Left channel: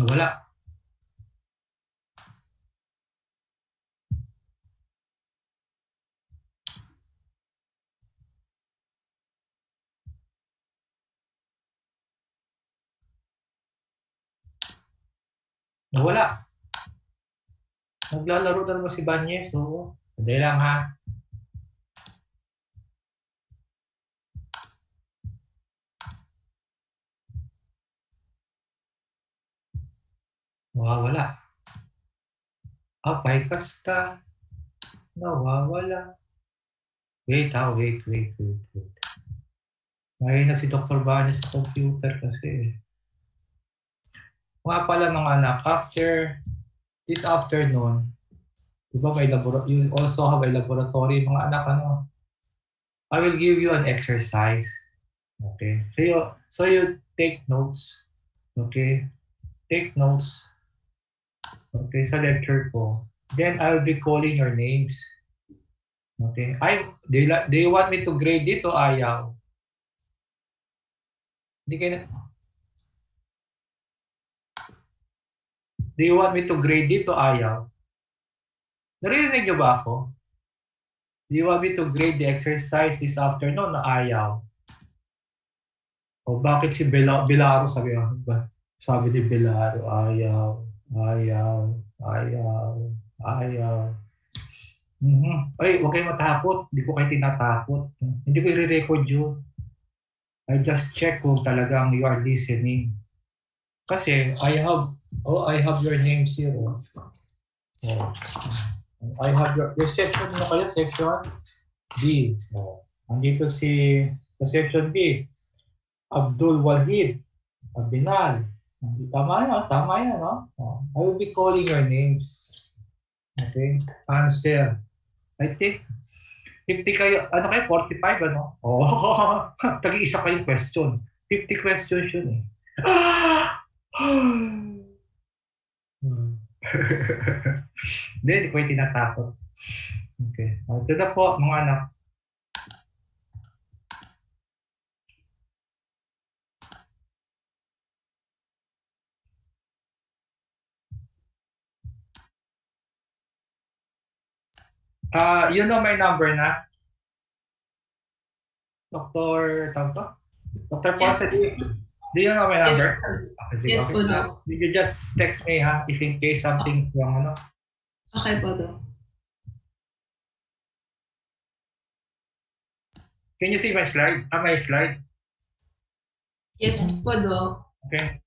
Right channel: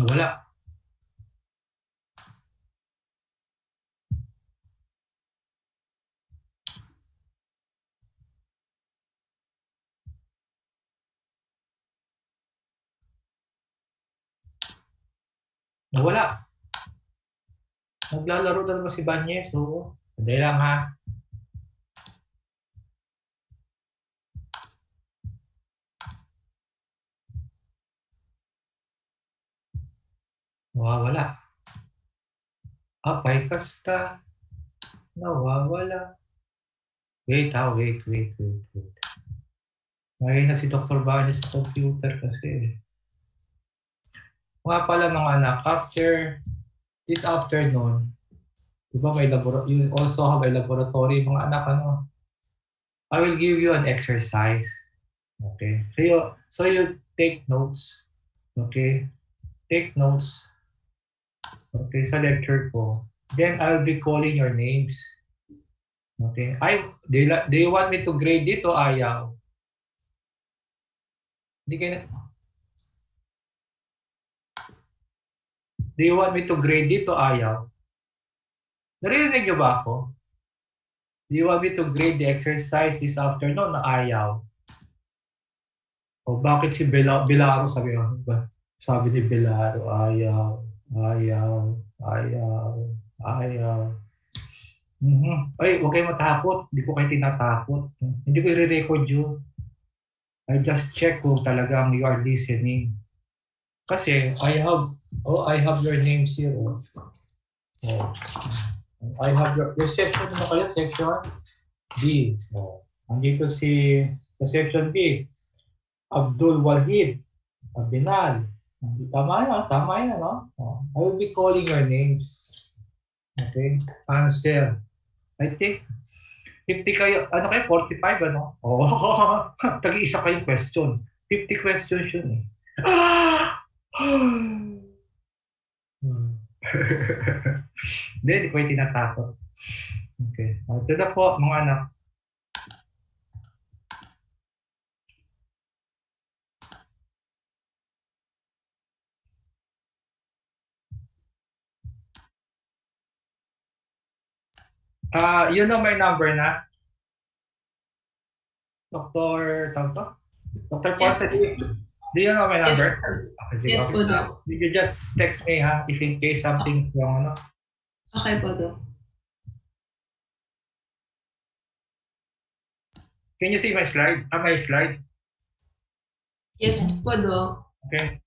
Nawala. Nawala. Naglalaro na naman si Banyes. Oo. Hindi lang ha. Nawawala. Apay kasta. Nawawala. Wait ha, wait. Ngayon na si Dr. Banyes sa computer kasi. Mga pala mga anak, after this afternoon, diba may you also have a laboratory, mga anak, ano? I will give you an exercise. Okay. So you take notes. Okay. Take notes. Okay, sa lecture ko. Then I'll be calling your names. Okay. Do you want me to grade it o ayaw? Hindi kayo Do you want me to grade it o ayaw? Narinig niyo ba ako? Do you want me to grade the exercise this afternoon na ayaw? O bakit si Belaro sabi ni Belaro, ayaw. Ay, huwag kayo matakot. Hindi ko kayo tinatakot. Hindi ko i-record yun. I just check kung talagang you are listening. Kasi I have your names here. I have your section, ano kayo? Section B. Andito sa section B. Abdul Wahid, Abinal. Tama yan, no? I will be calling your names. Okay? Answer. I think 50 kayo, ano kayo? 45, ano? Tag-iisa kayong question. 50 questions yun eh. Hindi ko yung tinatakot. Okay. Ito na po, mga anak. You know my number na? Dr. Ponce, do you know my number? Yes po, Doc. You just text me ha, if in case something's wrong, ano? Okay po, Doc. Can you see my slide? My slide? Yes po, Doc. Okay.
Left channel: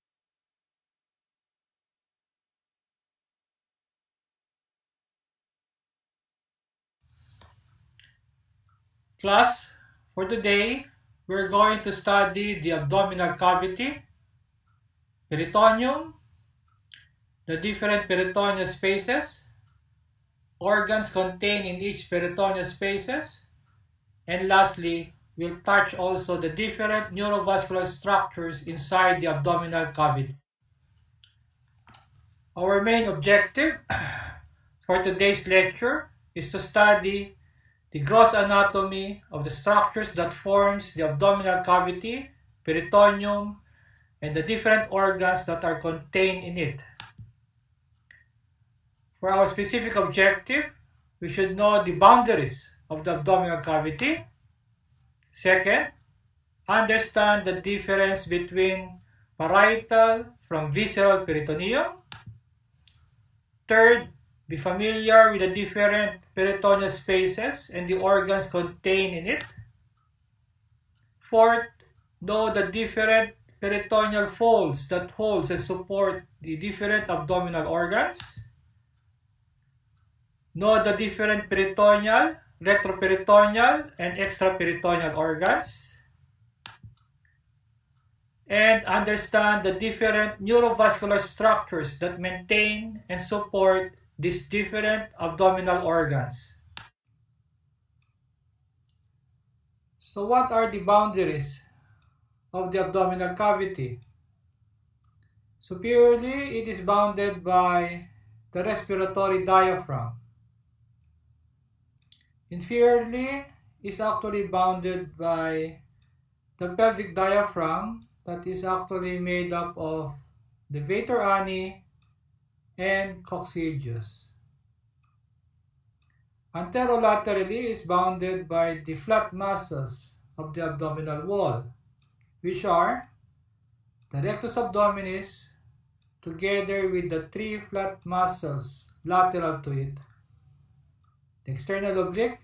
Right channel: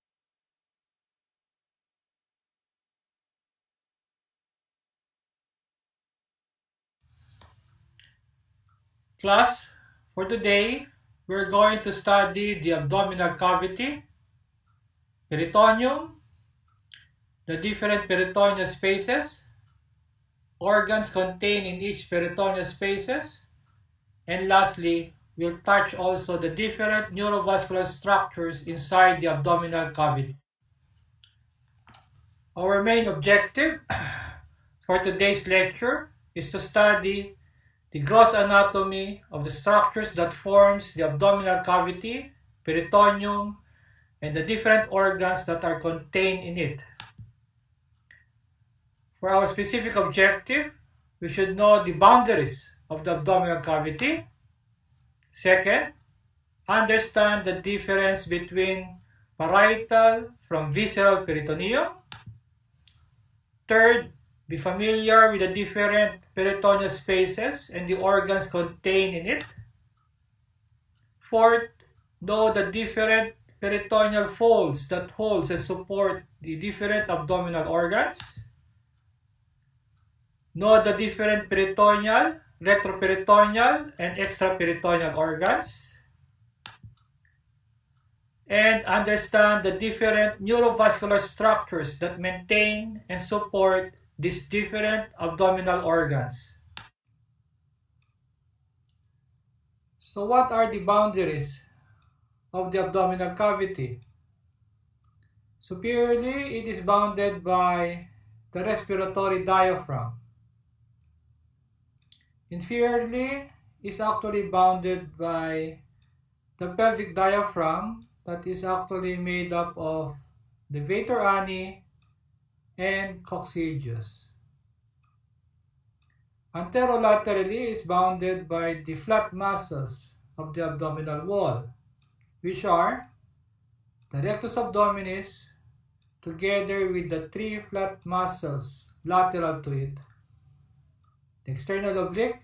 Class, for today, we're going to study the abdominal cavity, peritoneum, the different peritoneal spaces, organs contained in each peritoneal spaces, and lastly, we'll touch also the different neurovascular structures inside the abdominal cavity. Our main objective for today's lecture is to study the gross anatomy of the structures that forms the abdominal cavity, peritoneum, and the different organs that are contained in it. For our specific objective, we should know the boundaries of the abdominal cavity. Second, understand the difference between parietal from visceral peritoneum. Third, be familiar with the different peritoneal spaces and the organs contained in it. Fourth, know the different peritoneal folds that hold and support the different abdominal organs. Know the different peritoneal, retroperitoneal, and extraperitoneal organs. And understand the different neurovascular structures that maintain and support these different abdominal organs. So what are the boundaries of the abdominal cavity? Superiorly, it is bounded by the respiratory diaphragm. Inferiorly, is actually bounded by the pelvic diaphragm that is actually made up of levator ani, and coccygeus. Anterolaterally is bounded by the flat muscles of the abdominal wall, which are the rectus abdominis together with the three flat muscles lateral to it, the external oblique,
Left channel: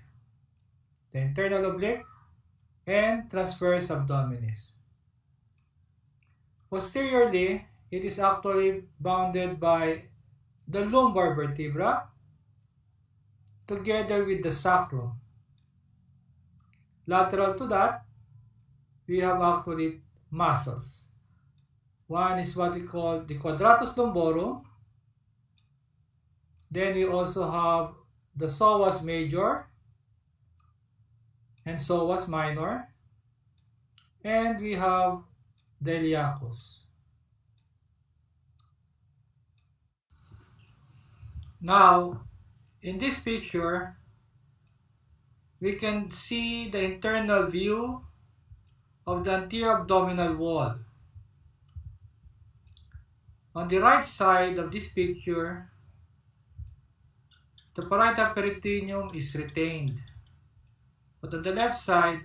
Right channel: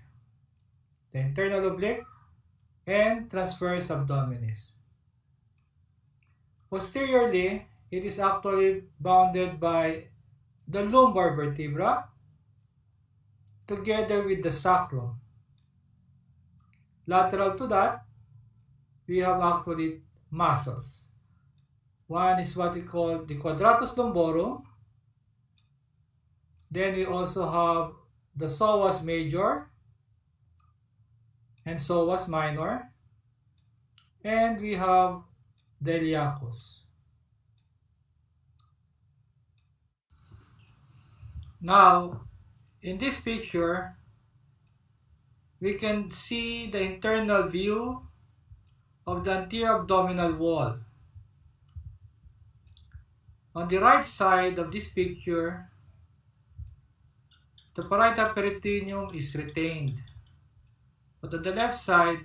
the internal oblique, and transverse abdominis. Posteriorly, it is actually bounded by the lumbar vertebra together with the sacrum. Lateral to that, we have actually muscles. One is what we call the quadratus lumborum. Then we also have the psoas major and psoas minor. And we have the iliacus. Now, in this picture, we can see the internal view of the anterior abdominal wall. On the right side of this picture, the parietal peritoneum is retained. But on the left side,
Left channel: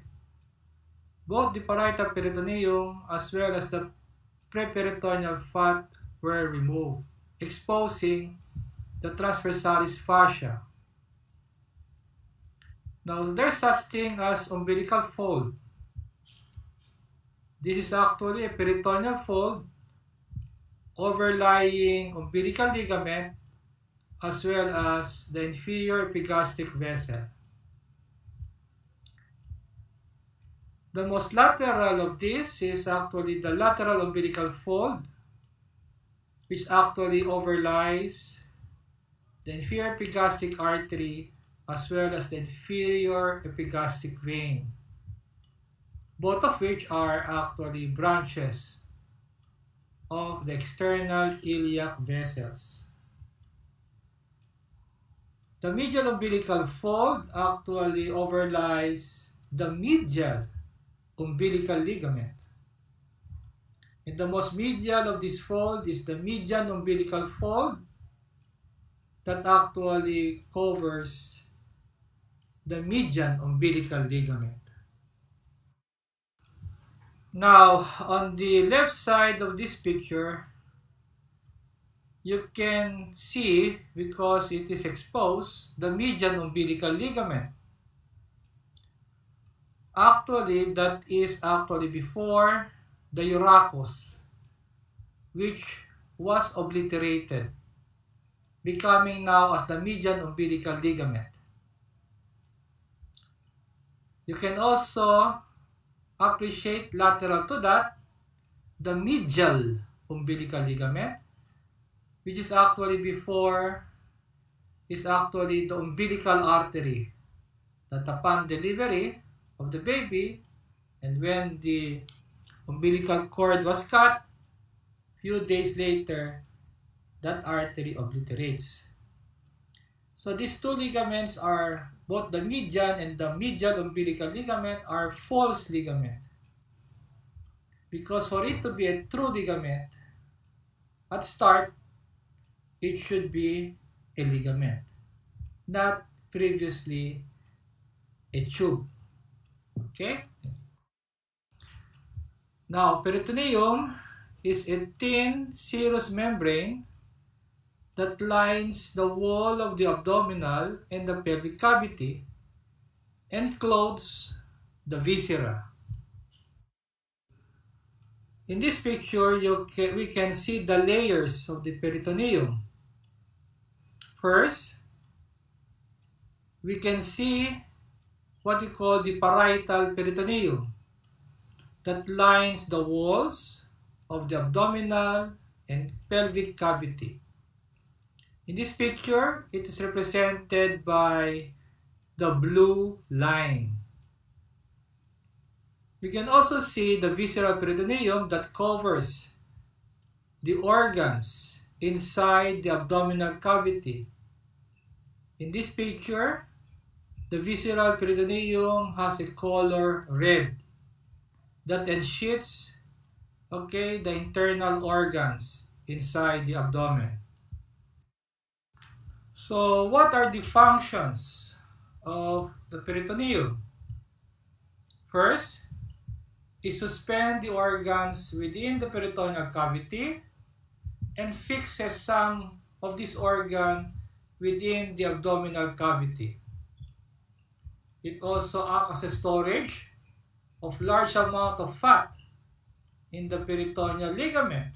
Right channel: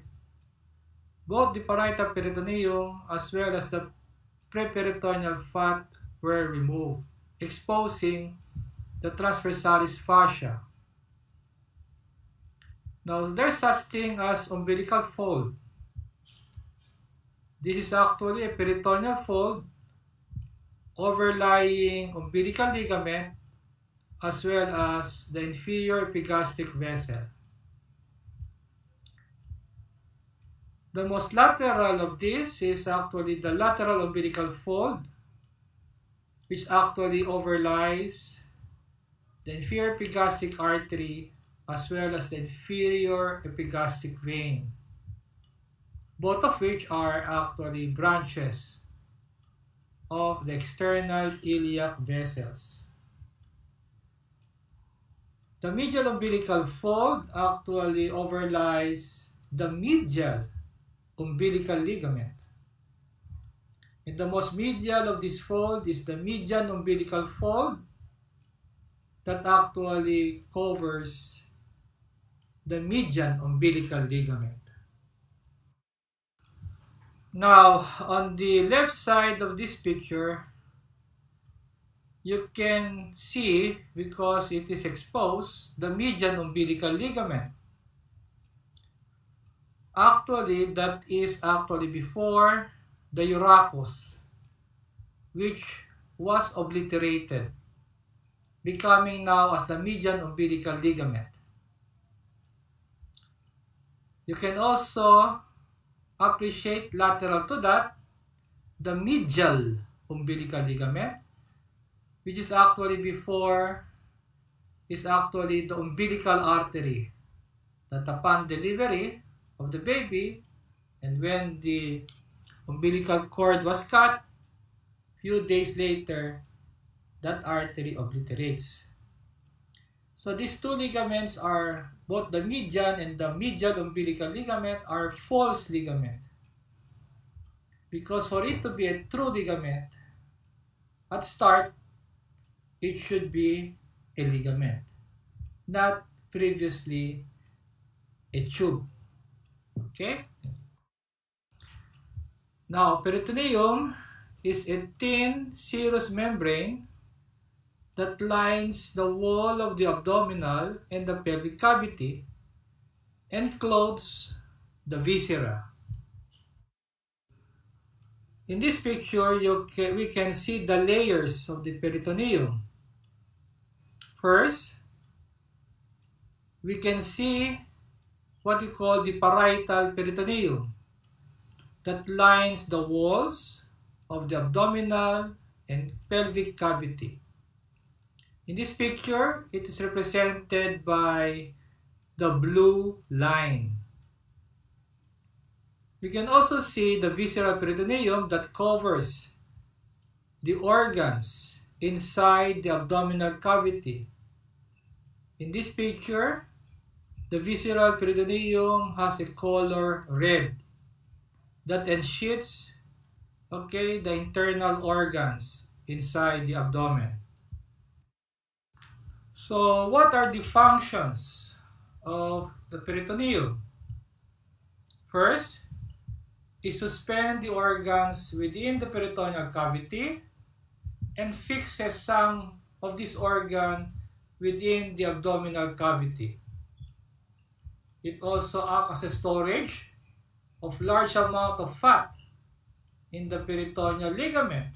both the parietal peritoneum as well as the preperitoneal fat were removed, exposing the transversalis fascia. Now, there's such thing as umbilical fold. This is actually a peritoneal fold overlying umbilical ligament as well as the inferior epigastric vessel. The most lateral of this is actually the lateral umbilical fold, which actually overlies the inferior epigastric artery as well as the inferior epigastric vein, both of which are actually branches of the external iliac vessels. The medial umbilical fold actually overlies the medial umbilical ligament. And the most medial of this fold is the median umbilical fold that actually covers the median umbilical ligament. Now, on the left side of this picture, you can see, because it is exposed, the median umbilical ligament. Actually, that is actually before the urachus, which was obliterated, becoming now as the median umbilical ligament. You can also appreciate lateral to that the medial umbilical ligament, which is actually before is actually the umbilical artery that upon delivery of the baby and when the umbilical cord was cut, few days later that artery obliterates. So these two ligaments are both the median and the medial umbilical ligament are false ligament, because for it to be a true ligament at start it should be a ligament, not previously a tube. Okay? Now, peritoneum is a thin serous membrane that lines the wall of the abdominal and the pelvic cavity and clothes the viscera. In this picture, we can see the layers of the peritoneum. First, we can see what we call the parietal peritoneum that lines the walls of the abdominal and pelvic cavity. In this picture, it is represented by the blue line. We can also see the visceral peritoneum that covers the organs inside the abdominal cavity. In this picture, the visceral peritoneum has a color red that ensheaths, the internal organs inside the abdomen. So what are the functions of the peritoneum? First, it suspends the organs within the peritoneal cavity and fixes some of this organ within the abdominal cavity. It also acts as a storage of large amount of fat in the peritoneal ligament.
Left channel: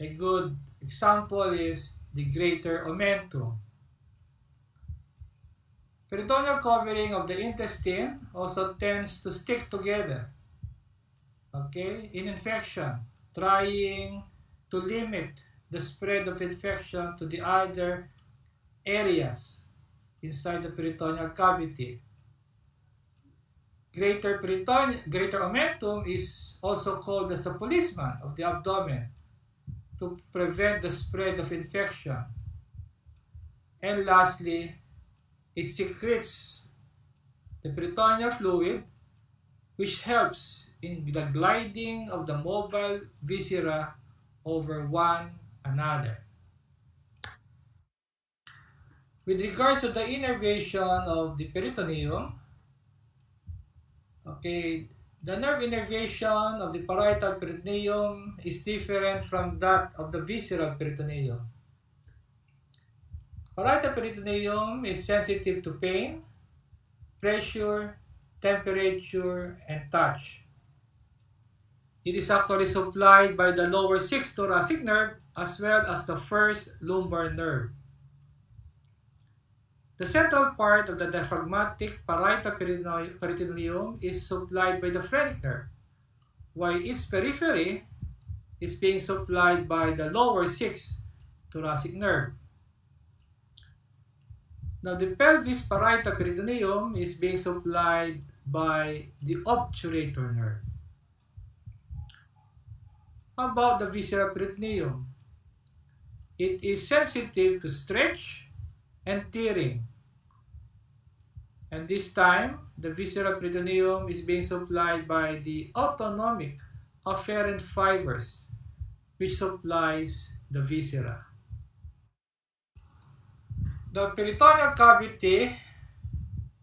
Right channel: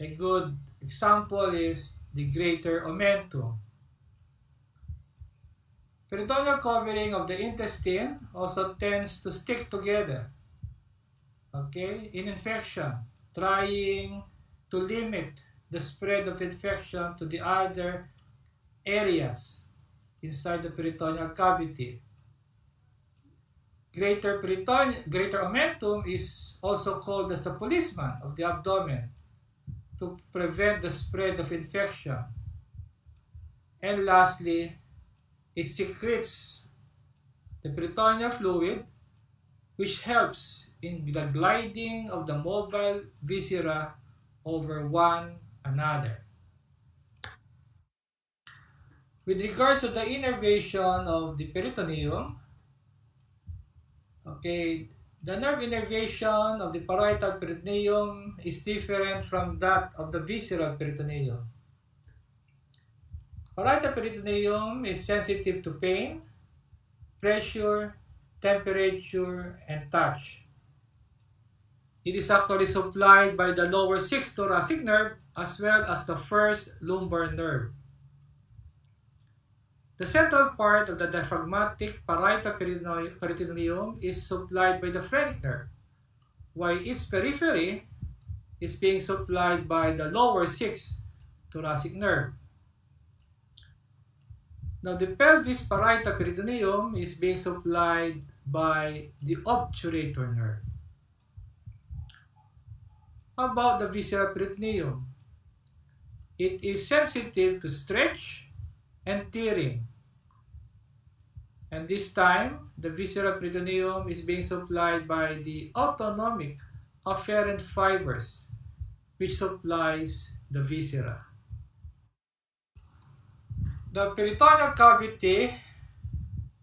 A good example is the greater omentum. Peritoneal covering of the intestine also tends to stick together, okay, in infection, trying to limit the spread of infection to the other areas inside the peritoneal cavity. Greater omentum is also called as the policeman of the abdomen to prevent the spread of infection. And lastly, it secretes the peritoneal fluid, which helps in the gliding of the mobile viscera over one another. With regards to the innervation of the peritoneum, okay, the nerve innervation of the parietal peritoneum is different from that of the visceral peritoneum. Parietal peritoneum is sensitive to pain, pressure, temperature, and touch. It is actually supplied by the lower 6th thoracic nerve as well as the 1st lumbar nerve. The central part of the diaphragmatic parietal peritoneum is supplied by the phrenic nerve, while its periphery is being supplied by the lower 6th thoracic nerve. Now, the pelvis parietal peritoneum is being supplied by the obturator nerve. How about the visceral peritoneum? It is sensitive to stretch and tearing. And this time, the visceral peritoneum is being supplied by the autonomic afferent fibers, which supplies the viscera. The peritoneal cavity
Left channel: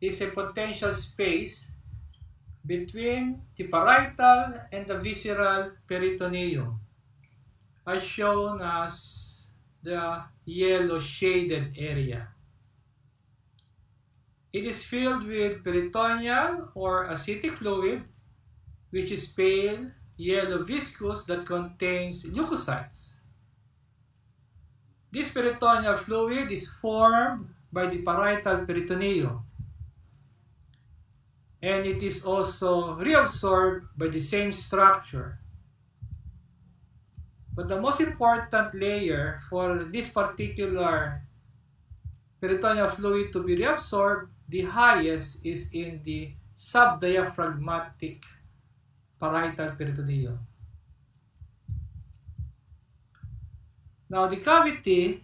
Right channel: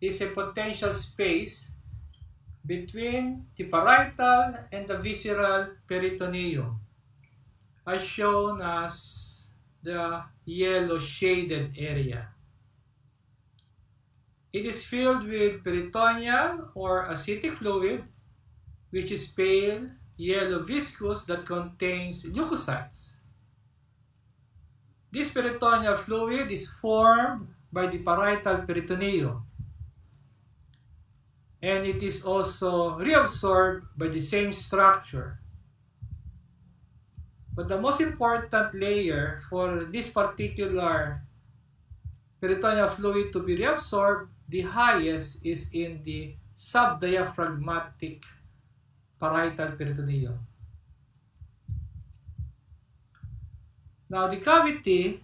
is a potential space between the parietal and the visceral peritoneum, as shown as the yellow shaded area. It is filled with peritoneal or ascitic fluid, which is pale yellow viscous that contains leukocytes. This peritoneal fluid is formed by the parietal peritoneum, and it is also reabsorbed by the same structure. But the most important layer for this particular peritoneal fluid to be reabsorbed, the highest, is in the subdiaphragmatic parietal peritoneum. Now, the cavity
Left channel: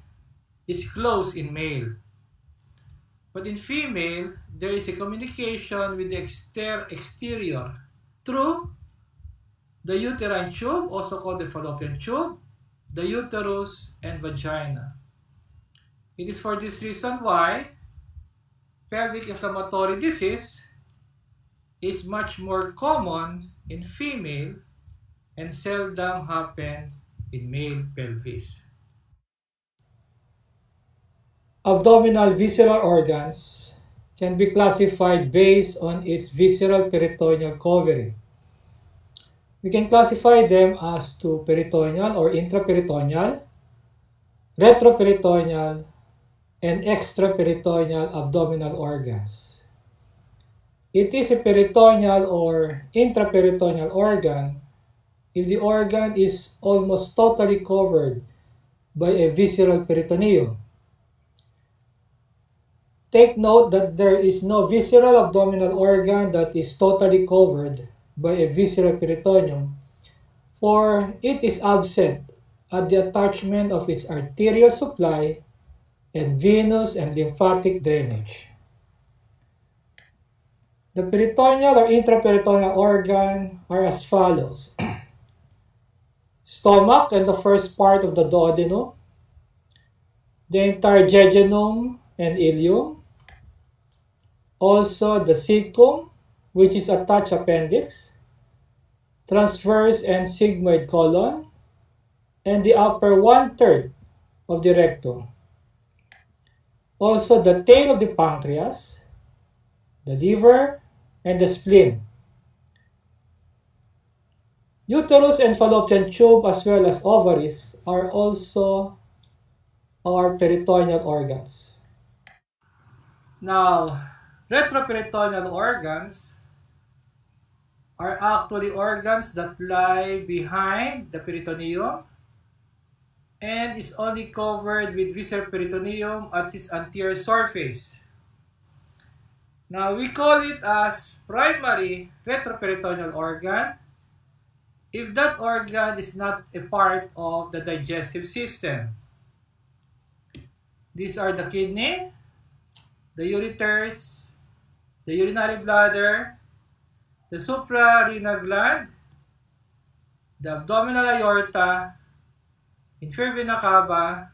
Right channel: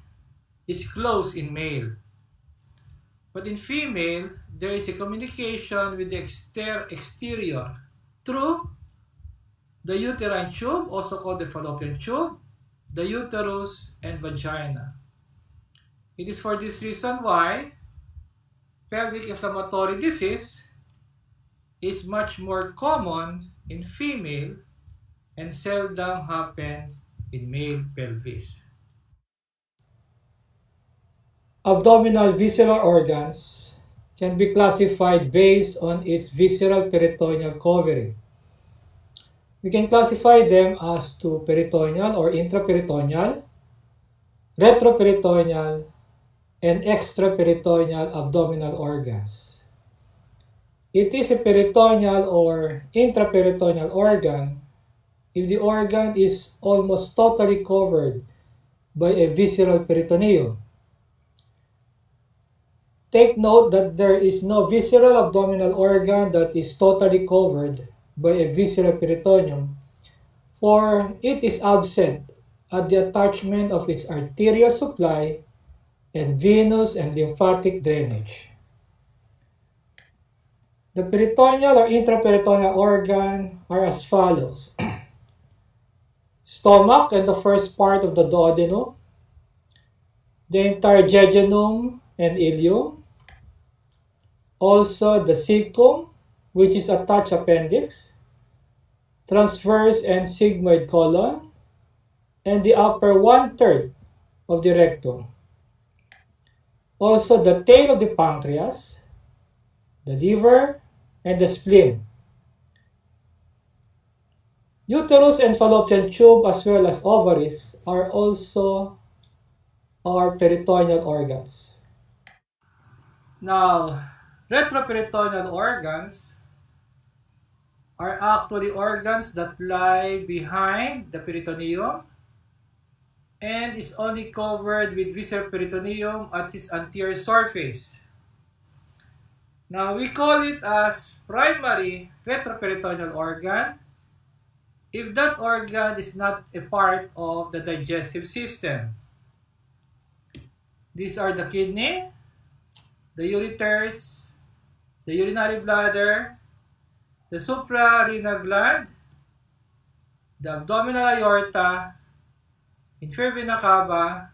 is closed in male, but in female, there is a communication with the exterior through the uterine tube, also called the fallopian tube, the uterus, and vagina. It is for this reason why pelvic inflammatory disease is much more common in female and seldom happens in male pelvis. Abdominal visceral organs can be classified based on its visceral peritoneal covering. We can classify them as to peritoneal or intraperitoneal, retroperitoneal, and extraperitoneal abdominal organs. It is a peritoneal or intraperitoneal organ if the organ is almost totally covered by a visceral peritoneum. Take note that there is no visceral abdominal organ that is totally covered by a visceral peritoneum, for it is absent at the attachment of its arterial supply and venous and lymphatic drainage. The peritoneal or intraperitoneal organ are as follows. stomach and the first part of the duodenum, the entire jejunum and ileum, also the cecum, which is attached appendix, transverse and sigmoid colon, and the upper 1/3 of the rectum. Also the tail of the pancreas, the liver, and the spleen. Uterus and fallopian tube as well as ovaries are also our peritoneal organs. Now, retroperitoneal organs are actually organs that lie behind the peritoneum and is only covered with visceral peritoneum at its anterior surface. Now, we call it as primary retroperitoneal organ if that organ is not a part of the digestive system. These are the kidney, the ureters, the urinary bladder, the suprarenal gland, the abdominal aorta, inferior vena cava,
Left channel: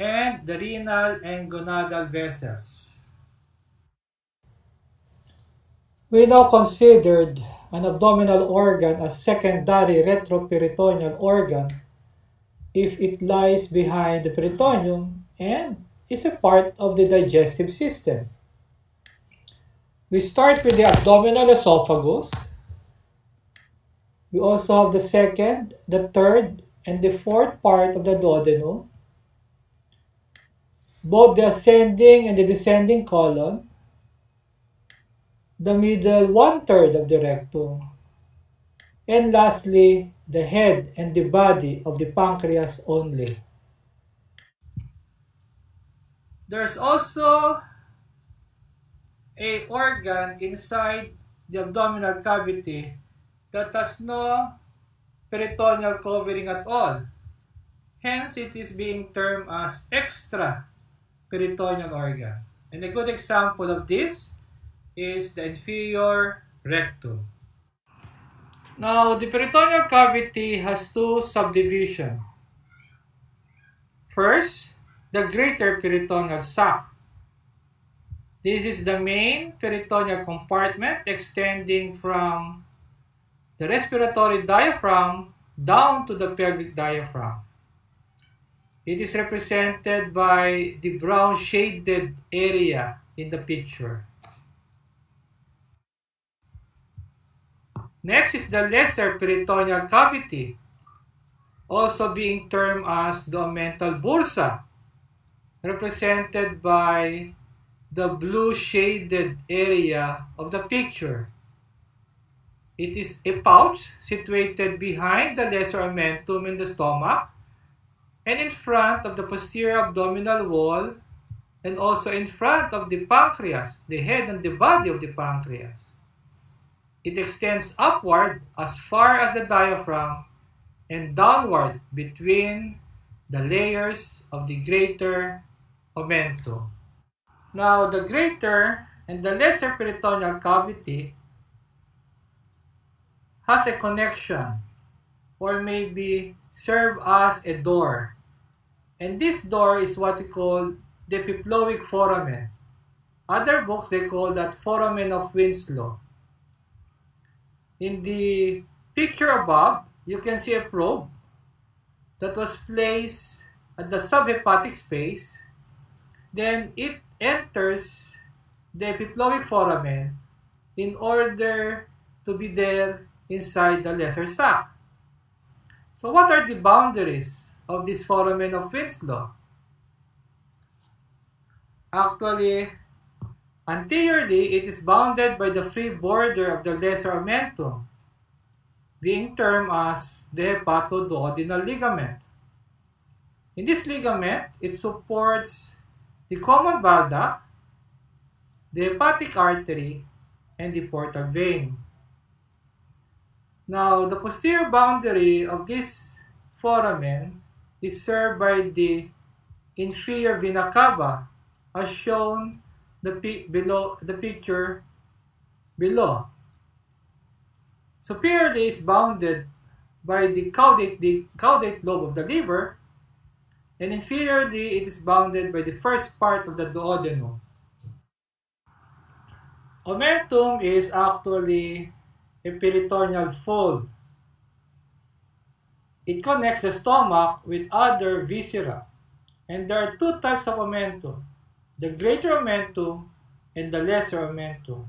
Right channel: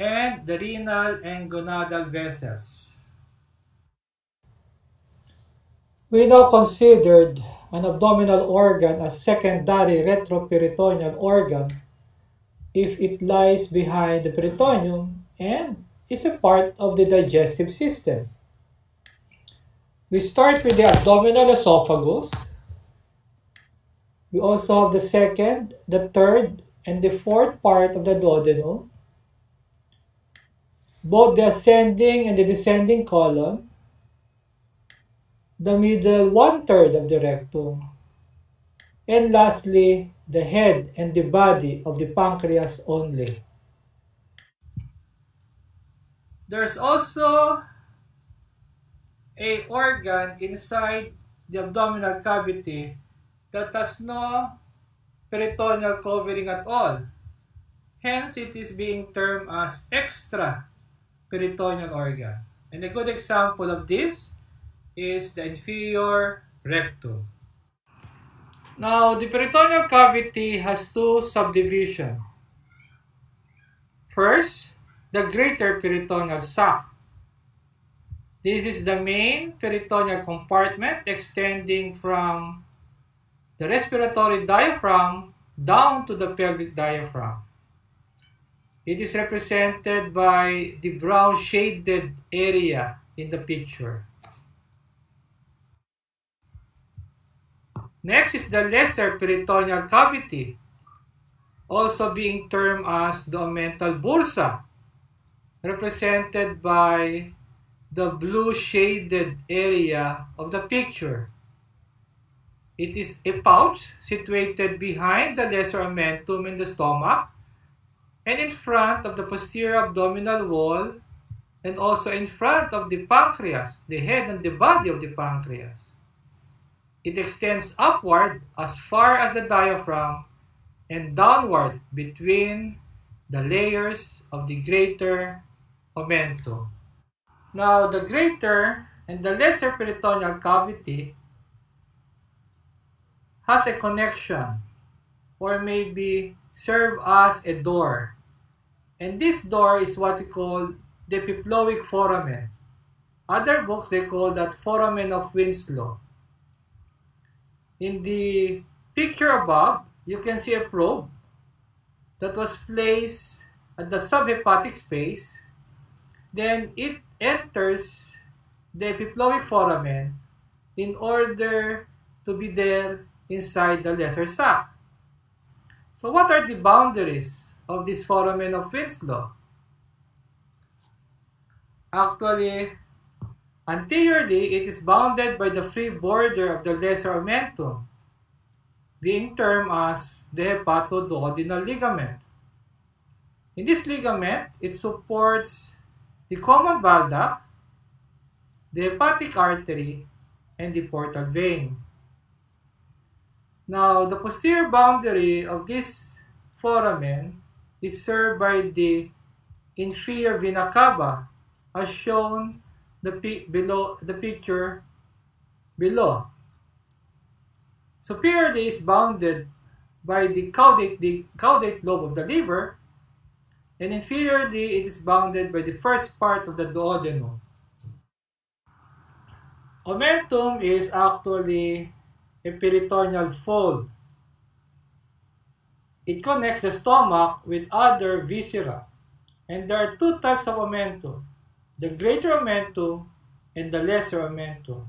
and the renal and gonadal vessels. We now considered an abdominal organ as secondary retroperitoneal organ if it lies behind the peritoneum and is a part of the digestive system. We start with the abdominal esophagus. We also have the second, the third, and the fourth part of the duodenum, both the ascending and the descending colon, the middle 1/3 of the rectum, and lastly, the head and the body of the pancreas only. There's also a organ inside the abdominal cavity that has no peritoneal covering at all. Hence, it is being termed as extra peritoneal organ. And a good example of this is the inferior rectum. Now, the peritoneal cavity has two subdivisions. First, the greater peritoneal sac. This is the main peritoneal compartment extending from the respiratory diaphragm down to the pelvic diaphragm. It is represented by the brown shaded area in the picture. Next is the lesser peritoneal cavity, also being termed as the omental bursa, represented by the blue shaded area of the picture. It is a pouch situated behind the lesser omentum in the stomach and in front of the posterior abdominal wall and also in front of the pancreas, the head and the body of the pancreas. It extends upward as far as the diaphragm and downward between the layers of the greater omentum. Now, the greater and the lesser peritoneal cavity has a connection or maybe serve as a door. And this door is what we call the epiploic foramen. Other books, they call that foramen of Winslow. In the picture above, you can see a probe that was placed at the subhepatic space. Then it enters the epiploic foramen in order to be there inside the lesser sac. So what are the boundaries of this foramen of Winslow? Actually, anteriorly, it is bounded by the free border of the lesser omentum, being termed as the hepatoduodenal ligament. In this ligament, it supports the common bile duct, the hepatic artery, and the portal vein. Now, the posterior boundary of this foramen is served by the inferior vena cava, as shown below the picture below. Superiorly is bounded by the caudate lobe of the liver, and inferiorly it is bounded by the first part of the duodenum. Omentum is actually a peritoneal fold. It connects the stomach with other viscera, and there are two types of omentum, the greater omentum and the lesser omentum.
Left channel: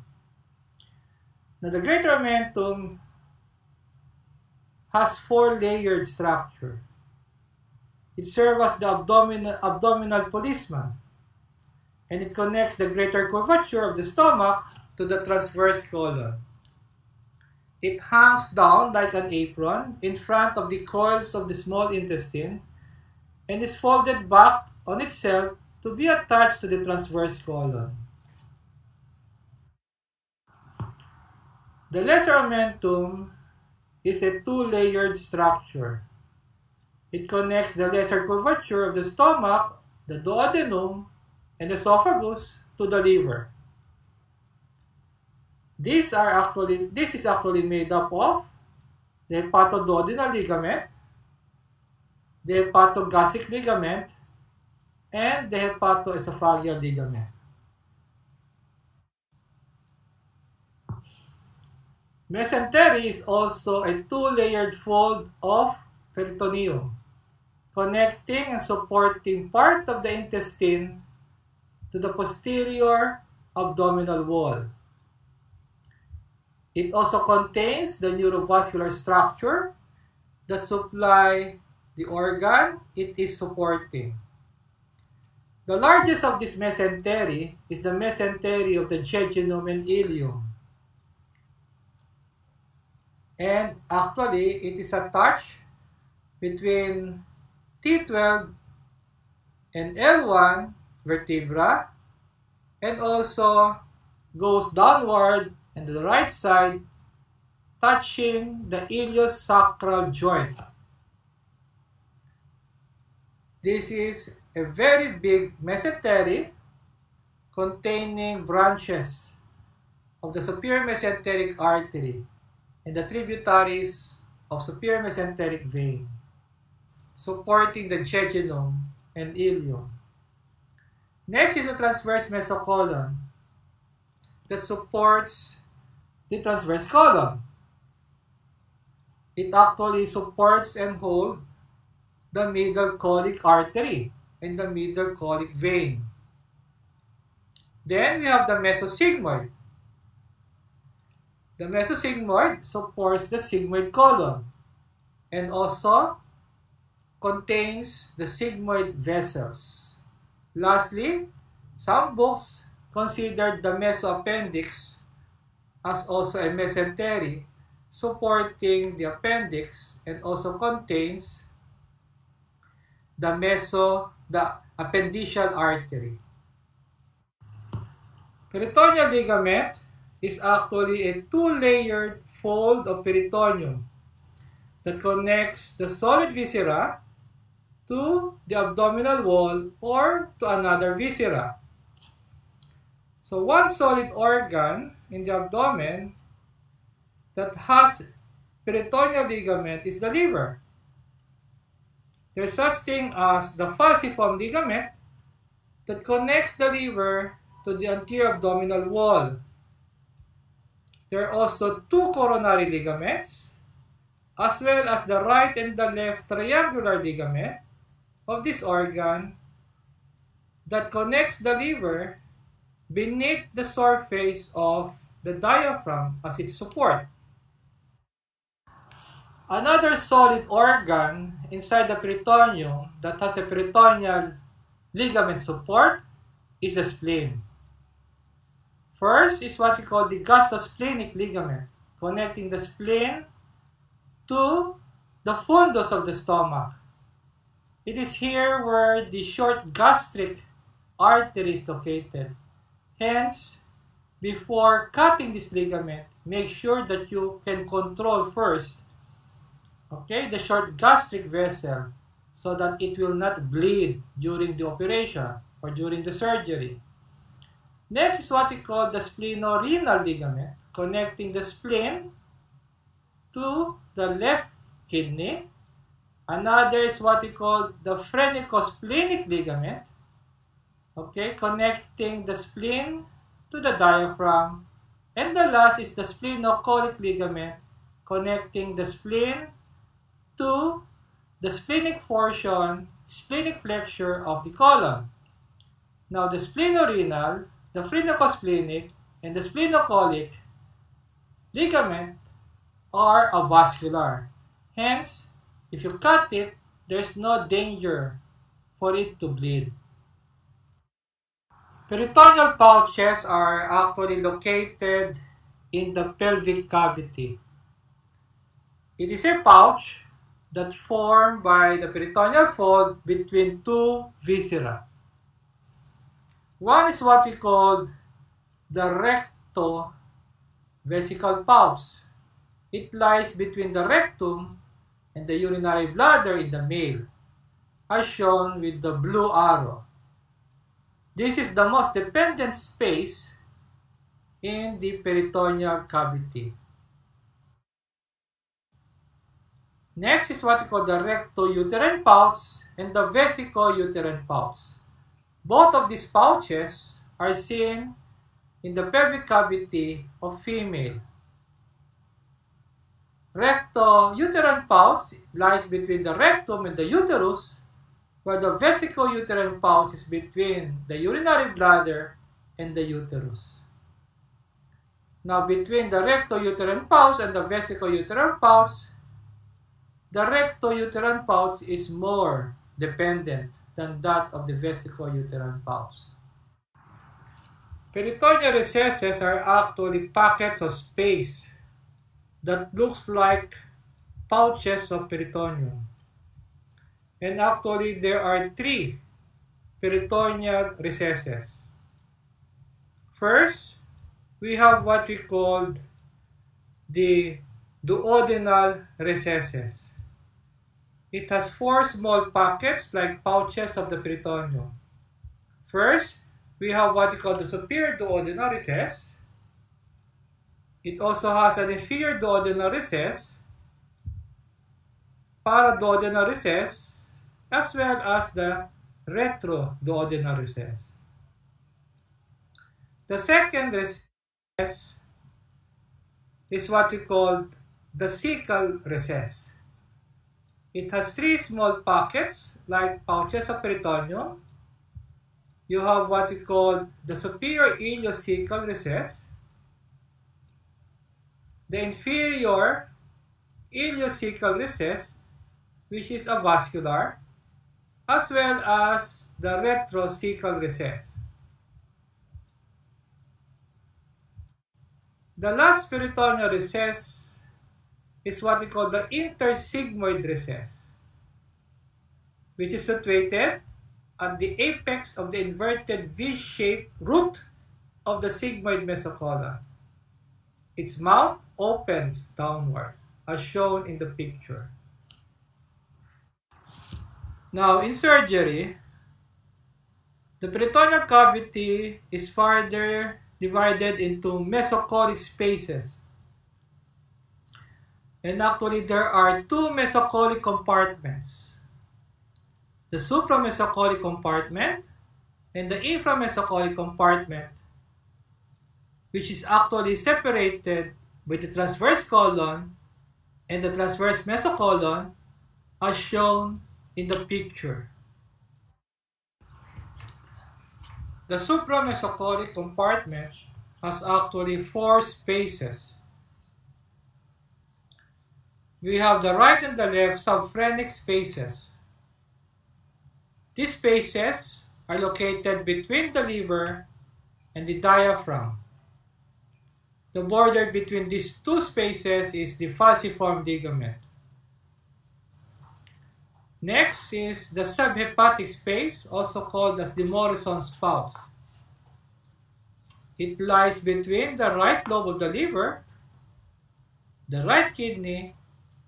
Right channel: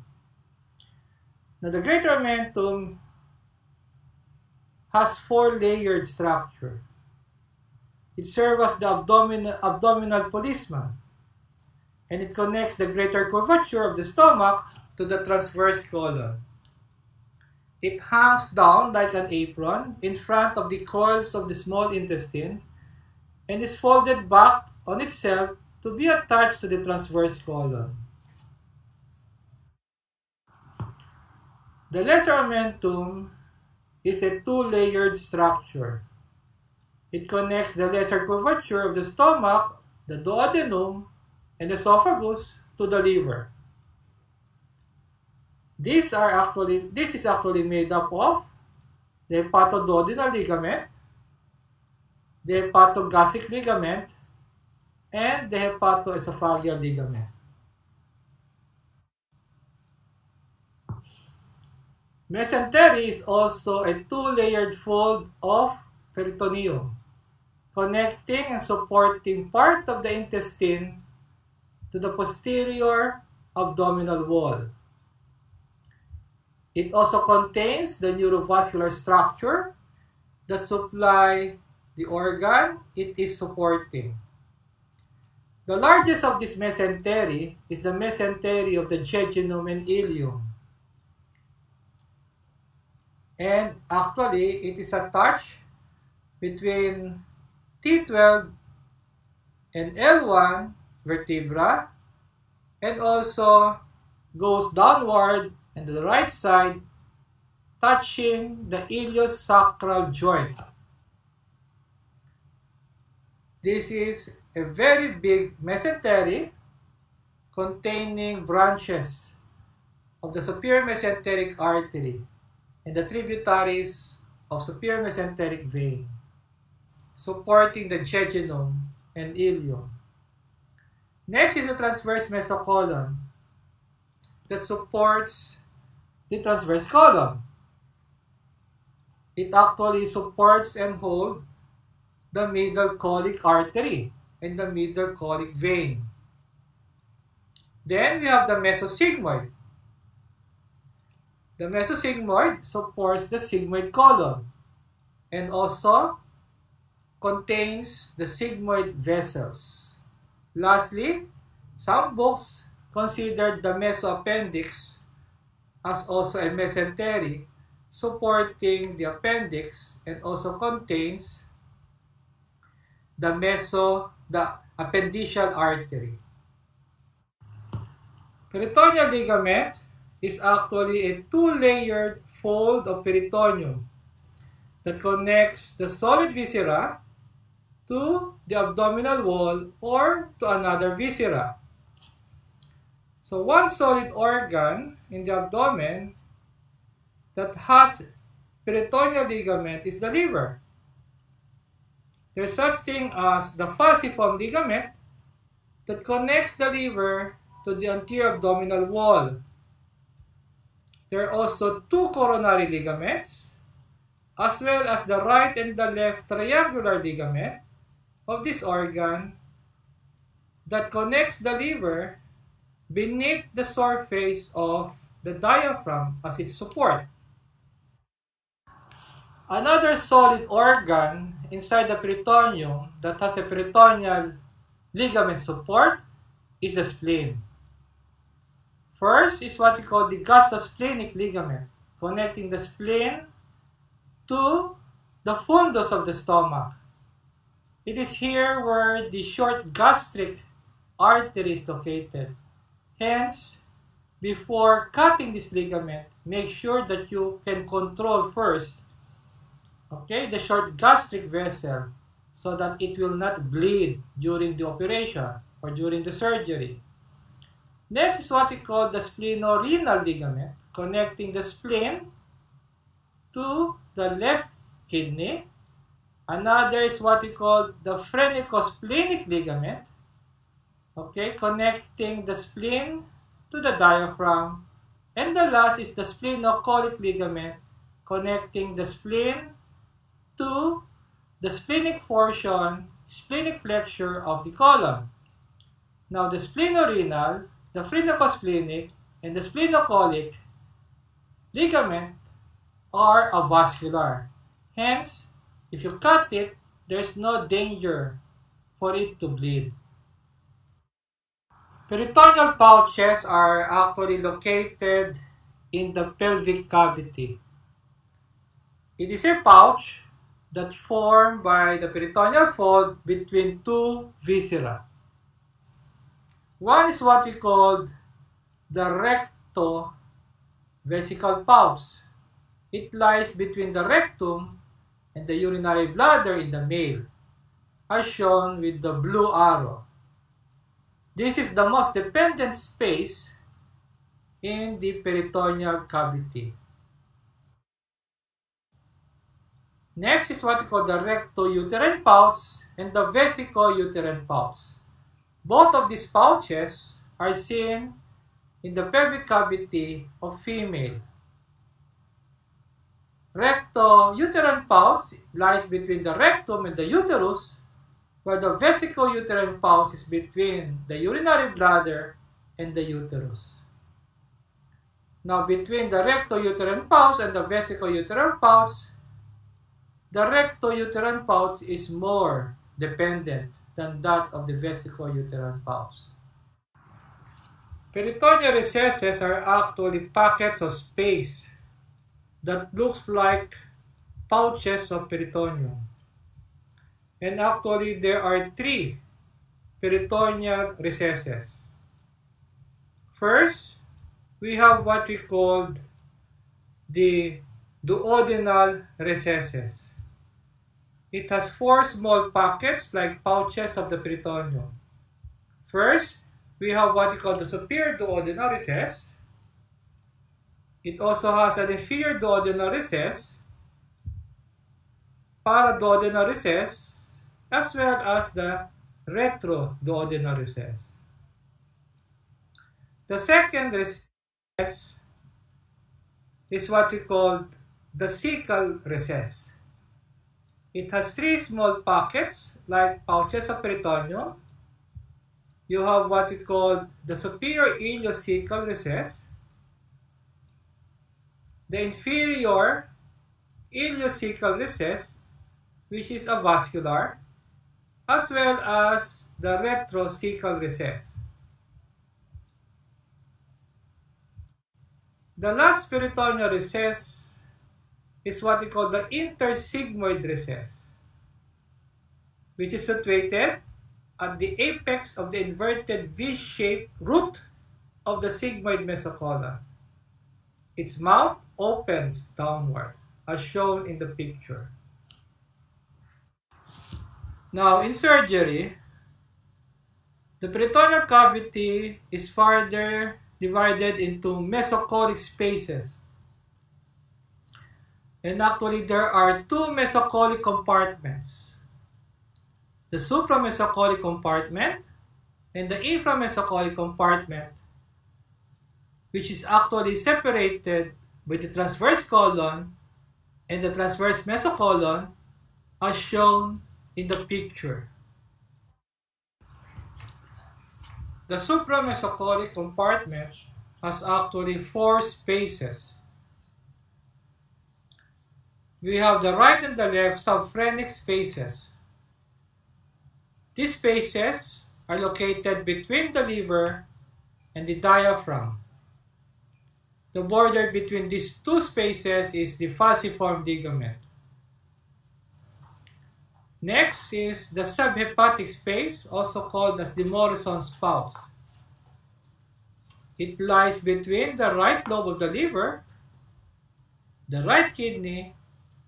Now, the greater omentum has 4-layered structure. It serves as the abdominal policeman, and it connects the greater curvature of the stomach to the transverse colon. It hangs down like an apron in front of the coils of the small intestine and is folded back on itself to be attached to the transverse colon. The lesser omentum is a 2-layered structure. It connects the lesser curvature of the stomach, the duodenum, and esophagus to the liver. This is actually made up of the hepatoduodenal ligament, the hepatogastric ligament, and the hepatoesophageal ligament. Mesentery is also a 2-layered fold of peritoneum, connecting and supporting part of the intestine to the posterior abdominal wall. It also contains the neurovascular structure that supply the organ it is supporting. The largest of this mesentery is the mesentery of the jejunum and ileum. And actually, it is attached between T12 and L1 vertebra, and also goes downward and to the right side, touching the iliosacral joint. This is a very big mesentery containing branches of the superior mesenteric artery and the tributaries of superior mesenteric vein, supporting the jejunum and ileum. Next is the transverse mesocolon that supports the transverse colon. It actually supports and holds the middle colic artery and the middle colic vein. Then we have the mesosigmoid. The mesosigmoid supports the sigmoid colon and also contains the sigmoid vessels. Lastly, some books considered the mesoappendix as also a mesentery supporting the appendix and also contains the appendiceal artery. Peritoneal ligament is actually a 2-layered fold of peritoneum that connects the solid viscera to the abdominal wall or to another viscera. So one solid organ in the abdomen that has peritoneal ligament is the liver. There's such thing as the falciform ligament that connects the liver to the anterior abdominal wall. There are also 2 coronary ligaments, as well as the right and the left triangular ligament of this organ that connects the liver beneath the surface of the diaphragm as its support. Another solid organ inside the peritoneum that has a peritoneal ligament support is the spleen. First is what we call the gastrosplenic ligament, connecting the spleen to the fundus of the stomach. It is here where the short gastric artery is located. Hence, before cutting this ligament, make sure that you can control first, the short gastric vessel so that it will not bleed during the operation or during the surgery. Next is what we call the splenorenal ligament, connecting the spleen to the left kidney. Another is what we call the phrenicosplenic ligament, okay, connecting the spleen to the diaphragm. And the last is the splenocolic ligament, connecting the spleen to the splenic portion, splenic flexure of the colon. Now, the splenorenal, the phrenicosplenic, and the splenocolic ligament are avascular. Hence, if you cut it, there's no danger for it to bleed. Peritoneal pouches are actually located in the pelvic cavity. It is a pouch that's formed by the peritoneal fold between two viscera. One is what we call the rectovesical pouch. It lies between the rectum and the urinary bladder in the male, as shown with the blue arrow. This is the most dependent space in the peritoneal cavity. Next is what we call the rectouterine pouch and the vesicouterine pouch. Both of these pouches are seen in the pelvic cavity of female. Rectouterine pouch lies between the rectum and the uterus, while the vesicouterine pouch is between the urinary bladder and the uterus. Now, between the rectouterine pouch and the vesicouterine pouch, the rectouterine pouch is more dependent than that of the vesicouterine pouch. Peritoneal recesses are actually pockets of space that looks like pouches of peritoneum. And actually, there are 3 peritoneal recesses. First, we have what we call the duodenal recesses. It has 4 small pockets like pouches of the peritoneum. First, we have what we call the superior duodenal recess. It also has an inferior duodenal recess, paraduodenal recess, as well as the retroduodenal recess. The second recess is what we call the cecal recess. It has 3 small pockets like pouches of peritoneum. You have what we call the superior ileocecal recess, the inferior ileocecal recess, which is avascular, as well as the retrocecal recess. The last peritoneal recess is what we call the intersigmoid recess, which is situated at the apex of the inverted V-shaped root of the sigmoid mesocolon. Its mouth opens downward, as shown in the picture. Now, in surgery, the peritoneal cavity is further divided into mesocolic spaces. And actually, there are 2 mesocolic compartments: the supramesocolic compartment and the inframesocolic compartment, which is actually separated by the transverse colon and the transverse mesocolon, as shown in the picture. The supramesocolic compartment has actually 4 spaces. We have the right and the left subphrenic spaces. These spaces are located between the liver and the diaphragm. The border between these 2 spaces is the falciform ligament. Next is the subhepatic space, also called as the Morrison's pouch. It lies between the right lobe of the liver, the right kidney,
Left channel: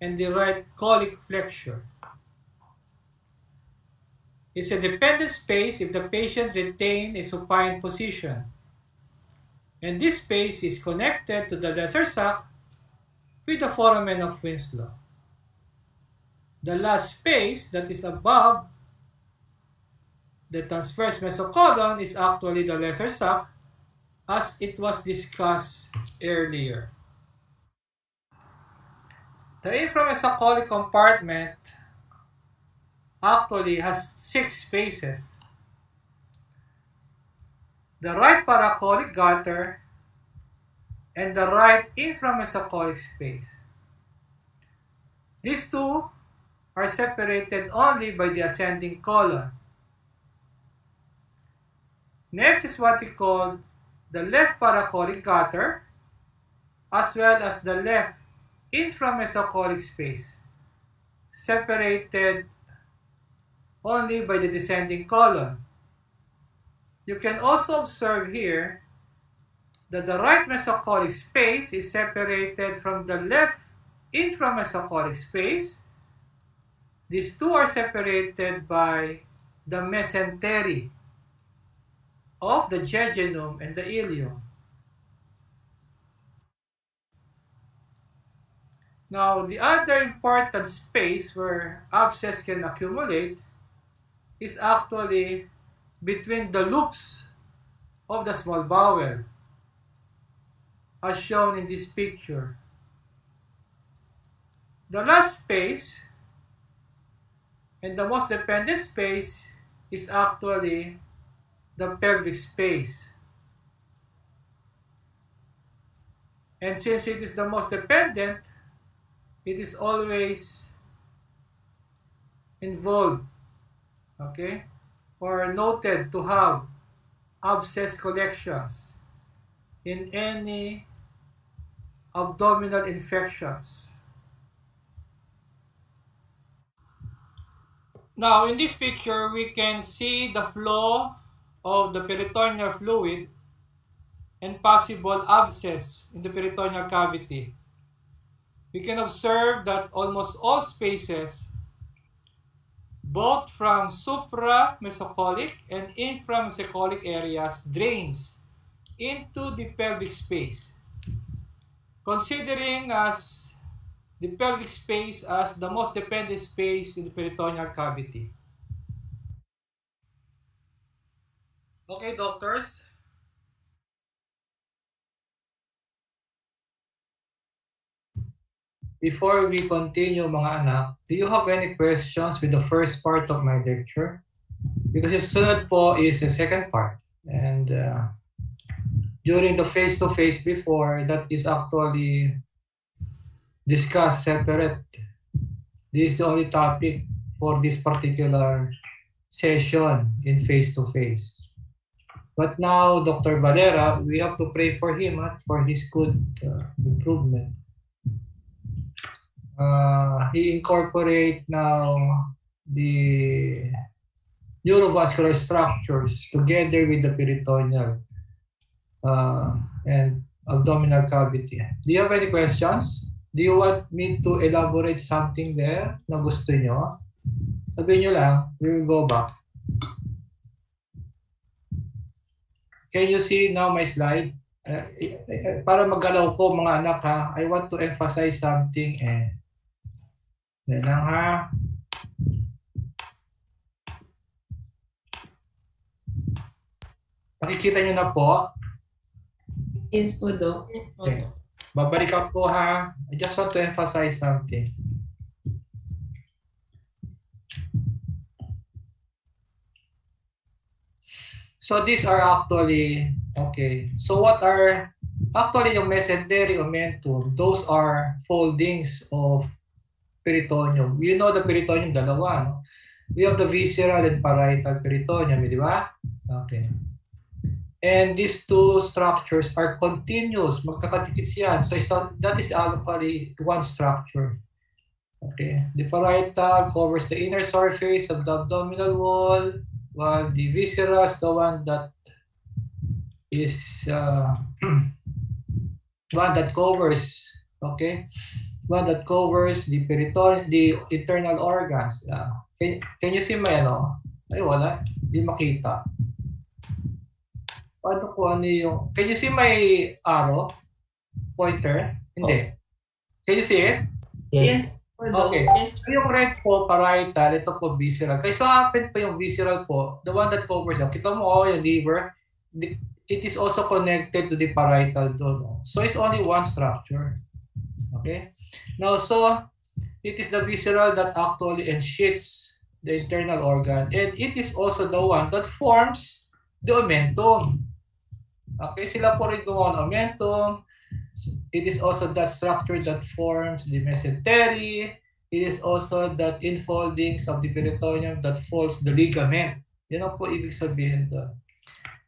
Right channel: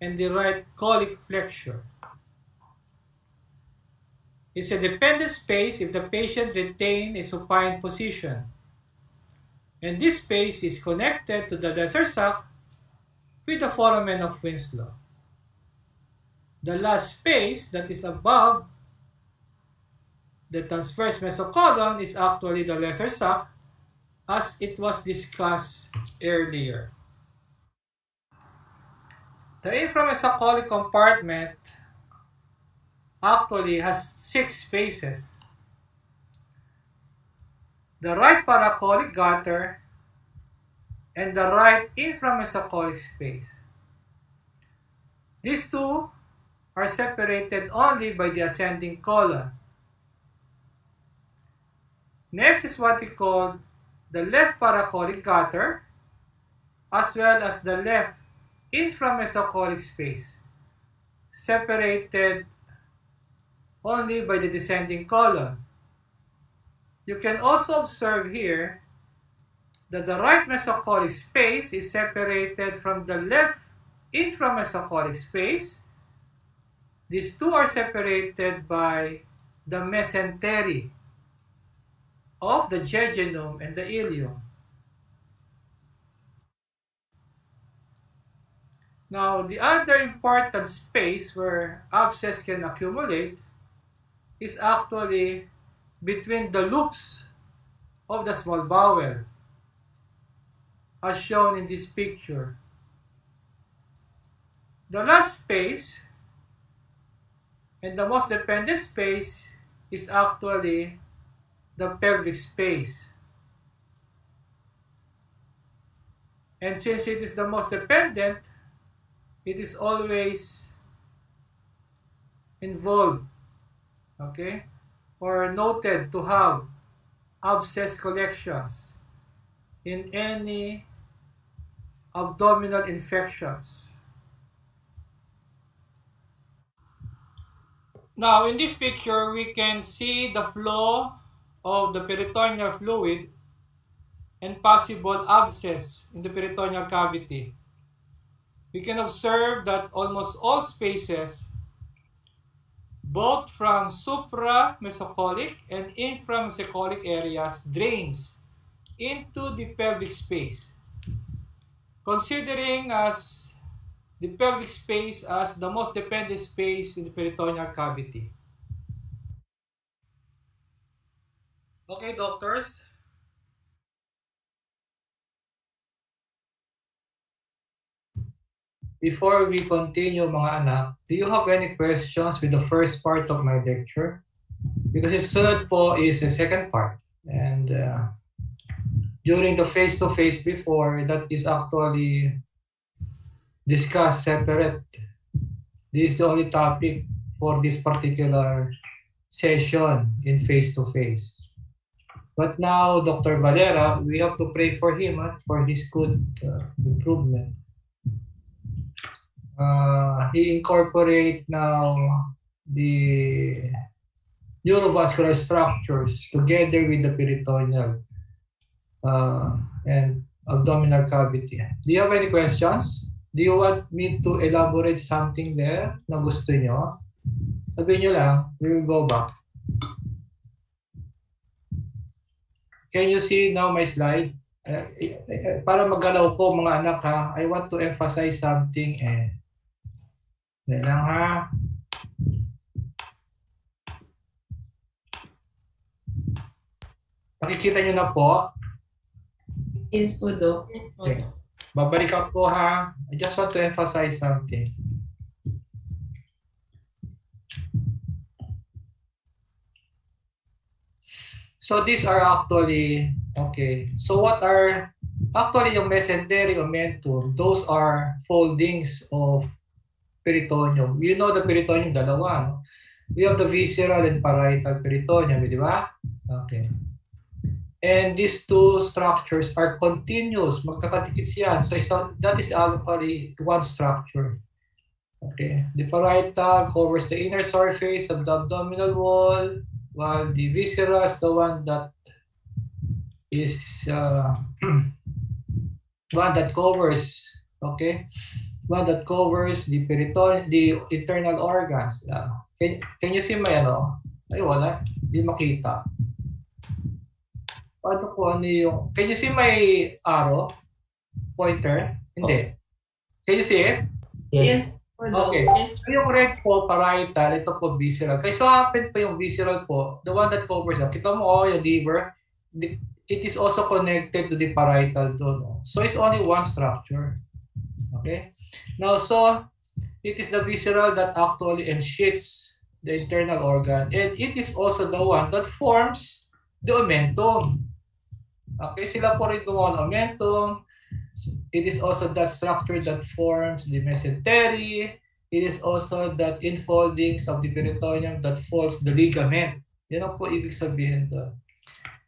and the right colic flexure. It's a dependent space if the patient retains a supine position, and this space is connected to the lesser sac with the foramen of Winslow. the last space that is above the transverse mesocolon is actually the lesser sac, as it was discussed earlier. The inframesocolic compartment actually has 6 spaces. The right paracolic gutter and the right inframesocolic space. These two are separated only by the ascending colon. Next is what we call the left paracolic gutter as well as the left inframesocolic space, separated only by the descending colon. You can also observe here that the right mesocolic space is separated from the left inframesocolic space. These two are separated by the mesentery of the jejunum and the ileum. Now, the other important space where abscess can accumulate is actually between the loops of the small bowel, as shown in this picture. The last space and the most dependent space is actually the pelvic space. And since it is the most dependent, it is always involved, okay, or noted to have abscess collections in any abdominal infections. Now, in this picture, we can see the flow of the peritoneal fluid and possible abscess in the peritoneal cavity. We can observe that almost all spaces, both from supramesocolic and inframesocolic areas, drains into the pelvic space, considering as the pelvic space as the most dependent space in the peritoneal cavity. Okay, doctors. Before we continue, mga anak, do you have any questions with the first part of my lecture? Because yung sunod po is the second part. And during the face-to-face before, that is actually discussed separate. This is the only topic for this particular session in face-to-face. But now, Dr. Valera, we have to pray for him for his good improvement. He incorporate now the neurovascular structures together with the peritoneal and abdominal cavity. Do you have any questions? Do you want me to elaborate something there na gusto nyo? Sabihin nyo lang, we will go back. Can you see now my slide? Para magalaw ko mga anak ha, I want to emphasize something Yan lang ha. Nakikita nyo na po? Yes po, Doc. Yes po, Okay. Doc. Babalik ako ha. I just want to emphasize something. So these are actually, okay. So what are, actually yung mesentery omentum, those are foldings of peritoneum. You know the peritoneum, dalawa, no? We have the visceral and parietal peritoneum, di ba? Okay. And these two structures are continuous, magkakadikit yan. So that is actually one structure. Okay. The parietal covers the inner surface of the abdominal wall, while the viscera is the one that is one that covers, okay, one that covers the peritoneum, the internal organs. Can you see my ano? Ay wala, hindi makita. Paano ko ano yung, can you see my arrow? Pointer? Hindi. Can you see it? Yes. po, Doc. Okay. Yes, So yung red po, parietal, ito po visceral. Kaya so happen po yung visceral po, the one that covers, kita mo yung liver, it is also connected to the parietal doon. So it's only one structure. Okay? Now, so it is the visceral that actually ensheaths the internal organ, and it is also the one that forms the omentum. Okay, sila po rin gumawa ng omentum. It is also that structure that forms the mesentery. It is also that infoldings of the peritoneum that folds the ligament. Yan ang po ibig sabihin doon.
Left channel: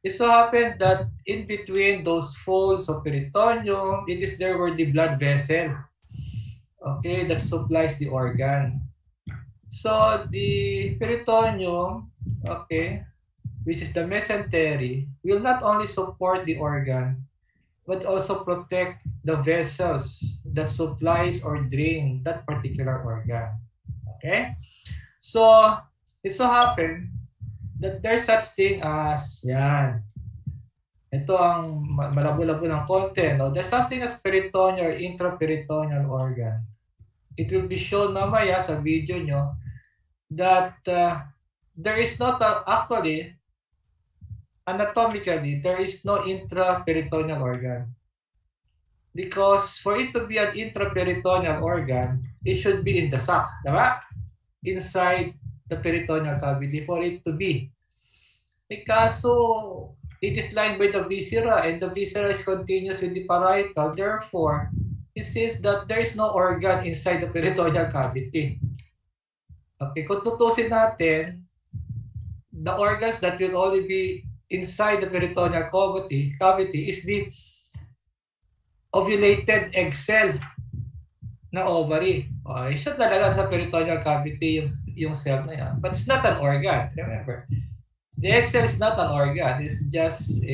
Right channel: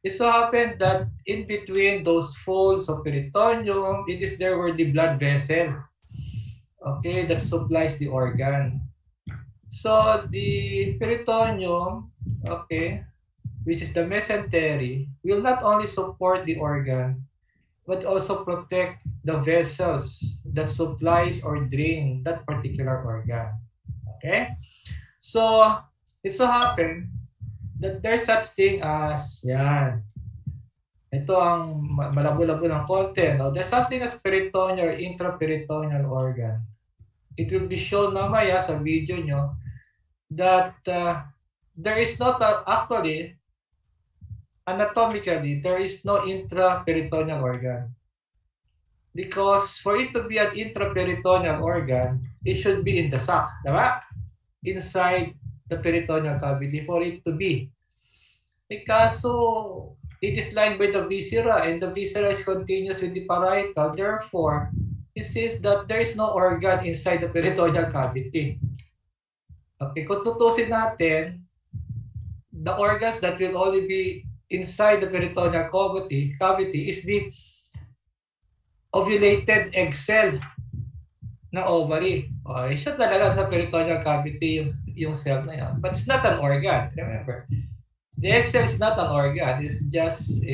It so happened that in between those folds of peritoneum, it is there where the blood vessel, okay, that supplies the organ. So the peritoneum, okay, which is the mesentery, will not only support the organ, but also protect the vessels that supplies or drain that particular organ. Okay? So, it so happened that there's such thing as, yan. Ito ang malabo-labo ng konti. No? There's such thing as peritoneal or intraperitoneal organ. It will be shown mamaya sa video nyo that there is not actually, anatomically, there is no intraperitoneal organ. Because for it to be an intraperitoneal organ, it should be in the sac, diba? Inside the peritoneal cavity for it to be. Because so it is lined by the viscera, and the viscera is continuous with the parietal. Therefore, it says that there is no organ inside the peritoneal cavity. Okay, kung tutusin natin, the organs that will only be inside the peritoneal cavity is the ovulated egg cell ng ovary. Okay, siya talaga sa peritoneal cavity yung cell na yan. But it's not an organ, remember. The egg cell is not an organ. It's just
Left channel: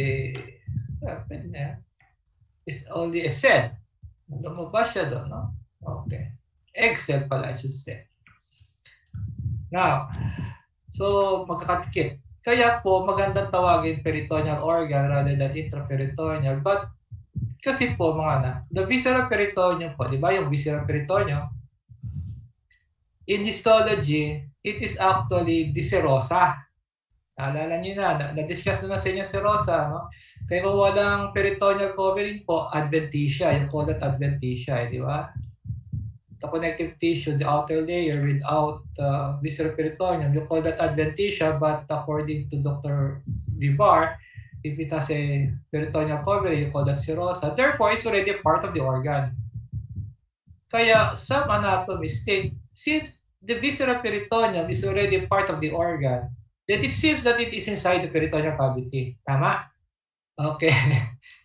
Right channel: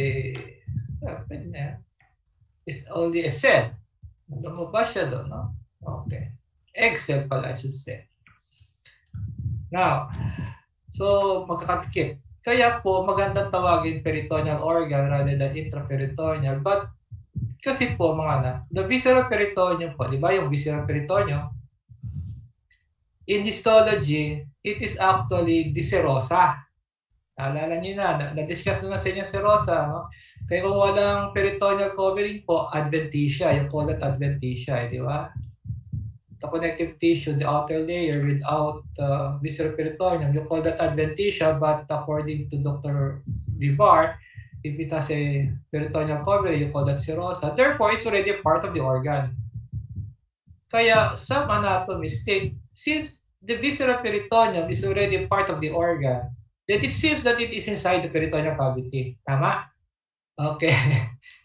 it's only a cell. Alam mo ba siya doon, no? Okay. Egg cell pala, I should say. Now, so magkakatikip. Kaya po magandang tawagin peritoneal organ rather than intraperitoneal. But kasi po mga anak, the visceral peritoneum po, di ba yung visceral peritoneum? In histology, it is actually the serosa. Naalala niyo na-discuss na sa inyo serosa, no? Kaya kung walang peritoneal covering po, adventitia, yung called adventitia, di ba? The connective tissue, the outer layer without visceral peritoneum, you call that adventitia, but according to Dr. Vivar, if it has a peritoneal covering, you call that serosa. Therefore, it's already a part of the organ. Kaya some anatomists state, since the visceral peritoneum is already a part of the organ, that it seems that it is inside the peritoneal cavity. Tama? Okay.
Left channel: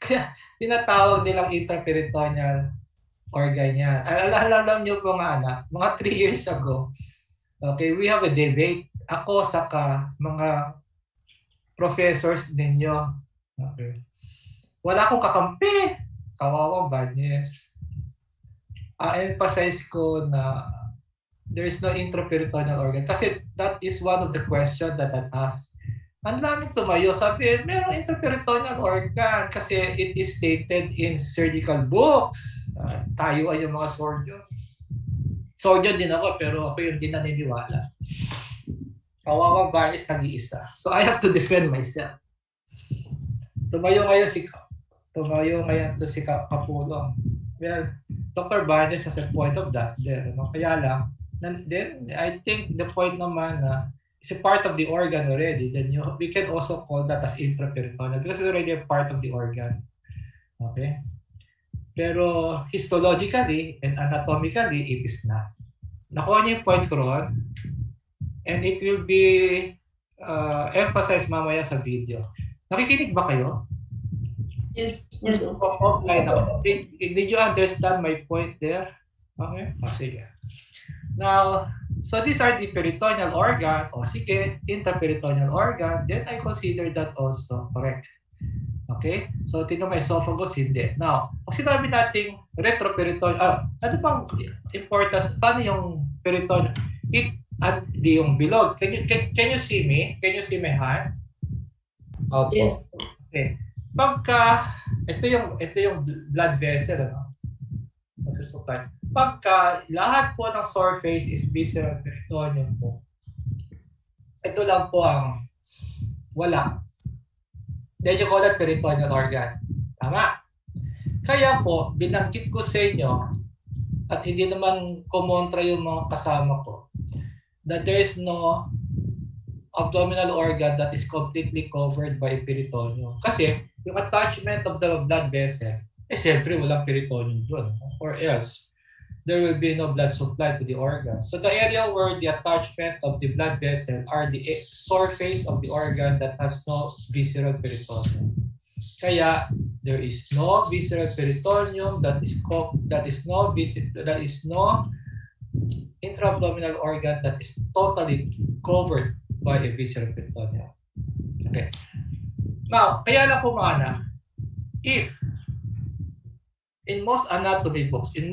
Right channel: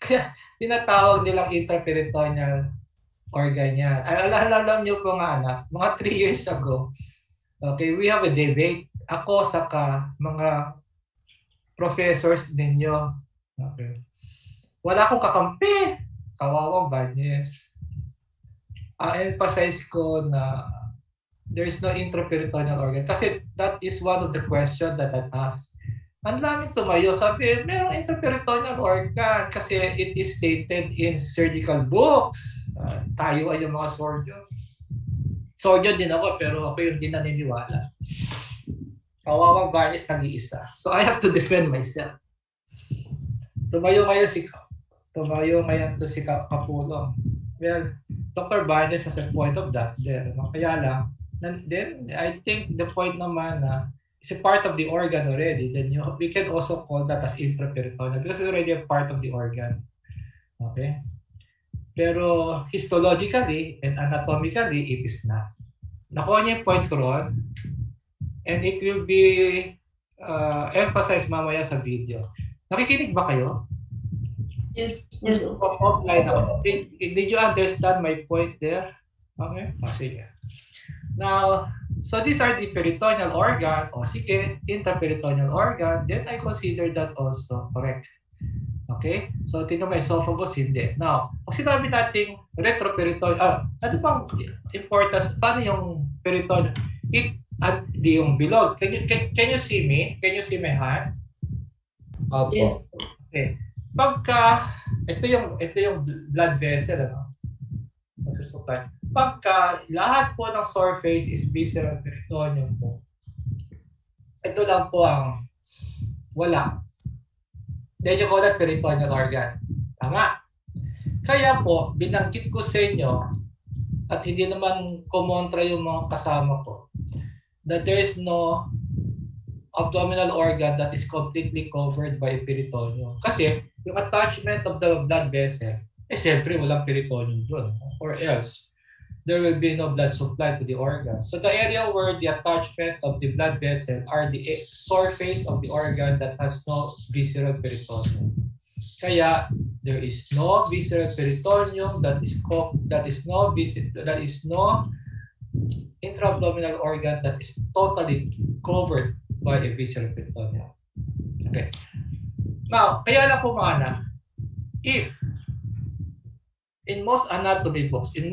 Kaya tinatawag nilang intraperitoneal organ yan. Alam niyo po nga anak, mga 3 years ago, okay, we have a debate. Ako saka mga professors ninyo. Okay. Wala akong kakampi. Kawawang Banyes. Emphasize ko na there is no intraperitoneal organ. Kasi that is one of the questions that I asked. Ang daming tumayo, sabi, merong intraperitoneal organ kasi it is stated in surgical books. Tayo ay yung mga surgeon. Surgeon din ako, pero ako yung di naniniwala. Kawawang Banyes nag-iisa. So I have to defend myself. Tumayo ngayon si Kapulong. Well, Dr. Banyes has a point of that there. No? Kaya lang, then I think the point naman na is a part of the organ already, then we can also call that as intraperitoneal because it's already a part of the organ. Okay? Pero histologically and anatomically, it is not. Nakuha niyo yung point ko ron, and it will be emphasized mamaya sa video. Nakikinig ba kayo? Yes, Offline ako. Did you understand my point there? Okay? O, sige. Now, so these are the peritoneal organ. O sige, intraperitoneal organ. Then I consider that also correct. Okay? So, tingnan mo esophagus, hindi. Now, kung sinabi natin retroperitoneal, ano bang importance? Paano yung peritoneal? At di yung bilog. Can you see me? Can you see my hand? Opo. Yes. Okay. Pagka, ito yung blood vessel, ano? pagka lahat po ng surface is visceral peritoneum po, ito lang po ang wala. Then you call that peritoneal organ. Tama? Kaya po, binanggit ko sa inyo, at hindi naman kumontra yung mga kasama ko, that there is no abdominal organ that is completely covered by peritoneum. Kasi yung attachment of the blood vessel, siyempre walang peritoneum doon. Or else, there will be no blood supply to the organ. So the area where the attachment of the blood vessel are the surface of the organ that has no visceral peritoneum. Kaya there is no visceral peritoneum, that is no intra-abdominal organ that is totally covered by a visceral peritoneum. Okay. Now, kaya lang po mga anak, if in most anatomy books, if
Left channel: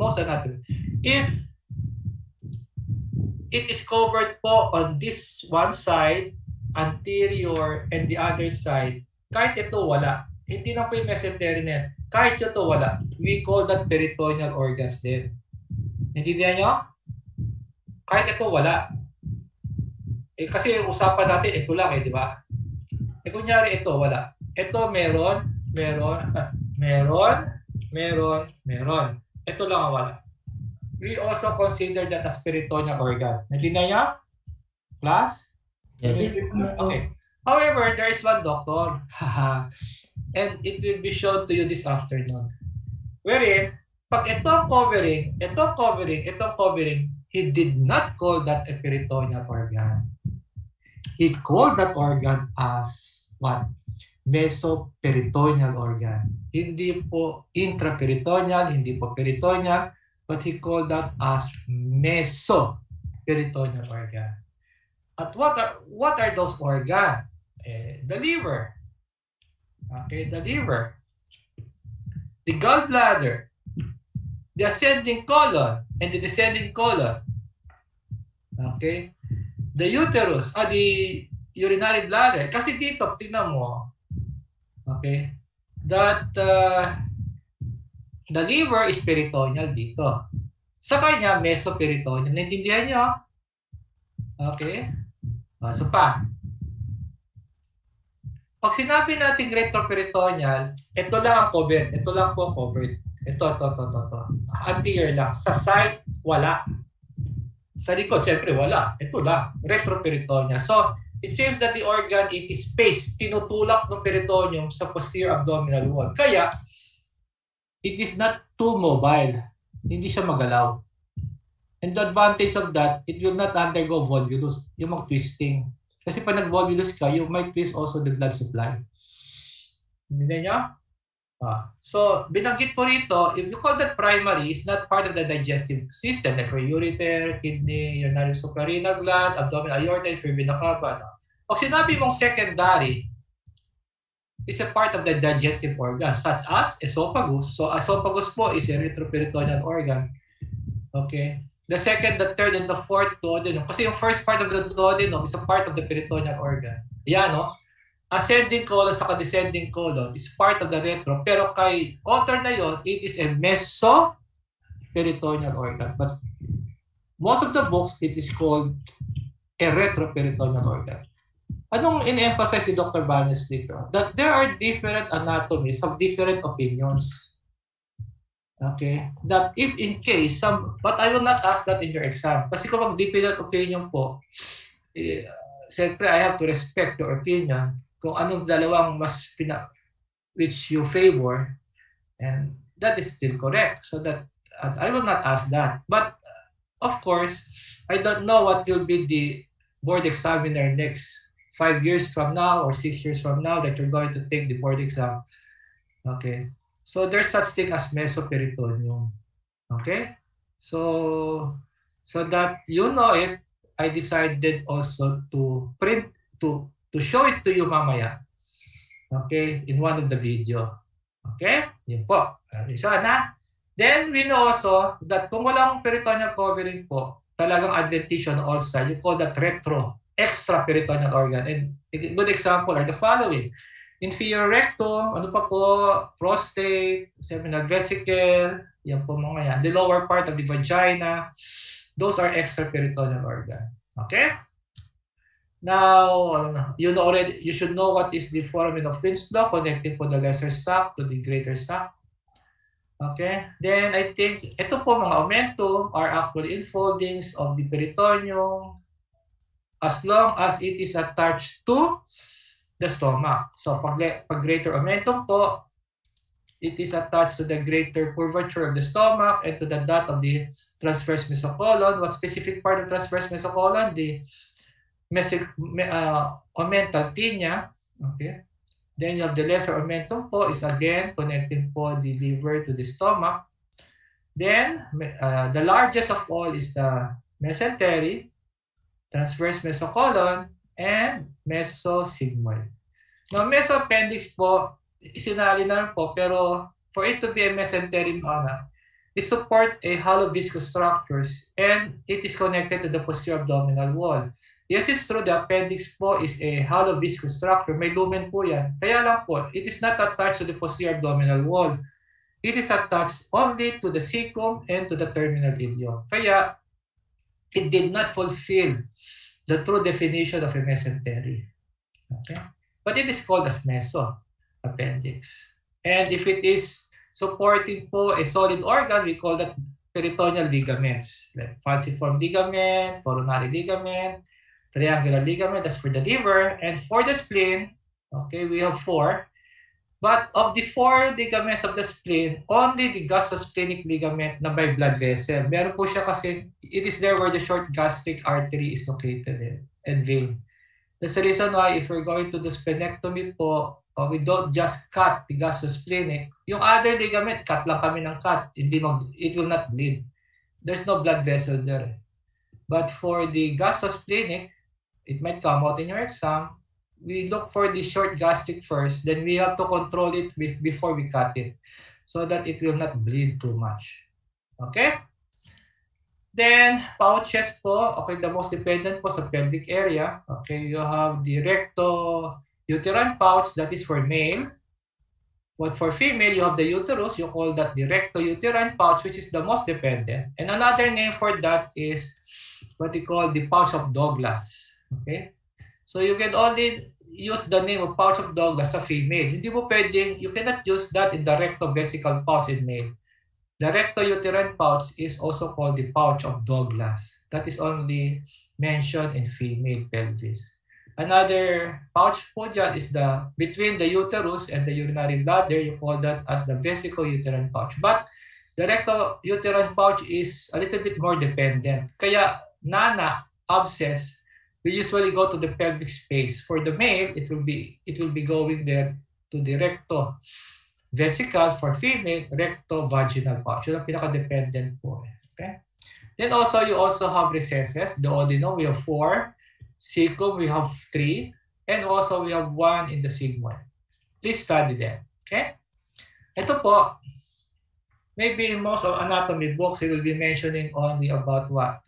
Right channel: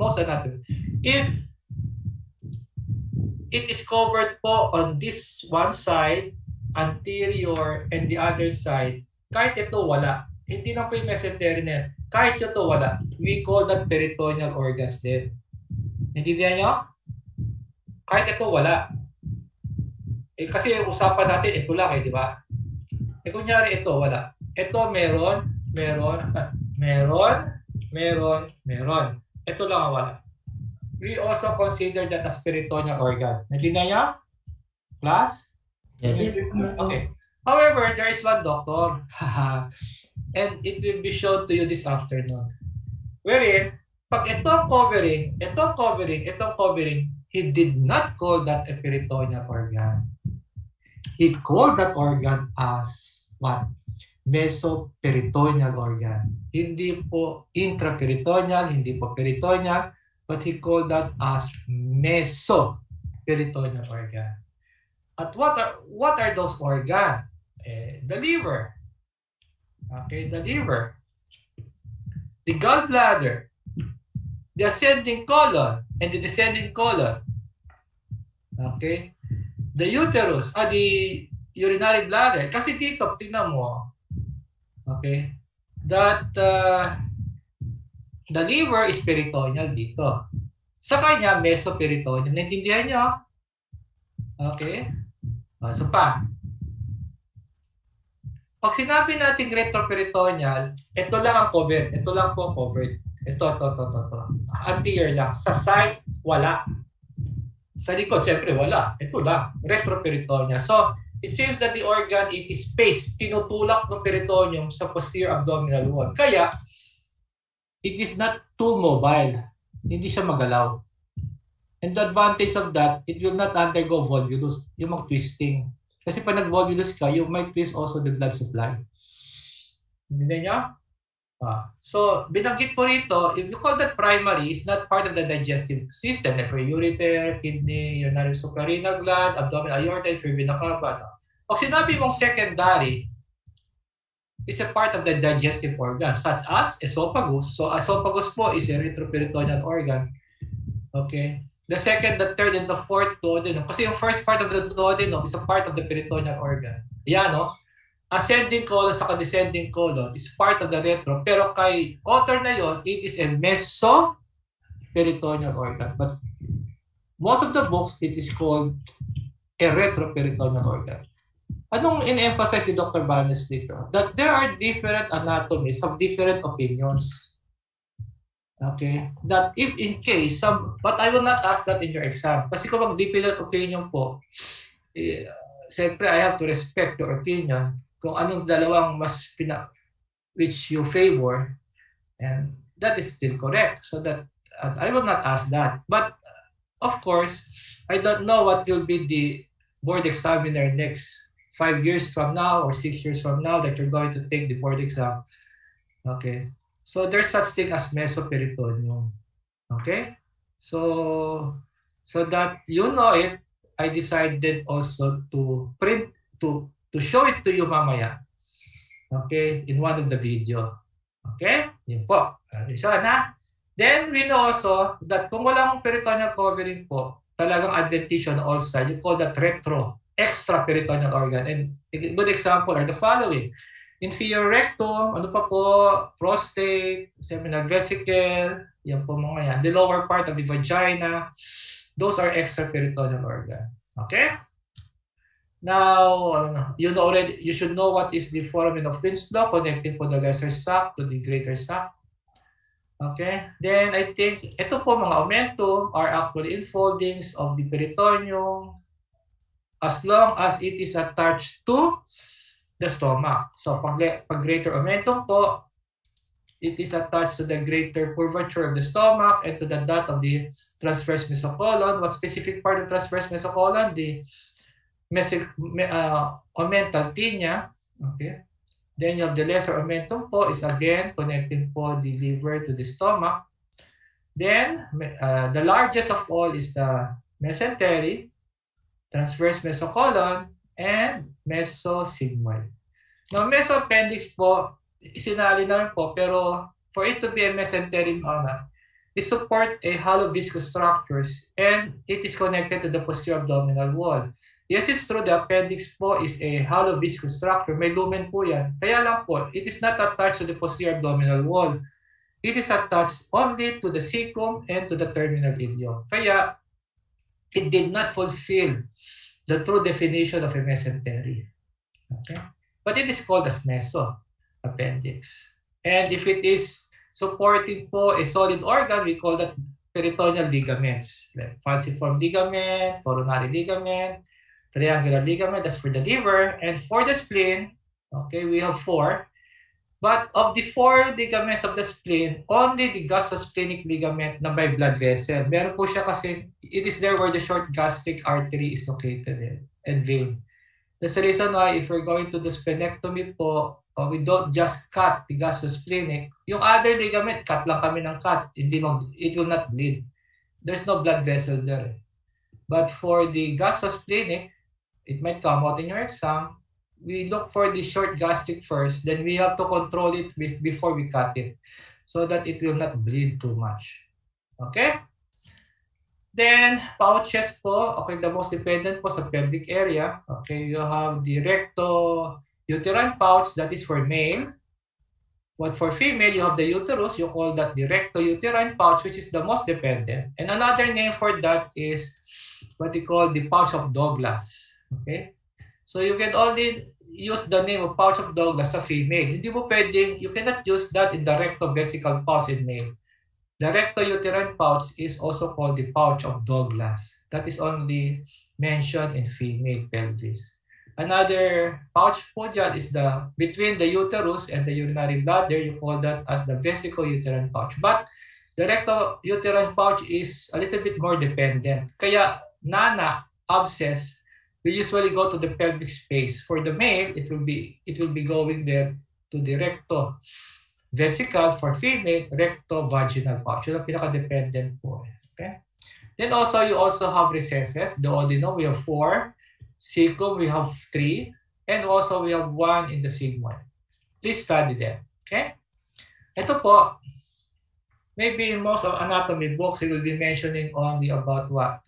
it is covered po on this one side, anterior, and the other side, kahit ito wala, hindi na po yung mesentery na yan, kahit ito wala, we call that peritoneal organs din. Naintindihan nyo? Kahit ito wala. Kasi usapan natin, ito lang di ba? Kunyari ito, wala. Ito meron. Ito lang ang wala. We also consider that as peritoneal organ. Naintindihan nyo? Class? Yes. Okay. However, there is one doctor. And it will be shown to you this afternoon. Wherein, pag itong covering, he did not call that a peritoneal organ. He called that organ as what? Mesoperitoneal organ. Hindi po intraperitoneal, hindi po peritoneal, but he called that as mesoperitoneal organ. At what are those organs? The liver. Okay, the liver, the gallbladder, the ascending colon, and the descending colon. Okay, the uterus, the urinary bladder. Kasi dito, tingnan mo, okay, that the liver is peritoneal dito. Sa kanya, mesoperitoneal. Naintindihan nyo? Okay, so pa. Pag sinabi natin retroperitoneal, ito lang ang covered. Ito lang po covered. Ito. Anterior lang. Sa side, wala. Sa likod, siyempre wala. Ito lang. Retroperitoneal. So, it seems that the organ, it is spaced. Tinutulak ng peritoneum sa posterior abdominal wall. Kaya, it is not too mobile. Hindi siya magalaw. And the advantage of that, it will not undergo volvulus, yung mag-twisting. Kasi pag nag-volvulus ka, you might twist also the blood supply. Hindi niya? So, binanggit po rito, if you call that primary, it's not part of the digestive system, like for ureter, kidney, urinary suprarenal gland, abdominal aorta, for vena cava. Pag sinabi mong secondary, it's a part of the digestive organ, such as esophagus. So, esophagus po is a retroperitoneal organ. Okay? The second, the third, and the fourth duodenum. Kasi yung first part of the duodenum is a part of the peritoneal organ. Ayan, no? Ascending colon sa descending colon is part of the retro. Pero kay author na yon, it is a mesoperitoneal organ. But most of the books, it is called a retroperitoneal organ. Anong in-emphasize si Dr. Banes dito? That there are different anatomies of different opinions. Okay, that if in case but I will not ask that in your exam. Kasi kung mag-different opinion po, siyempre I have to respect your opinion kung anong dalawang which you favor, and that is still correct. So that I will not ask that. But of course, I don't know what will be the board examiner next 5 years from now or 6 years from now that you're going to take the board exam. Okay. So there's such thing as mesoperitoneum. Okay? So that you know it, I decided also to print to show it to you mamaya. Okay? In one of the video. Okay? Yun po. So na. Then we know also that kung walang peritoneal covering po, talagang adventition also, you call that extraperitoneal organ. And a good example are the following. Inferior rectum, ano pa po, prostate, seminal vesicle, yan po mga yan. The lower part of the vagina, those are extraperitoneal organ. Okay? Now, you should know what is the foramen of Winslow connecting po the lesser sac to the greater sac. Okay? Then, I think, ito po mga omentum are actually enfoldings of the peritoneum as long as it is attached to the stomach. So, pag greater omentum po, it is attached to the greater curvature of the stomach and to the dot of the transverse mesocolon. What specific part of transverse mesocolon? The omental tinea. Okay. Then you have the lesser omentum po is again connecting po the liver to the stomach. Then, the largest of all is the mesentery, transverse mesocolon, and mesosigmoid. Now, mesoappendix po, isinali na po, pero for it to be a mesentery, it support a hollow viscous structures and it is connected to the posterior abdominal wall. Yes, it's true, the appendix po is a hollow viscous structure. May lumen po yan. Kaya lang po, it is not attached to the posterior abdominal wall. It is attached only to the cecum and to the terminal ileum. Kaya, it did not fulfill the true definition of a mesentery. Okay? But it is called as mesoappendix. And if it is supporting po a solid organ, we call that peritoneal ligaments, like falciform ligament, coronary ligament, triangular ligament, that's for the liver. And for the spleen, okay, we have 4. But of the 4 ligaments of the spleen, only the gastrosplenic ligament na by blood vessel. Meron po siya kasi, it is there where the short gastric artery is located and vein. That's the reason why if we're going to do splenectomy po, we don't just cut the gastrosplenic. Yung other ligament, cut lang kami ng cut. It will not bleed. There's no blood vessel there. But for the gastrosplenic, it might come out in your exam. We look for the short gastric first, then we have to control it before we cut it so that it will not bleed too much. Okay? Then, pouches po, okay, the most dependent po sa pelvic area. Okay, you have the recto-uterine pouch, that is for male. But for female, you have the uterus, you call that the recto-uterine pouch, which is the most dependent. And another name for that is what we call the pouch of Douglas. Okay? So you can only use the name of pouch of Douglas sa female. Hindi mo pwedeng, you cannot use that in the rectovesical pouch in male. The recto-uterine pouch is also called the pouch of Douglas. That is only mentioned in female pelvis. Another pouch po dyan is between the uterus and the urinary bladder. You call that as the vesico-uterine pouch. But the recto-uterine pouch is a little bit more dependent. Kaya nana, abscess, we usually go to the pelvic space. For the male, it will be going there to the recto-vesical. For female, recto-vaginal pouch. Yun ang pinaka-dependent po. Okay? Then also, you also have recesses. The duodenum, we have 4. Cecum, we have 3. And also, we have 1 in the sigmoid. Please study them. Okay? Ito po, maybe in most of anatomy books, it will be mentioning only about what?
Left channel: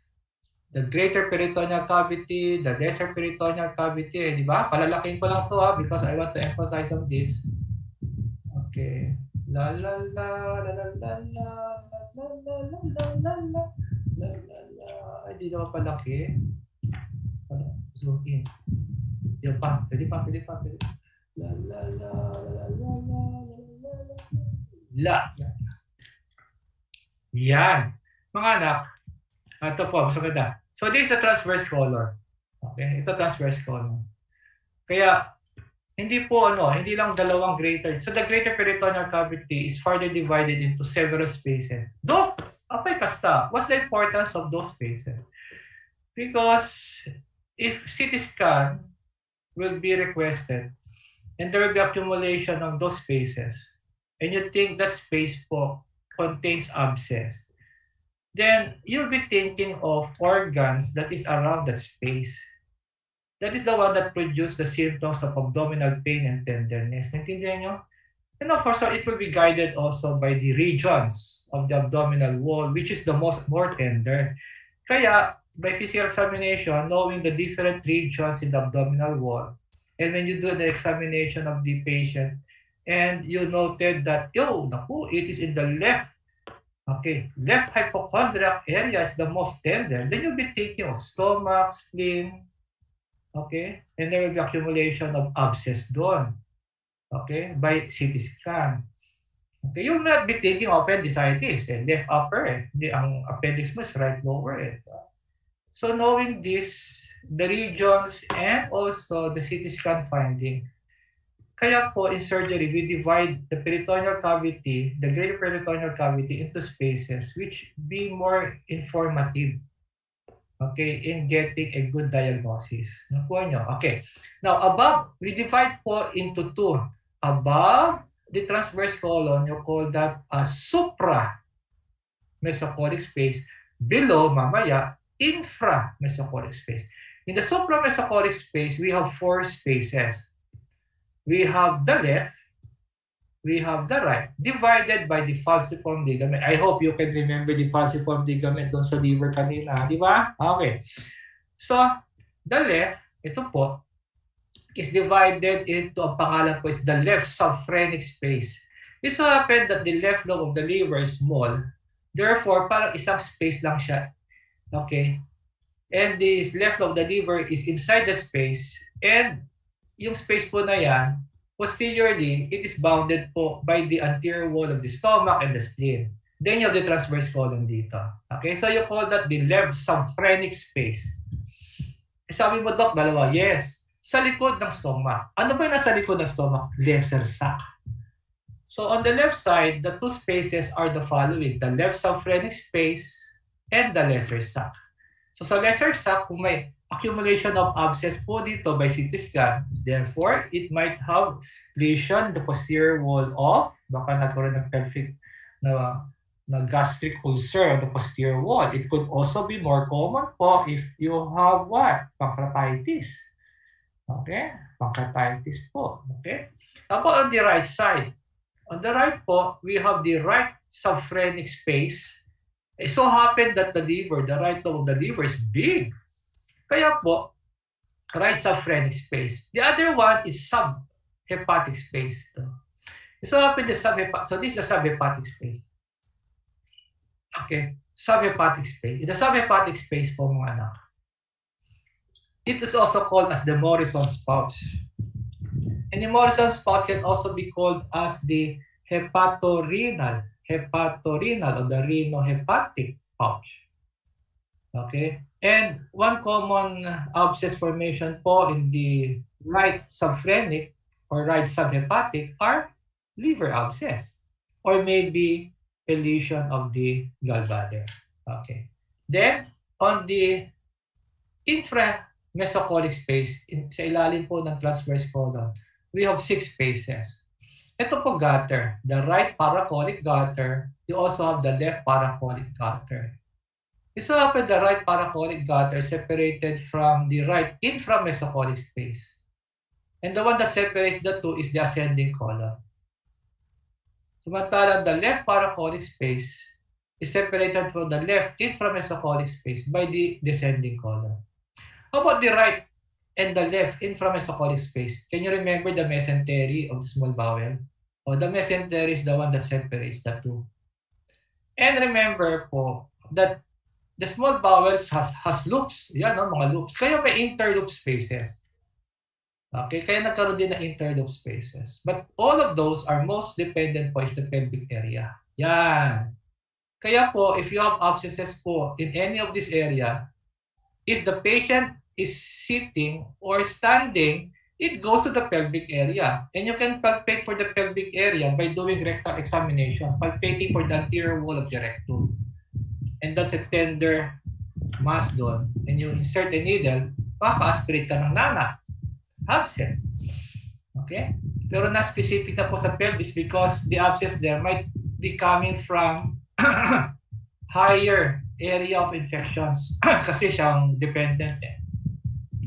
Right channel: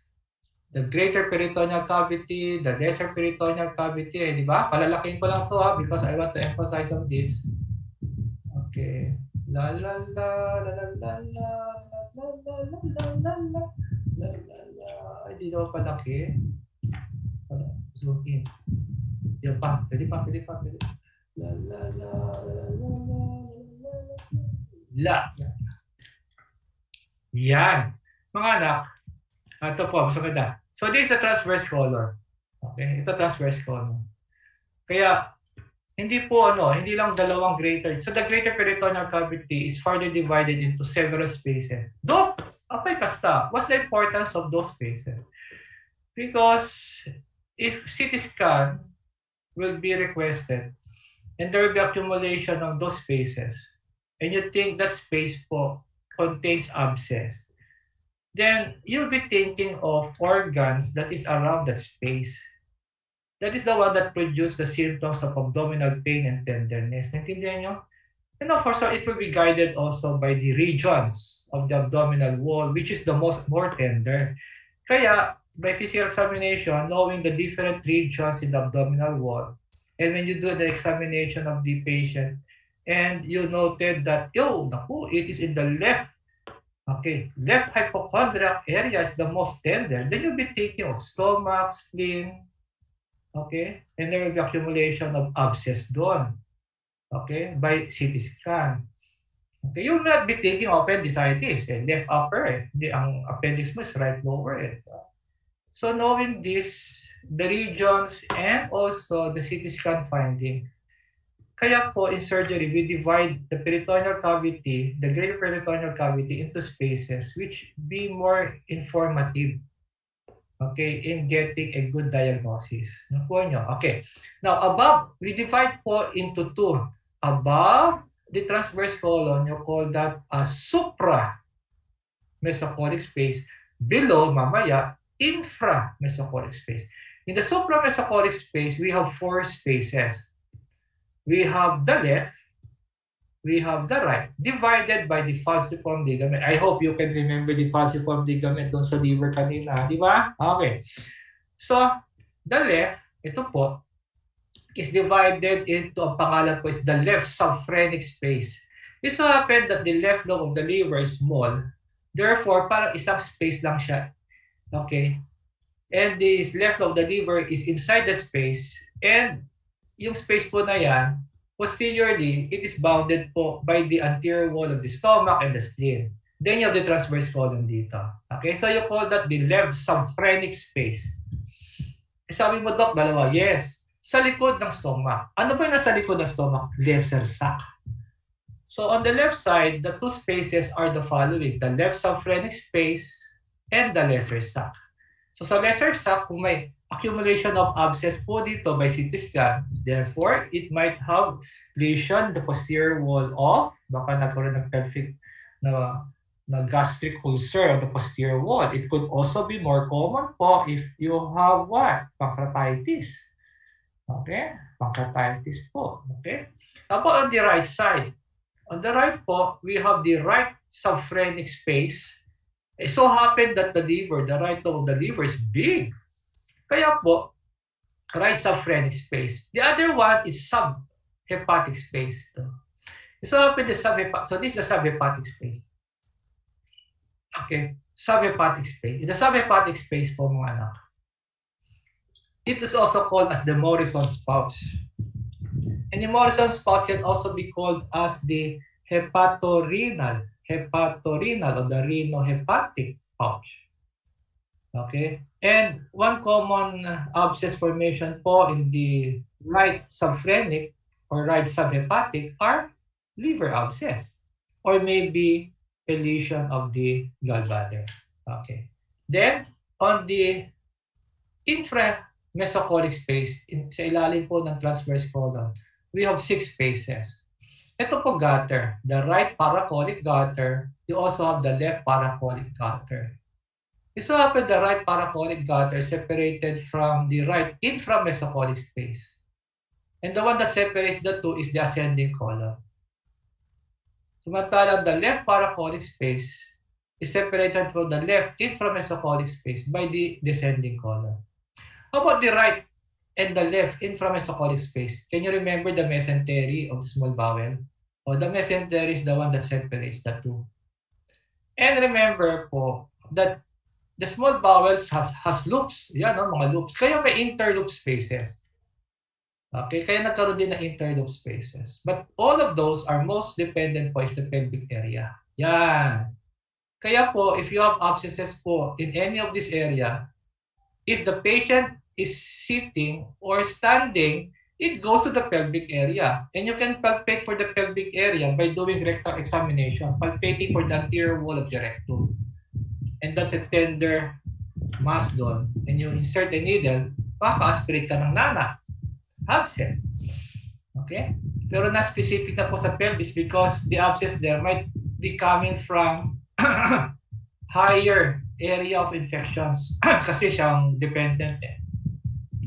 The greater peritoneal cavity, the lesser peritoneal cavity, di ba? Palalaking ko lang to because I want to emphasize on this. Okay. La la la la la la la la la la la la la. Ay, di daw palaki. Zoom in. Yan pa. Pwede pa. La la la la la la la la. Yan. Mga anak, ito po, mas maganda. So this is a transverse colon. Okay, ito transverse colon. Kaya hindi lang dalawang greater. So the greater peritoneal cavity is further divided into several spaces. Though, apay kasta, what's the importance of those spaces? Because if CT scan will be requested and there will be accumulation of those spaces and you think that space po contains abscess, then you'll be thinking of organs that is around that space. That is the one that produce the symptoms of abdominal pain and tenderness. Naintindihan nyo? And of course, so it will be guided also by the regions of the abdominal wall, which is the more tender. Kaya, by physical examination, knowing the different regions in the abdominal wall, And when you do the examination of the patient, and you noted that, it is in the left, left hypochondriac area is the most tender, then you'll be thinking of stomach, spleen, and there will be accumulation of abscess doon, by CT scan. You will not be thinking of appendicitis, left upper, ang appendix mo is right lower. So knowing this, the regions and also the CT scan finding, kaya po in surgery, we divide the peritoneal cavity, the greater peritoneal cavity into spaces which be more informative, in getting a good diagnosis. Nakuha nyo? Okay. Now, above, we divide po into two. Above the transverse colon, you call that a supra-mesocolic space. Below, mamaya, infra-mesocolic space. In the supra-mesocolic space, we have 4 spaces. We have the left, we have the right, divided by the falciform ligament. I hope you can remember the falciform ligament doon sa liver kanina, di ba? Okay. So, the left, ito po, is divided into, ang pangalan po is the left subphrenic space. It so happened that the left lobe of the liver is small, therefore, parang isang space lang siya. And the left lobe of the liver is inside the space, and yung space po na yan, posteriorly, it is bounded po by the anterior wall of the stomach and the spleen. Then you have the transverse colon dito. So you call that the left subphrenic space. Sabi mo, Doc, dalawa. Yes. Sa likod ng stomach. Ano ba yung nasa likod ng stomach? Lesser sac. So on the left side, the 2 spaces are the following. The left subphrenic space and the lesser sac. So sa lesser sac, kung may accumulation of abscess po dito by CT scan, therefore, it might have lesion in the posterior wall of, baka nagkaroon ng pelvic na gastric ulcer on the posterior wall. It could also be more common po if you have what? Pancreatitis. Pancreatitis po. How about on the right side? On the right po, we have the right subphrenic space. It so happened that the liver, the right lobe of the liver is big. Kaya po, right subphrenic space. The other one is subhepatic space. So happened the so this is a subhepatic space. Subhepatic space. In the subhepatic space po mga anak, it is also called as the Morrison's pouch. And the Morrison's pouch can also be called as the hepatorenal or the renohepatic pouch. And one common abscess formation po in the right subphrenic or right subhepatic are liver abscess or maybe a lesion of the gallbladder. Then on the infra-mesocolic space, sa ilalim po ng transverse colon, we have 6 spaces. Ito po gutter, the right paracolic gutter. You also have the left paracolic gutter. It so happened the right paracolic gutter separated from the right inframesocolic space. And the one that separates the two is the ascending colon. Samantalang the left paracolic space is separated from the left inframesocolic space by the descending colon. How about the right and the left inframesocolic space? Can you remember the mesentery of the small bowel? Or the mesentery is the one that separates the two. And remember po that the small bowels has loops. Yan, mga loops. Kaya may interloop spaces. Kaya nagkaroon din ng interloop spaces. But all of those are most dependent po is the pelvic area. Yan. Kaya po, if you have abscesses po in any of this area, if the patient is sitting or standing, it goes to the pelvic area. And you can palpate for the pelvic area by doing rectal examination, palpating for the anterior wall of the rectum. And that's a tender mass doon. And you insert a needle, maka-aspirate ka ng nana. Abscess. Pero na-specific na po sa pelvis because the abscess there might be coming from higher area of infections kasi siyang dependent.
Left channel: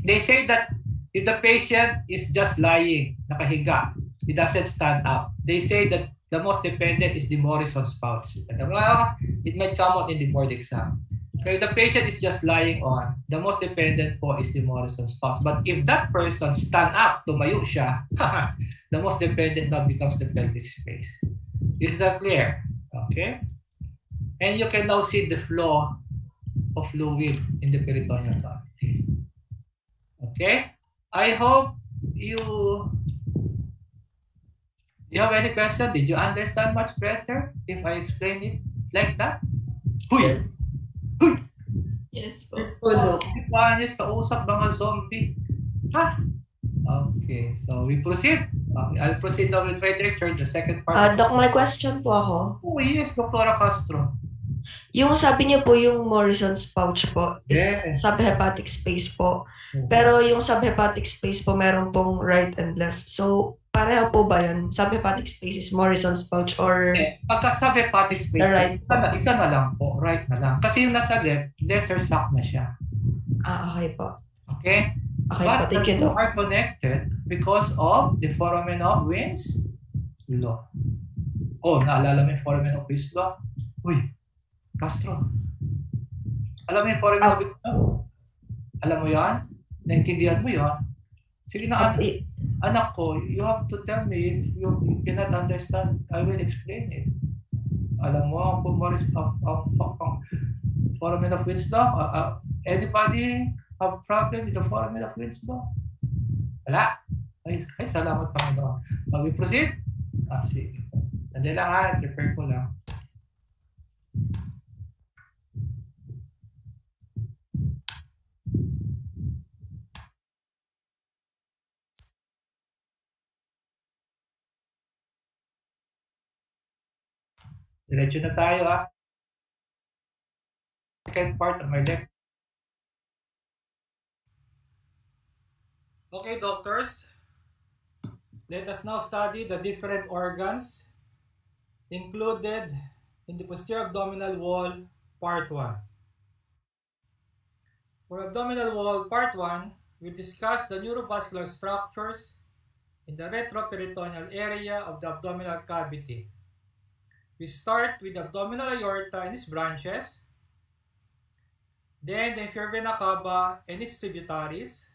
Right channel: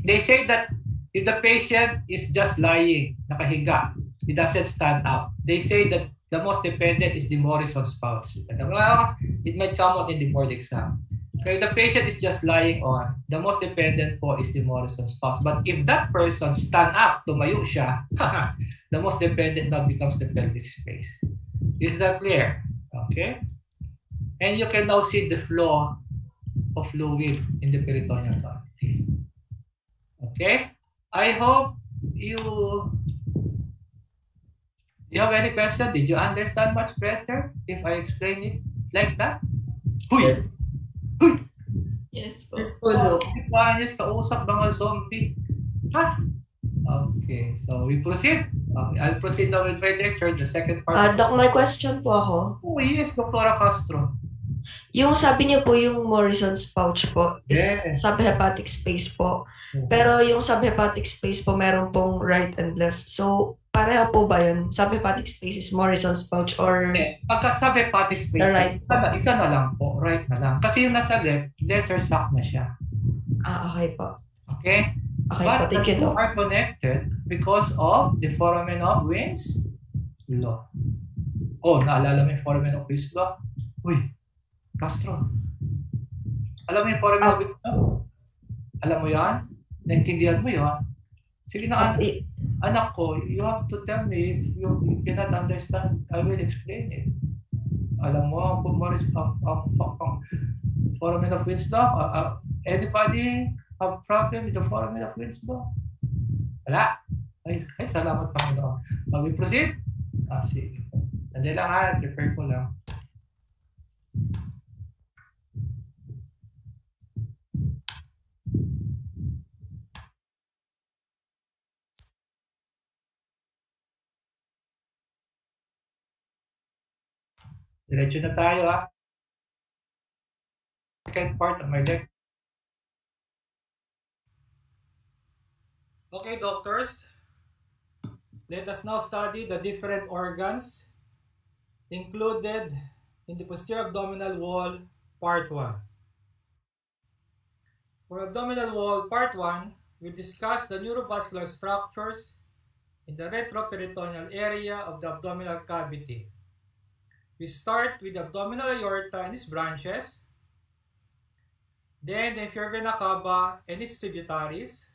They say that if the patient is just lying, nakahiga, he doesn't stand up, they say that the most dependent is the Morrison's pouch. It might come out in the board exam. Okay, the patient is just lying on. The most dependent po is the Morrison's pouch. But if that person stand up, tumayo siya, the most dependent now becomes the pelvic space. Is that clear? Okay. And you can now see the flow of fluid in the peritoneal cavity. Okay. I hope you have any question? Did you understand much better if I explain it like that? Huy! Yes. Huy! Yes po. Yes po, Doc. Panis, kausap mga zombie. Ha? Okay, so we proceed. I'll proceed now with my lecture, the second part. Doc, may question po ako. Oh yes, Dr. Castro. Yung sabi niyo po yung Morrison's pouch po is Yes. subhepatic space po. Pero yung subhepatic space po meron pong right and left. So pareho po ba yun? Subhepatic space is Morrison's pouch or Pagka subhepatic space, the right po? isa na lang po, right na lang. Kasi yung nasa left, lesser sac na siya. Okay po. Okay? Okay But po, thank you, the two Doc. are connected because of the foramen of Wien's law. Oh, naalala mo yung foramen of Wien's law? Uy, Castro. Alam mo yung foramen of Wien's law? Alam mo yan? Naintindihan mo yan? Sige na, anak ko, you have to tell me if you cannot understand, I will explain it. Alam mo, ang foramen of Wien's law? Anybody have problem with the foramen of Wien's law? Wala. Ay, salamat Panginoon. We proceed? Sige. Sandali lang ha, prepare ko lang. Diretso na tayo ha. Second part of my lecture. Okay, doctors. Let us now study the different organs included in the posterior abdominal wall, part 1. For abdominal wall, part 1, we discuss the neurovascular structures in the retroperitoneal area of the abdominal cavity. We start with the abdominal aorta and its branches, then the inferior vena cava and its tributaries,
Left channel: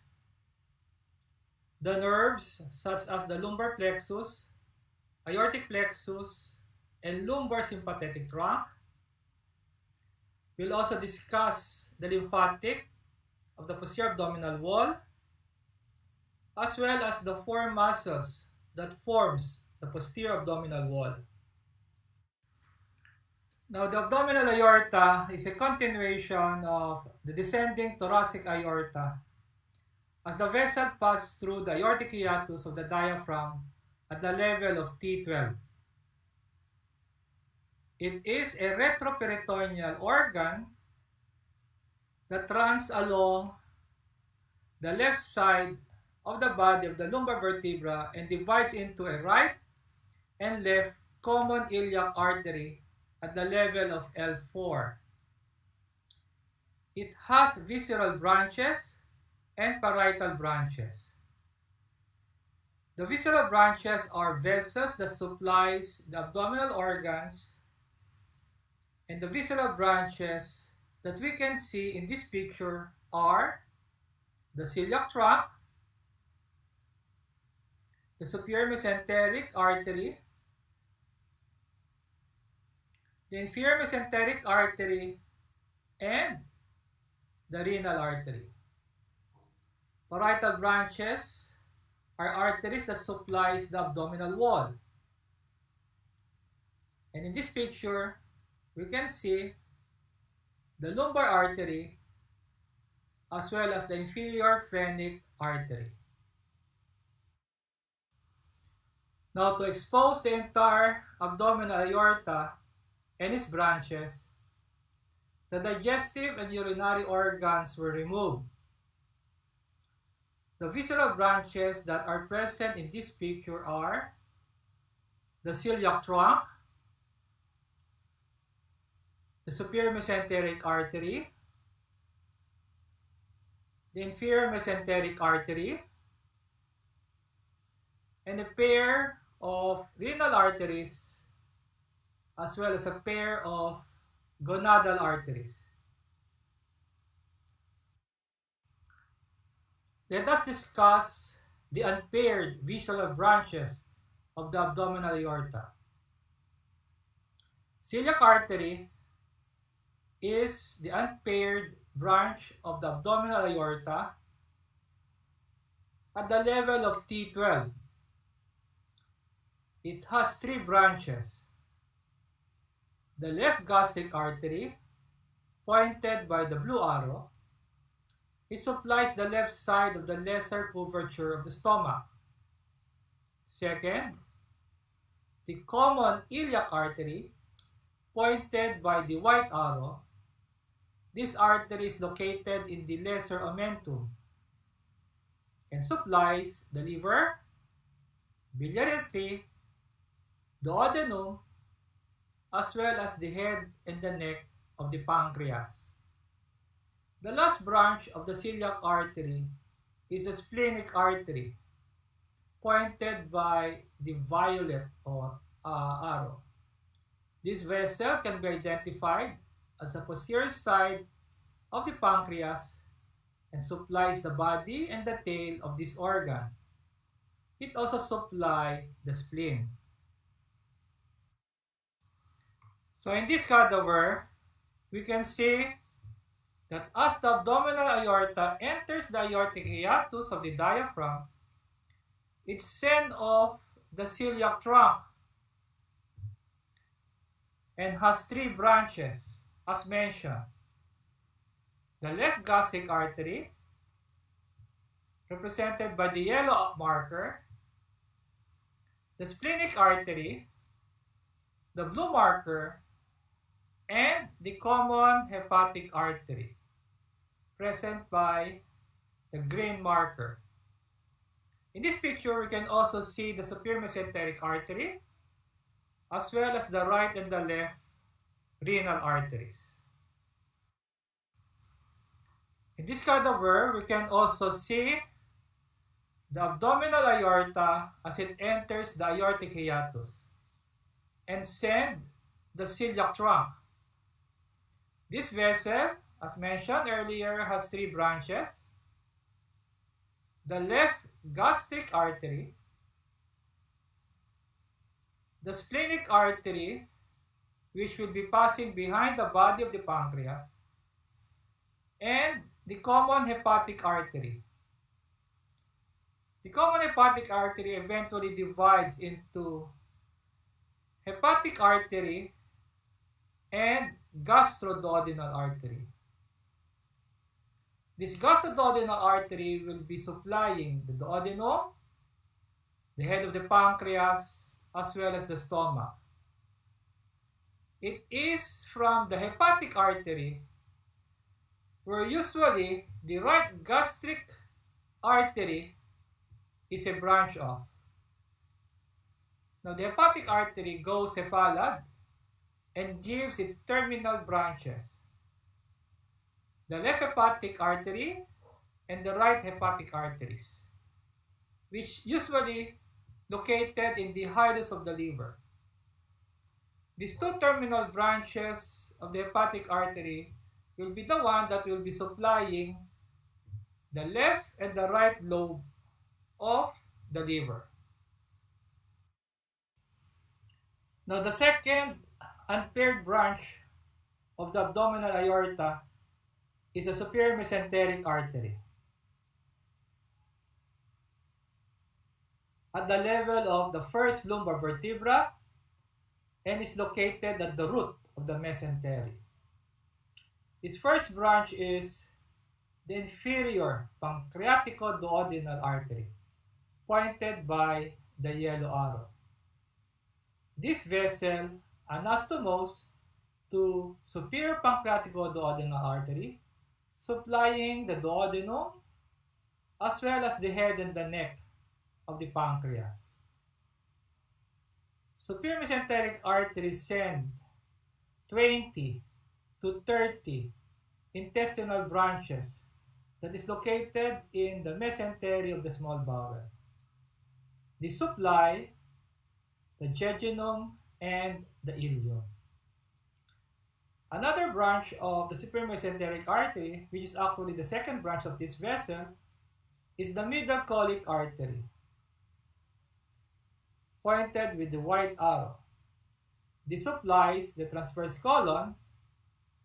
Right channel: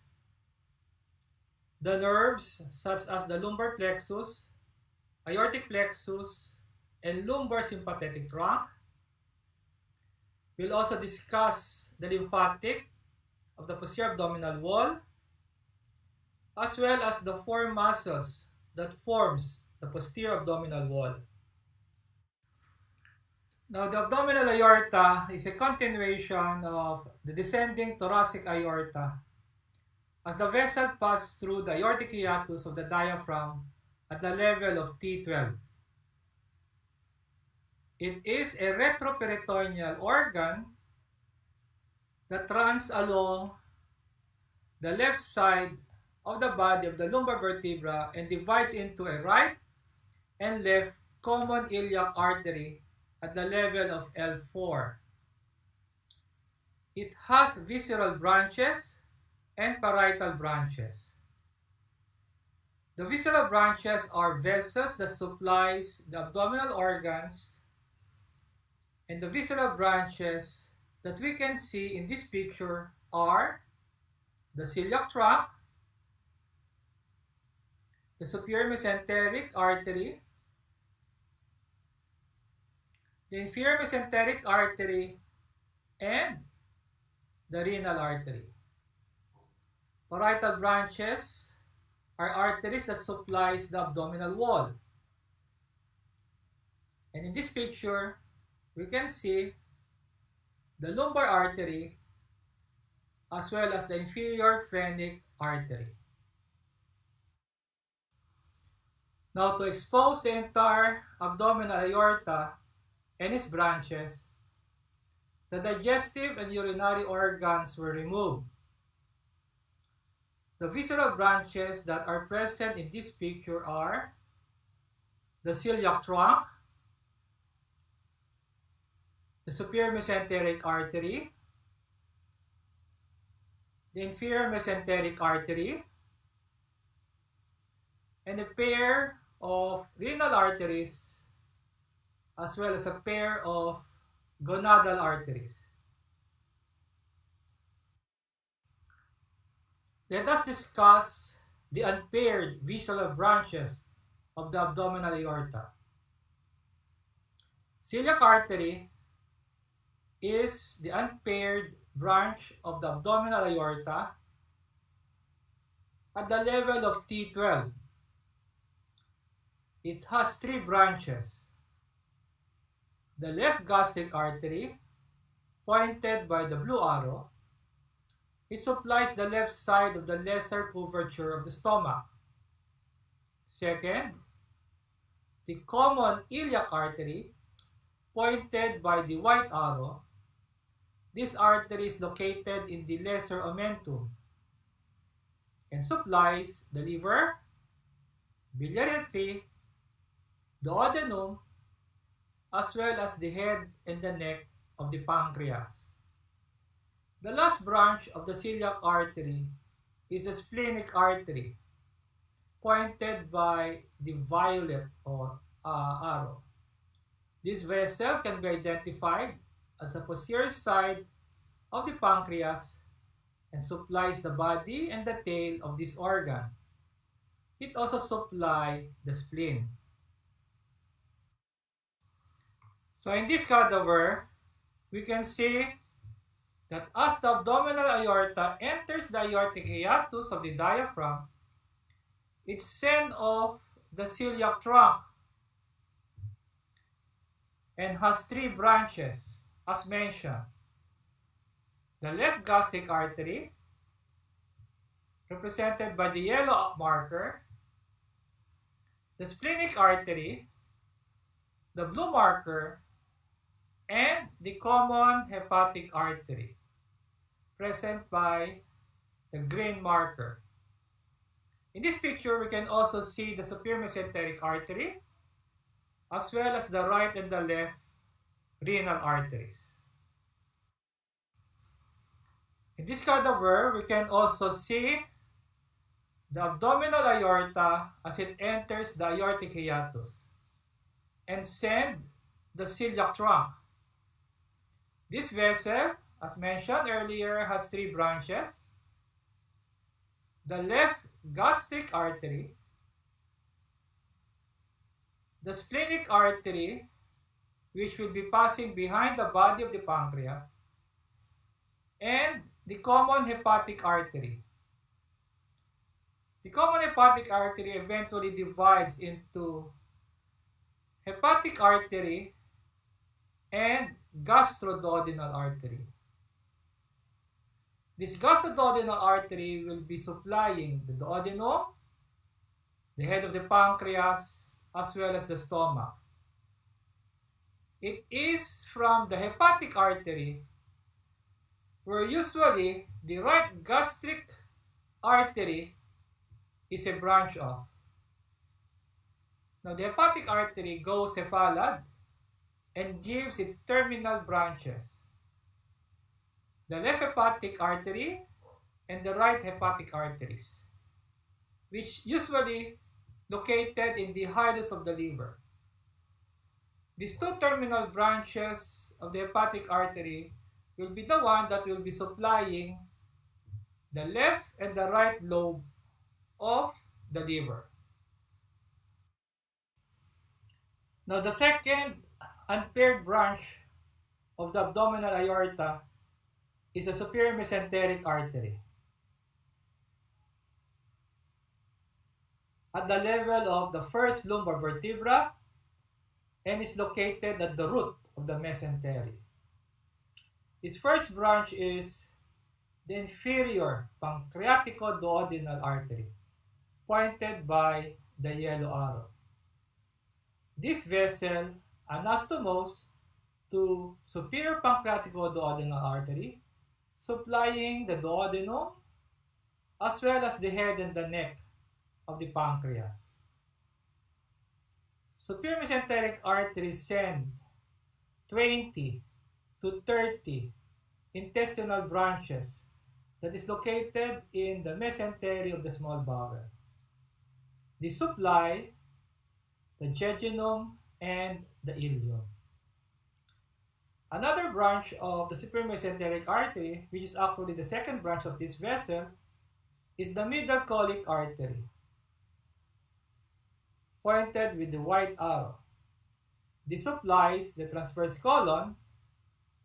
the nerves such as the lumbar plexus, aortic plexus, and lumbar sympathetic trunk. We'll also discuss the lymphatic of the posterior abdominal wall, as well as the four muscles that forms the posterior abdominal wall. Now, the abdominal aorta is a continuation of the descending thoracic aorta as the vessel passes through the aortic hiatus of the diaphragm at the level of T12. It is a retroperitoneal organ that runs along the left side of the body of the lumbar vertebra and divides into a right and left common iliac artery at the level of L4. It has visceral branches and parietal branches. The visceral branches are vessels that supplies the abdominal organs, and the visceral branches that we can see in this picture are the celiac trunk, the superior mesenteric artery, the inferior mesenteric artery, and the renal artery. Parietal branches are arteries that supplies the abdominal wall. And in this picture, we can see the lumbar artery as well as the inferior phrenic artery. Now, to expose the entire abdominal aorta and its branches, the digestive and urinary organs were removed. The visceral branches that are present in this picture are the celiac trunk, the superior mesenteric artery, the inferior mesenteric artery, and a pair of renal arteries, as well as a pair of gonadal arteries. Let us discuss the unpaired visceral branches of the abdominal aorta. Celiac artery is the unpaired branch of the abdominal aorta at the level of T12. It has three branches. The left gastric artery, pointed by the blue arrow, it supplies the left side of the lesser curvature of the stomach. Second, the common iliac artery, pointed by the white arrow. This artery is located in the lesser omentum and supplies the liver, biliary tree, duodenum, as well as the head and the neck of the pancreas. The last branch of the celiac artery is the splenic artery, pointed by the violet arrow. This vessel can be identified as the posterior side of the pancreas and supplies the body and the tail of this organ. It also supplies the spleen. So in this cadaver, we can see that as the abdominal aorta enters the aortic hiatus of the diaphragm, it sends off the celiac trunk and has three branches, as mentioned. The left gastric artery, represented by the yellow marker, the splenic artery, the blue marker, and the common hepatic artery, present by the green marker. In this picture, we can also see the superior mesenteric artery, as well as the right and the left renal arteries. In this cadaver, we can also see the abdominal aorta as it enters the aortic hiatus and send the celiac trunk. This vessel, as mentioned earlier, has three branches. The left gastric artery, the splenic artery, which will be passing behind the body of the pancreas, and the common hepatic artery. The common hepatic artery eventually divides into hepatic artery and gastroduodenal artery. This gastroduodenal artery will be supplying the duodenum, the head of the pancreas, as well as the stomach. It is from the hepatic artery where usually the right gastric artery is a branch of. Now the hepatic artery goes cephalad and gives its terminal branches. The left hepatic artery and the right hepatic arteries, which usually located in the hilus of the liver. These two terminal branches of the hepatic artery will be the one that will be supplying the left and the right lobe of the liver. Now the second unpaired branch of the abdominal aorta is the superior mesenteric artery. At the level of the first lumbar vertebra and is located at the root of the mesentery. Its first branch is the inferior pancreatico-duodenal artery, pointed by the yellow arrow. This vessel anastomoses to superior pancreatico-duodenal artery, supplying the duodenum as well as the head and the neck of the pancreas. Superior mesenteric arteries send 20 to 30 intestinal branches that is located in the mesentery of the small bowel. They supply the jejunum and the ileum. Another branch of the superior mesenteric artery, which is actually the second branch of this vessel, is the middle colic artery, pointed with the white arrow. This supplies the transverse colon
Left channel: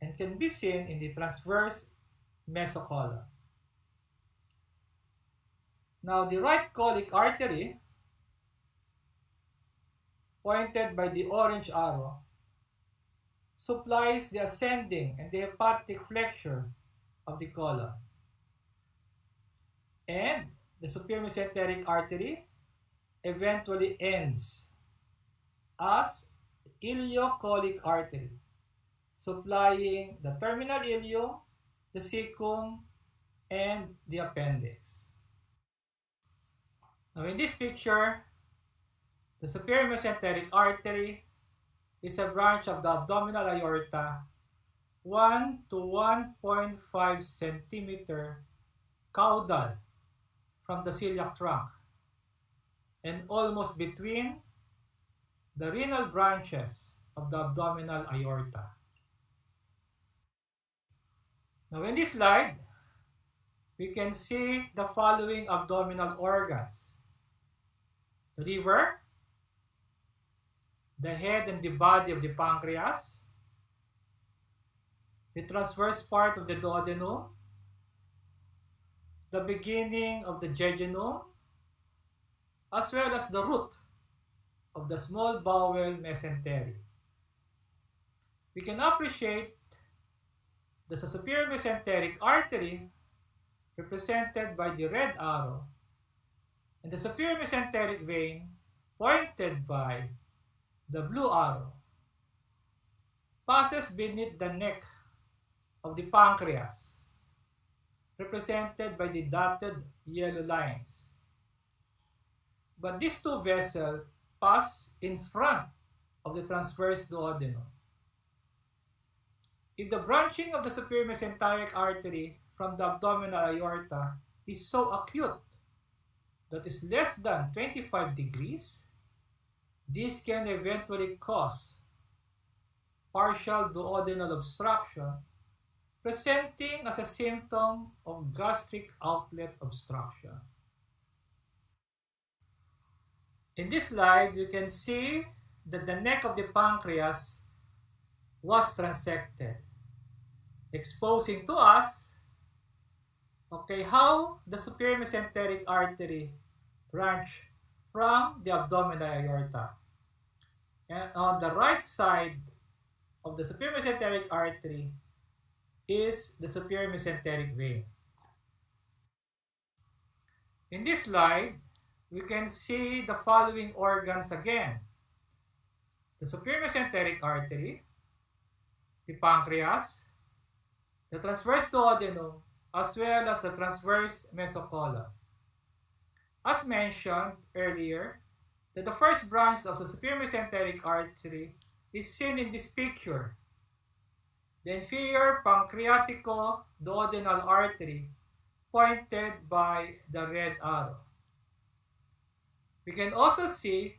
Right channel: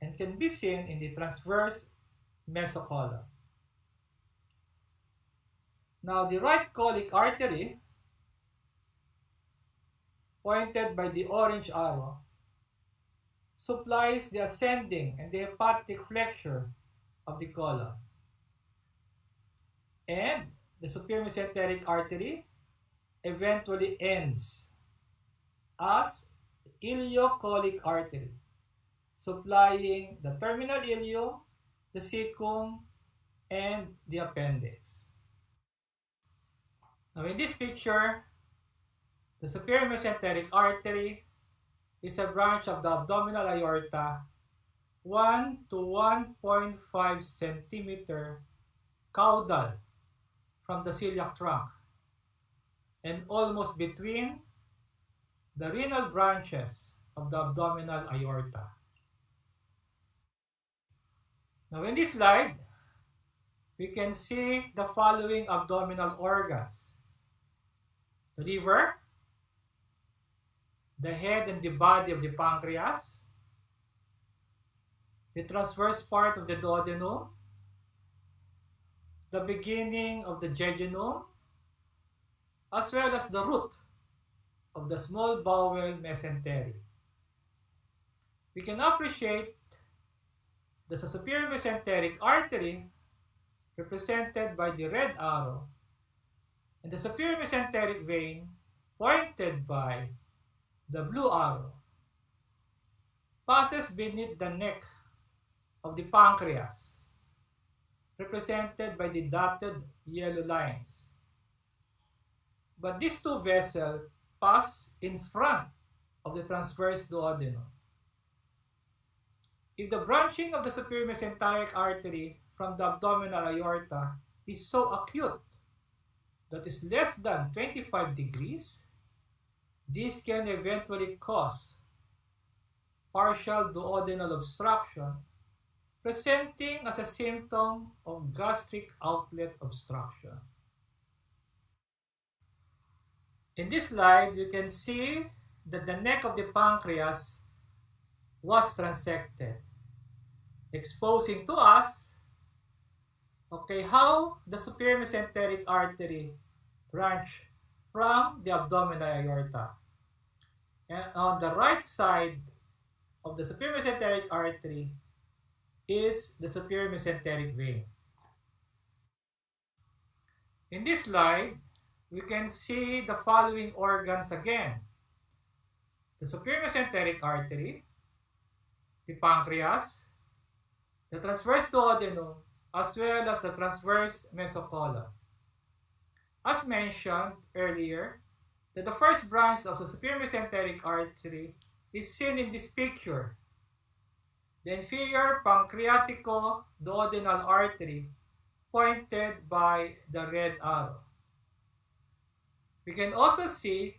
and can be seen in the transverse mesocolon. Now the right colic artery, pointed by the orange arrow, supplies the ascending and the hepatic flexure of the colon. And the superior mesenteric artery eventually ends as ileocolic artery, supplying the terminal ileum, the cecum, and the appendix. Now in this picture, the superior mesenteric artery is a branch of the abdominal aorta 1 to 1.5 centimeter caudal from the celiac trunk and almost between the renal branches of the abdominal aorta. Now in this slide, we can see the following abdominal organs: the liver, the head and the body of the pancreas, the transverse part of the duodenum, the beginning of the jejunum, as well as the root of the small bowel mesentery. We can appreciate the superior mesenteric artery represented by the red arrow and the superior mesenteric vein pointed by the blue arrow passes beneath the neck of the pancreas, represented by the dotted yellow lines. But these two vessels pass in front of the transverse duodenum. If the branching of the superior mesenteric artery from the abdominal aorta is so acute that is less than 25 degrees, this can eventually cause partial duodenal obstruction, presenting as a symptom of gastric outlet obstruction. In this slide, you can see that the neck of the pancreas was transected, exposing to us how the superior mesenteric artery branch from the abdominal aorta. And on the right side of the superior mesenteric artery is the superior mesenteric vein. In this slide, we can see the following organs again: the superior mesenteric artery, the pancreas, the transverse duodenum, as well as the transverse mesocolon. As mentioned earlier, that the first branch of the superior mesenteric artery is seen in this picture, the inferior pancreatico-duodenal artery, pointed by the red arrow. We can also see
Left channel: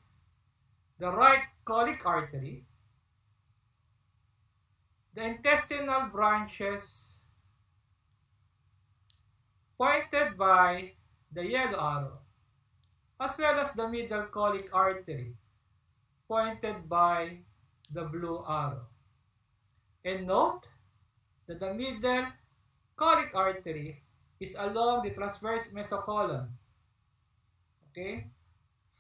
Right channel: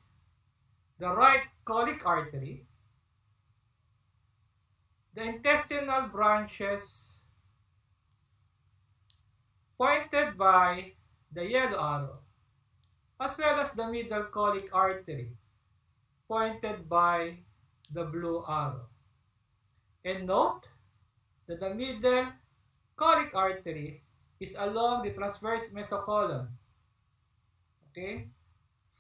the right colic artery, the intestinal branches, pointed by the yellow arrow, as well as the middle colic artery, pointed by the blue arrow. And note that the middle colic artery is along the transverse mesocolon. Okay?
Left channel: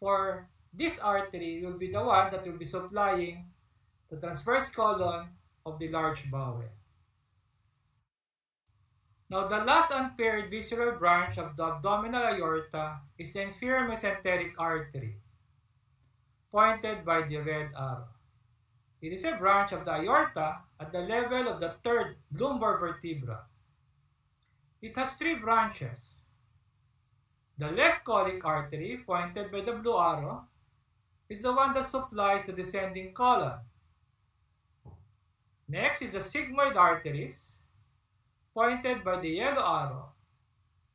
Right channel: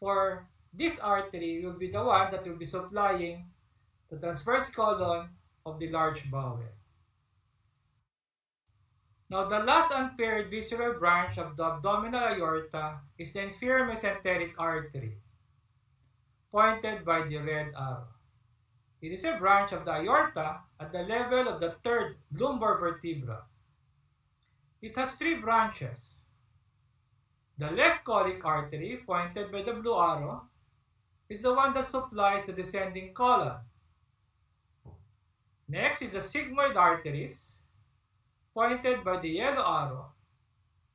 For this artery will be the one that will be supplying the transverse colon of the large bowel. Now, the last unpaired visceral branch of the abdominal aorta is the inferior mesenteric artery, pointed by the red arrow. It is a branch of the aorta at the level of the third lumbar vertebra. It has three branches. The left colic artery, pointed by the blue arrow, is the one that supplies the descending colon. Next is the sigmoid arteries, pointed by the yellow arrow,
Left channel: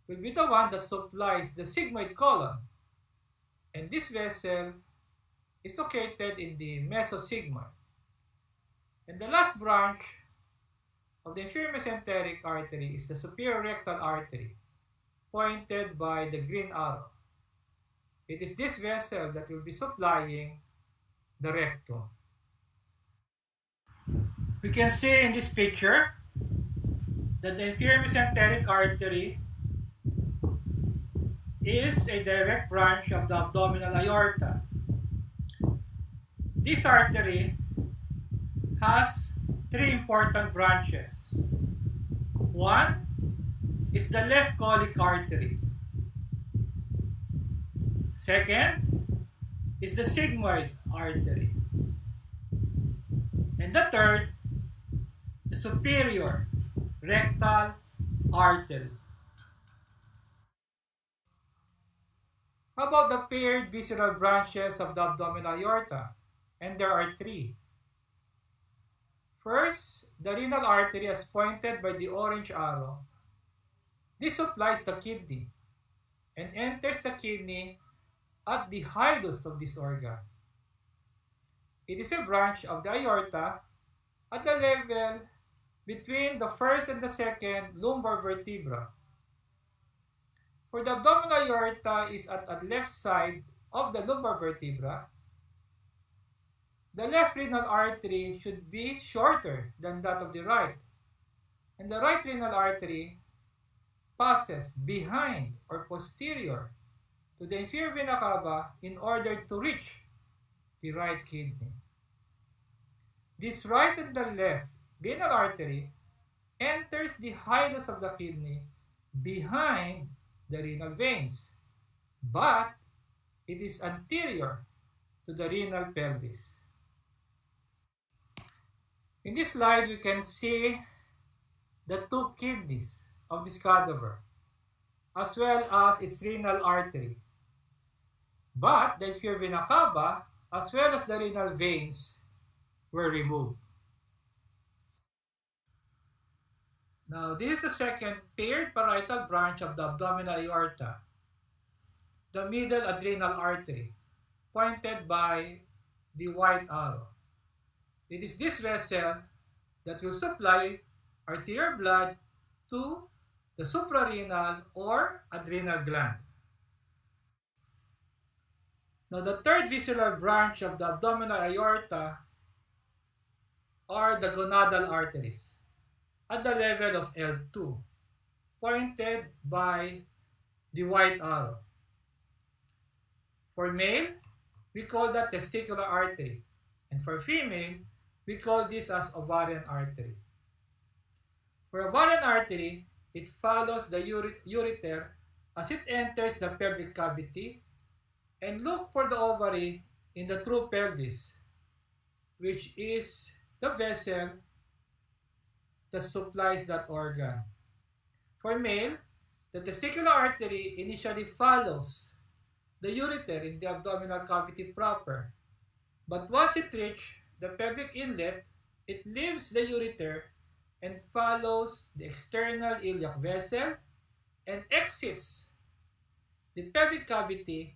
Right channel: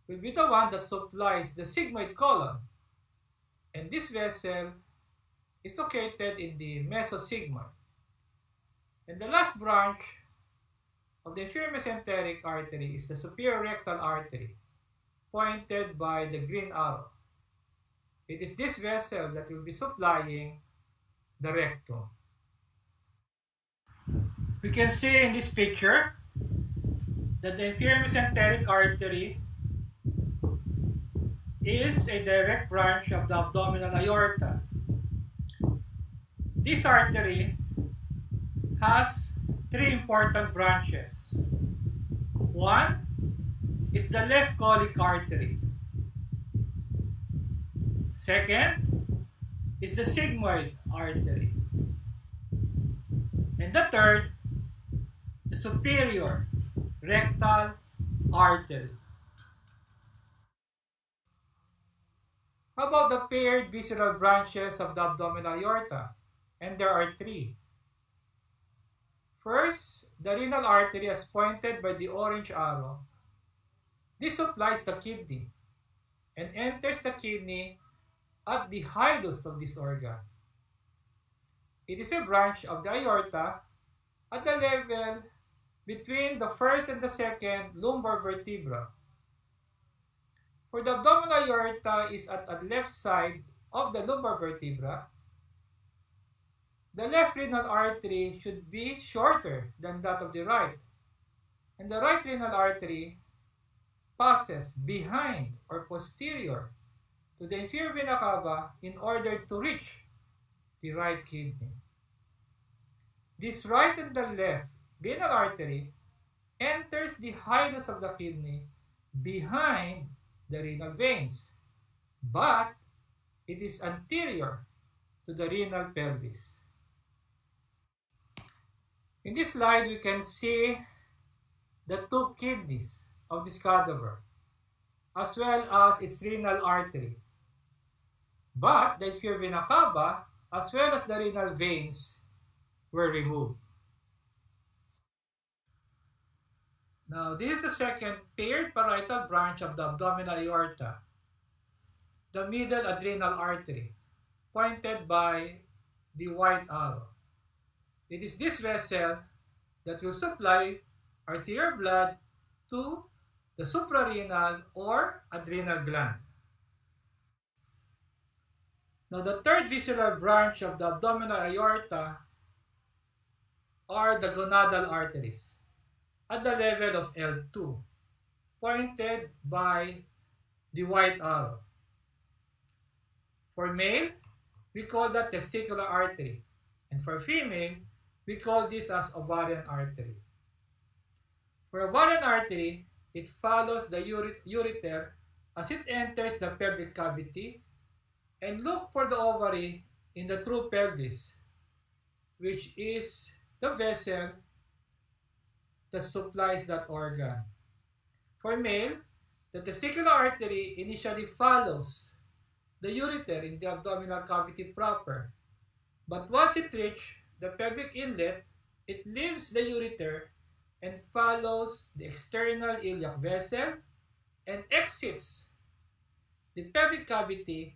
will be the one that supplies the sigmoid colon. And this vessel is located in the mesosigmoid. And the last branch of the inferior mesenteric artery is the superior rectal artery, pointed by the green arrow. It is this vessel that will be supplying the rectum. We can see in this picture that the inferior mesenteric artery is a direct branch of the abdominal aorta. This artery has three important branches. One is the left colic artery. Second is the sigmoid artery. And the third, the superior rectal artery. How about the paired visceral branches of the abdominal aorta? And there are three. First, the renal artery as pointed by the orange arrow. This supplies the kidney and enters the kidney at the hilus of this organ. It is a branch of the aorta at the level between the first and the second lumbar vertebra. For the abdominal aorta is at the left side of the lumbar vertebra. The left renal artery should be shorter than that of the right, and the right renal artery passes behind or posterior to the inferior vena cava in order to reach the right kidney. This right and the left renal artery enters the hilus of the kidney behind the renal veins, but it is anterior to the renal pelvis. In this slide, we can see the two kidneys of this cadaver, as well as its renal artery. But the inferior vena cava, as well as the renal veins, were removed. Now, this is the second paired parietal branch of the abdominal aorta, the middle adrenal artery, pointed by the white arrow. It is this vessel that will supply arterial blood to the suprarenal or adrenal gland. Now, the third visceral branch of the abdominal aorta are the gonadal arteries at the level of L2, pointed by the white arrow. For male, we call that testicular artery, and for female, we call this as ovarian artery. For ovarian artery, it follows the ureter as it enters the pelvic cavity and look for the ovary in the true pelvis, which is the vessel that supplies that organ. For male, the testicular artery initially follows the ureter in the abdominal cavity proper, but once it reaches the pelvic inlet, it leaves the ureter and follows the external iliac vessel and exits the pelvic cavity,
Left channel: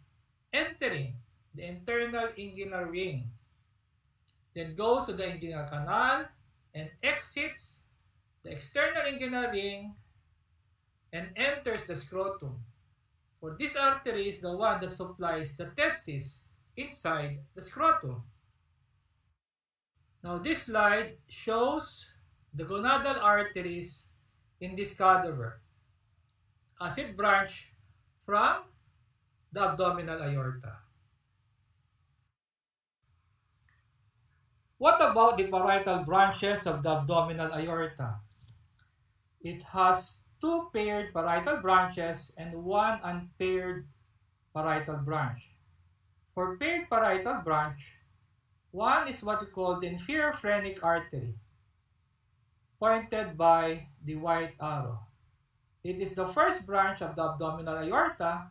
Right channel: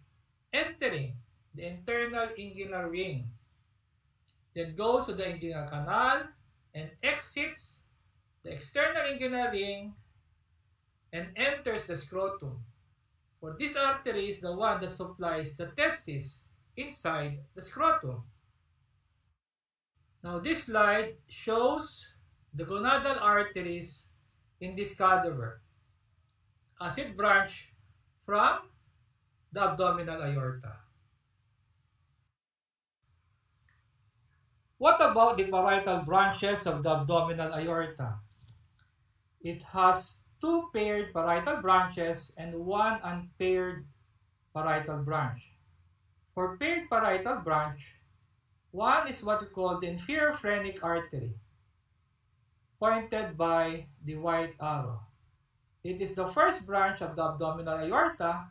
entering the internal inguinal ring, then goes to the inguinal canal and exits the external inguinal ring and enters the scrotum. For this artery is the one that supplies the testis inside the scrotum. Now this slide shows the gonadal arteries in this cadaver as it branch from the abdominal aorta. What about the parietal branches of the abdominal aorta? It has two paired parietal branches and one unpaired parietal branch. For paired parietal branch, one is what we call the inferior phrenic artery, pointed by the white arrow. It is the first branch of the abdominal aorta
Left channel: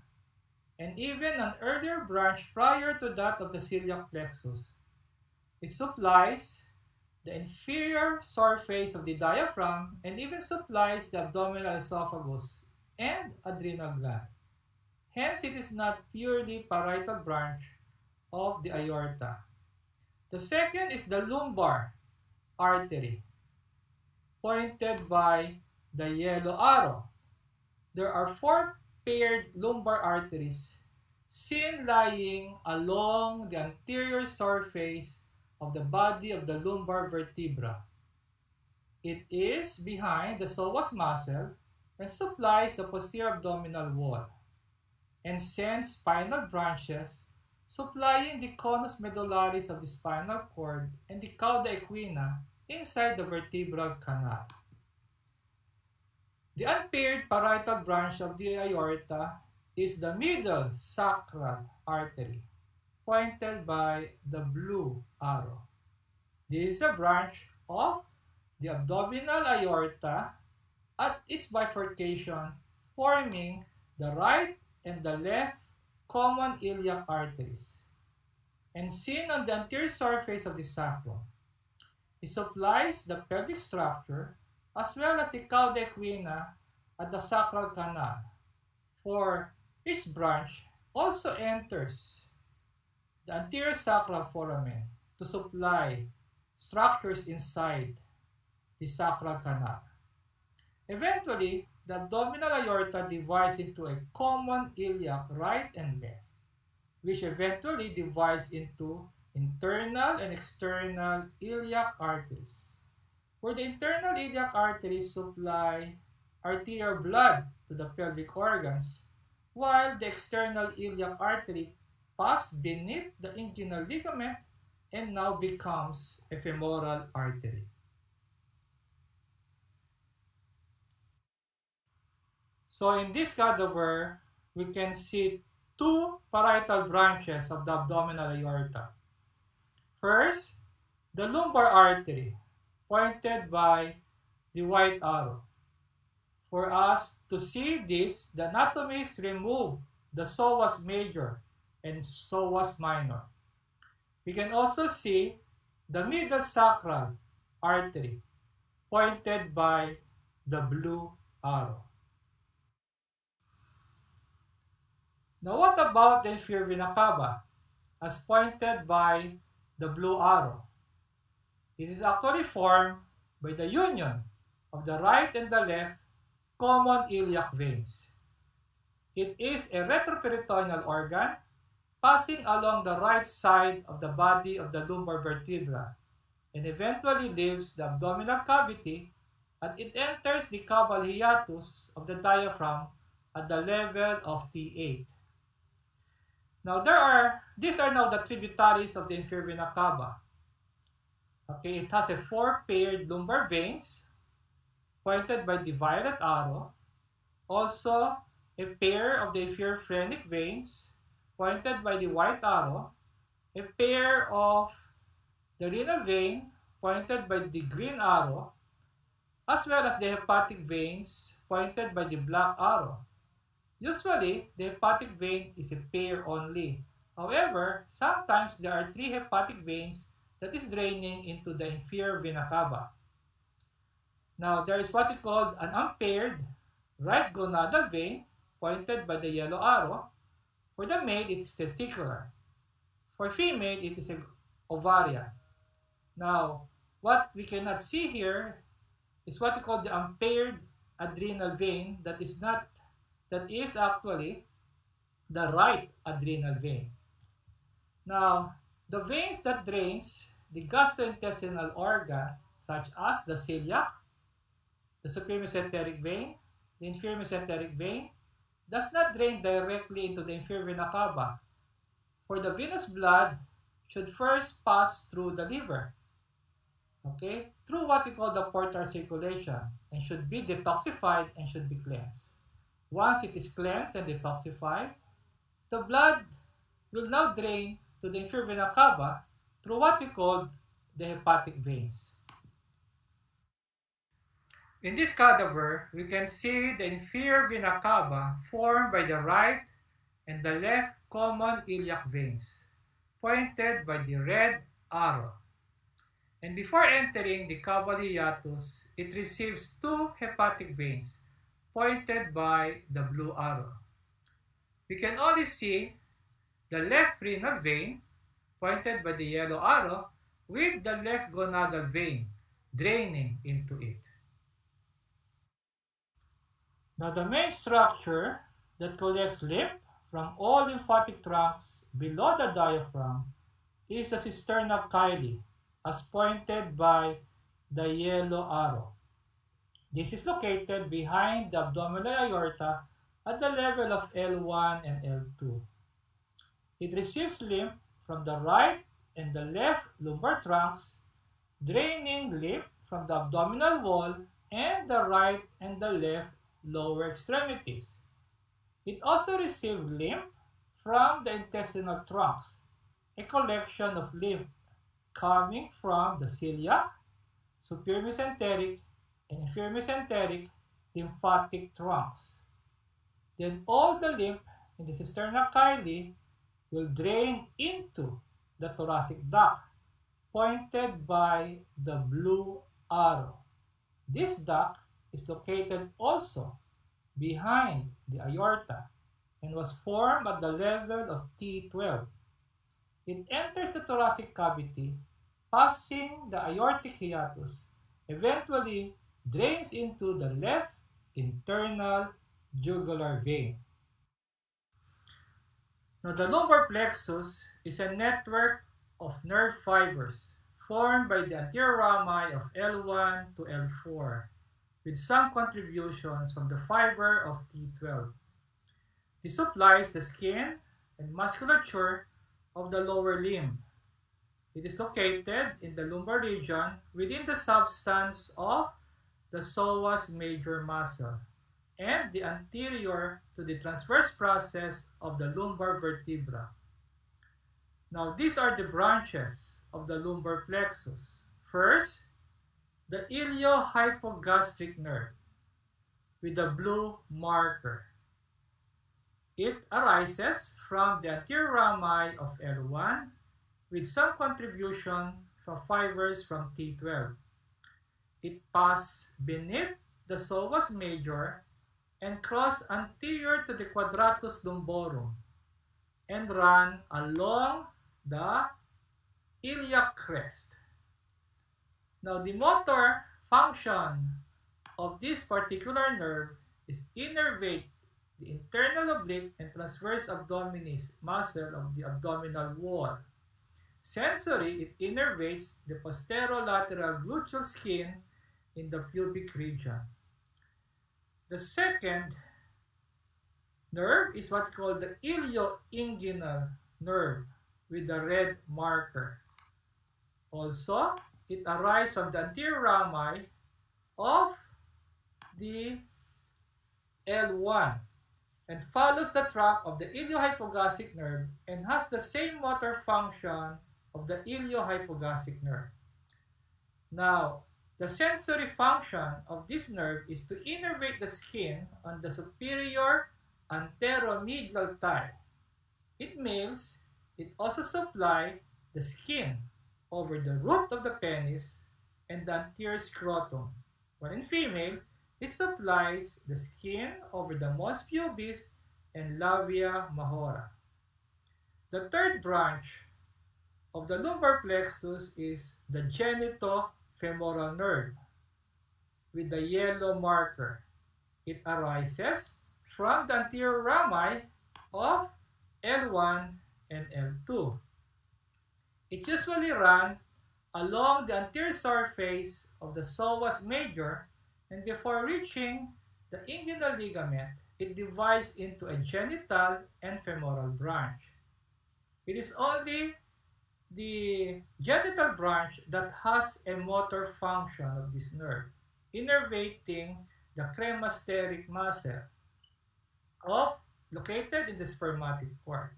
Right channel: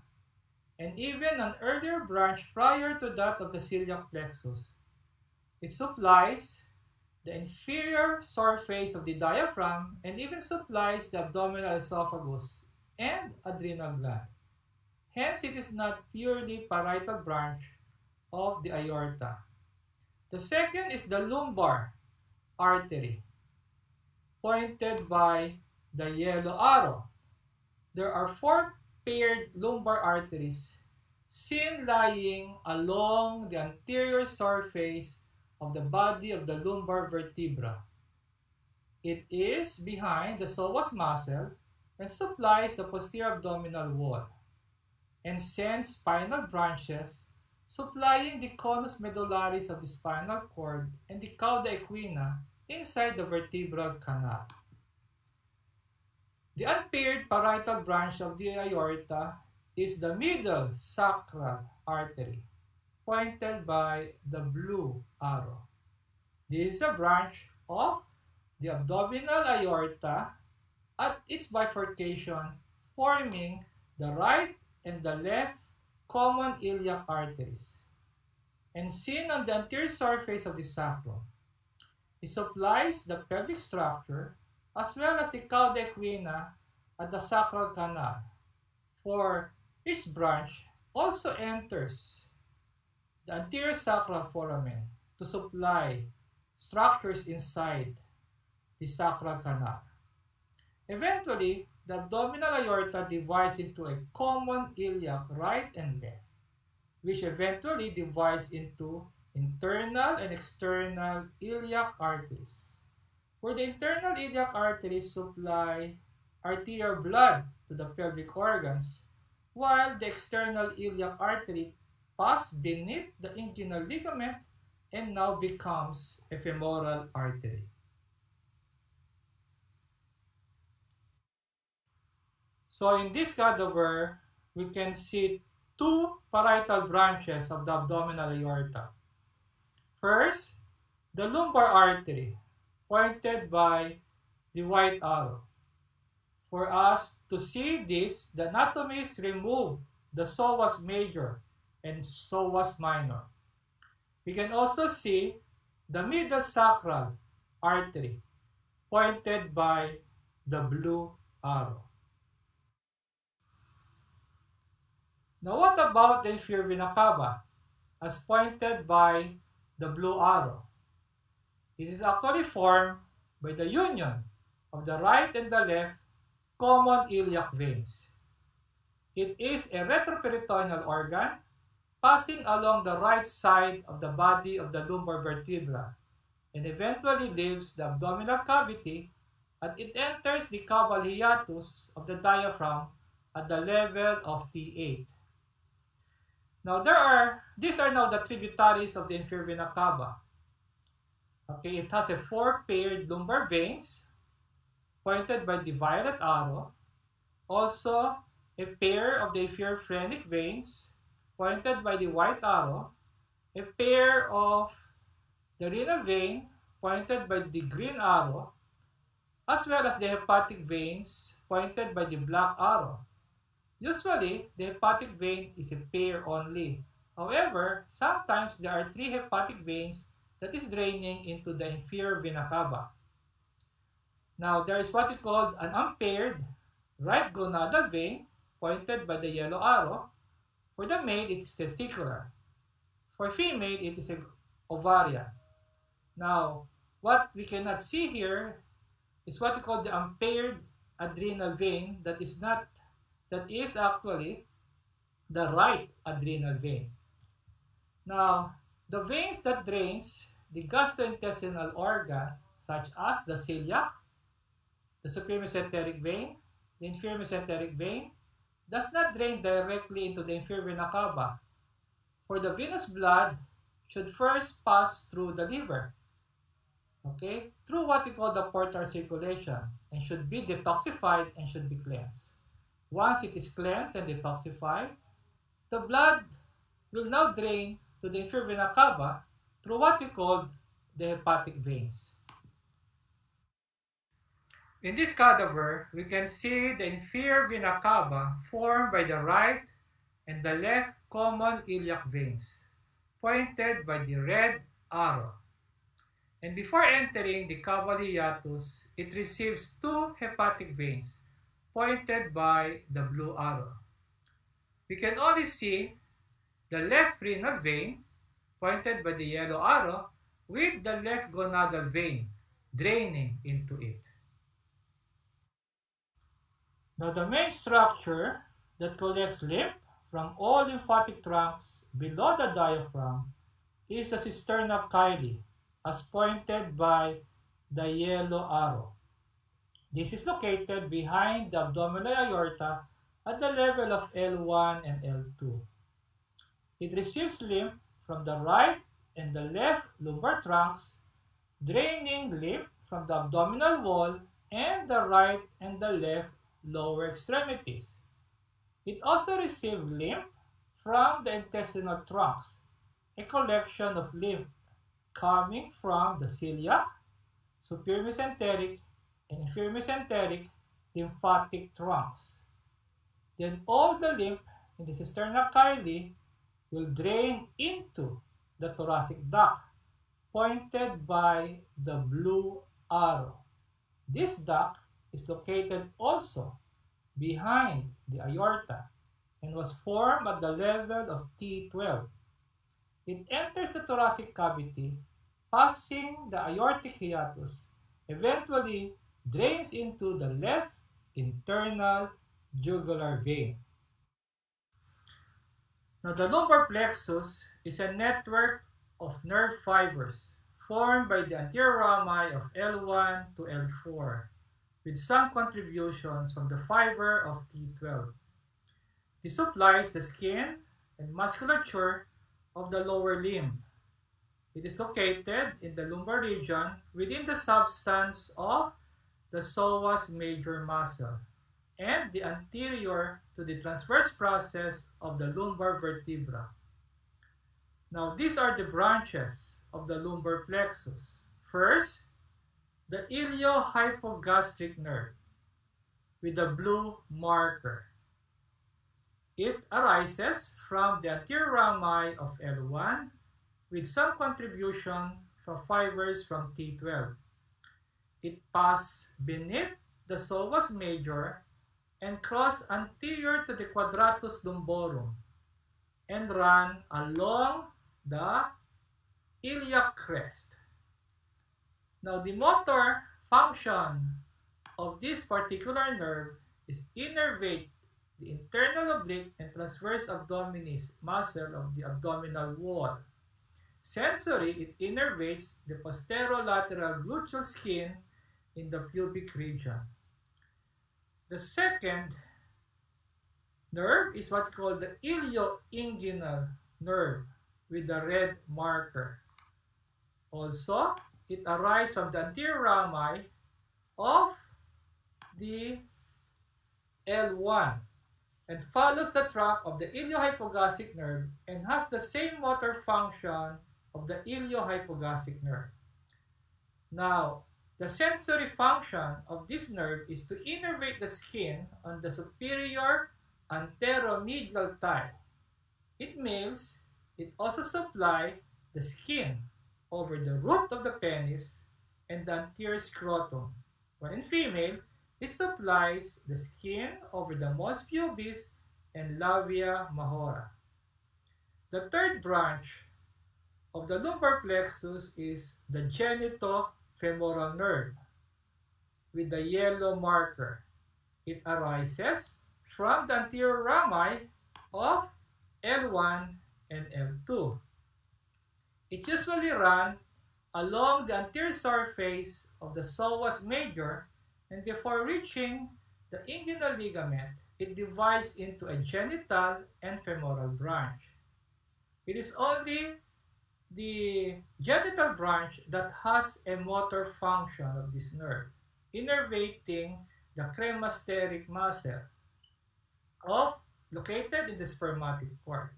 and even an earlier branch prior to that of the celiac plexus. It supplies the inferior surface of the diaphragm and even supplies the abdominal esophagus and adrenal gland. Hence, it is not purely parietal branch of the aorta. The second is the lumbar artery, pointed by the yellow arrow. There are four unpaired lumbar arteries seen lying along the anterior surface of the body of the lumbar vertebra. It is behind the psoas muscle and supplies the posterior abdominal wall, and sends spinal branches supplying the conus medullaris of the spinal cord and the cauda equina inside the vertebral canal. The unpaired parietal branch of the aorta is the middle sacral artery, pointed by the blue arrow. This is a branch of the abdominal aorta at its bifurcation, forming the right and the left common iliac arteries, and seen on the anterior surface of the sacrum. It supplies the pelvic structure as well as the cauda equina at the sacral canal, for each branch also enters the anterior sacral foramen to supply structures inside the sacral canal. Eventually, the abdominal aorta divides into a common iliac right and left, which eventually divides into internal and external iliac arteries, where the internal iliac arteries supply arterial blood to the pelvic organs, while the external iliac artery passes beneath the inguinal ligament and now becomes a femoral artery. So in this cadaver, we can see two parietal branches of the abdominal aorta. First, the lumbar artery, pointed by the white arrow. For us to see this, the anatomist removed the psoas major and psoas minor. We can also see the middle sacral artery, pointed by the blue arrow. Now, what about the inferior vena cava, as pointed by the blue arrow? It is actually formed by the union of the right and the left common iliac veins. It is a retroperitoneal organ passing along the right side of the body of the lumbar vertebra and eventually leaves the abdominal cavity, and it enters the caval hiatus of the diaphragm at the level of T8. Now, these are now the tributaries of the inferior vena cava. Okay, it has a four paired lumbar veins, pointed by the violet arrow. Also, a pair of the inferior phrenic veins, pointed by the white arrow. A pair of the renal vein, pointed by the green arrow, as well as the hepatic veins, pointed by the black arrow. Usually, the hepatic vein is a pair only. However, sometimes there are three hepatic veins that is draining into the inferior vena cava. Now, there is what we call an unpaired right gonadal vein, pointed by the yellow arrow. For the male, it is testicular. For female, it is ovarian. Now, what we cannot see here is what we call the unpaired adrenal vein that is actually the right adrenal vein. Now, the veins that drains the gastrointestinal organ, such as the celiac, the superior mesenteric vein, the inferior mesenteric vein, does not drain directly into the inferior vena cava, for the venous blood should first pass through the liver, okay, through what we call the portal circulation, and should be detoxified and should be cleansed. Once it is cleansed and detoxified, the blood will now drain to the inferior vena cava through what we call the hepatic veins. In this cadaver, we can see the inferior vena cava formed by the right and the left common iliac veins, pointed by the red arrow. And before entering the caval hiatus, it receives two hepatic veins, pointed by the blue arrow. We can only see the left renal vein, pointed by the yellow arrow, with the left gonadal vein draining into it. Now, the main structure that collects lymph from all lymphatic trunks below the diaphragm is the cisterna chyli, as pointed by the yellow arrow. This is located behind the abdominal aorta at the level of L1 and L2. It receives lymph from the right and the left lumbar trunks, draining lymph from the abdominal wall and the right and the left lower extremities. It also receives lymph from the intestinal trunks, a collection of lymph coming from the celiac, superior mesenteric, and inferior mesenteric lymphatic trunks. Then all the lymph in the cisterna chyli will drain into the thoracic duct, pointed by the blue arrow. This duct is located also behind the aorta and was formed at the level of T12. It enters the thoracic cavity, passing the aortic hiatus, eventually drains into the left internal jugular vein. Now, the lumbar plexus is a network of nerve fibers formed by the anterior rami of L1 to L4, with some contributions from the fiber of T12. This supplies the skin and musculature of the lower limb. It is located in the lumbar region within the substance of the psoas major muscle and the anterior to the transverse process of the lumbar vertebra. Now, these are the branches of the lumbar plexus. First, the iliohypogastric nerve with the blue marker. It arises from the anterior rami of L1 with some contribution from fibers from T12. It passes beneath the psoas major and cross anterior to the quadratus lumborum and run along the iliac crest. Now, the motor function of this particular nerve is innervate the internal oblique and transverse abdominis muscle of the abdominal wall. Sensory, it innervates the posterolateral gluteal skin in the pubic region. The second nerve is what's called the ilioinguinal nerve with the red marker. Also, it arises from the anterior rami of the L1 and follows the track of the iliohypogastric nerve and has the same motor function of the iliohypogastric nerve. Now, the sensory function of this nerve is to innervate the skin on the superior anteromedial thigh. In males, it also supplies the skin over the root of the penis and the anterior scrotum, while in female, it supplies the skin over the mons pubis and labia majora. The third branch of the lumbar plexus is the genitofemoral nerve with the yellow marker. It arises from the anterior rami of L1 and L2. It usually runs along the anterior surface of the psoas major, and before reaching the inguinal ligament, it divides into a genital and femoral branch. It is only the genital branch that has a motor function of this nerve, innervating the cremasteric muscle located in the spermatic cord,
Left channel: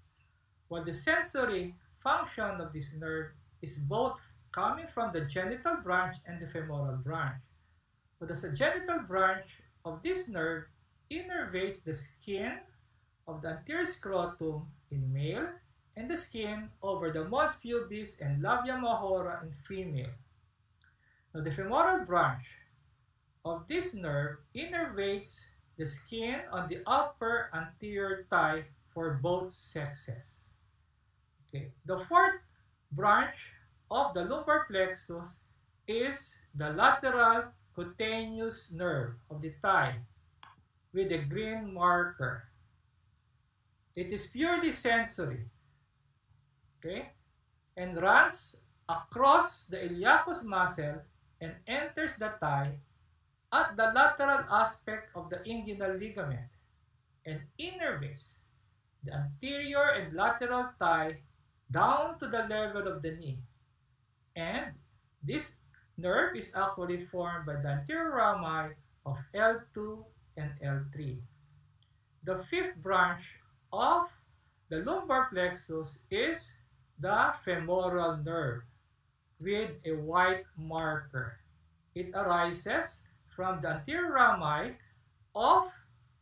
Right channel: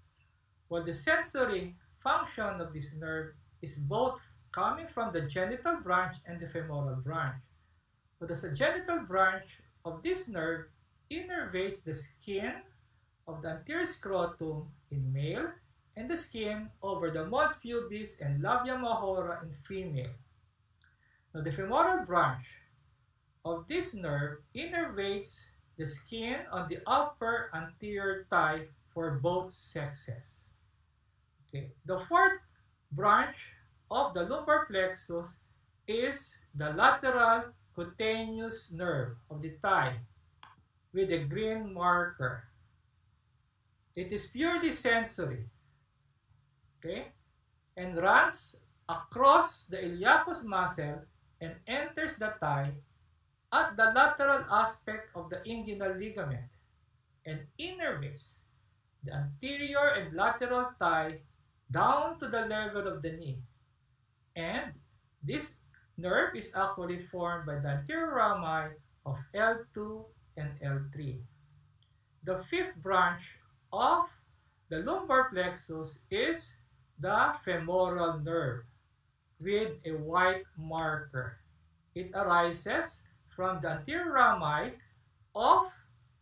while the sensory function of this nerve is both coming from the genital branch and the femoral branch. But the genital branch of this nerve innervates the skin of the anterior scrotum in male and the skin over the mons pubis and labia majora in female. Now, the femoral branch of this nerve innervates the skin on the upper anterior thigh for both sexes. Okay. The fourth branch of the lumbar plexus is the lateral cutaneous nerve of the thigh with a green marker. It is purely sensory, okay, and runs across the iliacus muscle and enters the thigh at the lateral aspect of the inguinal ligament and innervates the anterior and lateral thigh down to the level of the knee. And this nerve is actually formed by the anterior rami of L2 and L3. The fifth branch of the lumbar plexus is the femoral nerve with a white marker. It arises from the anterior rami of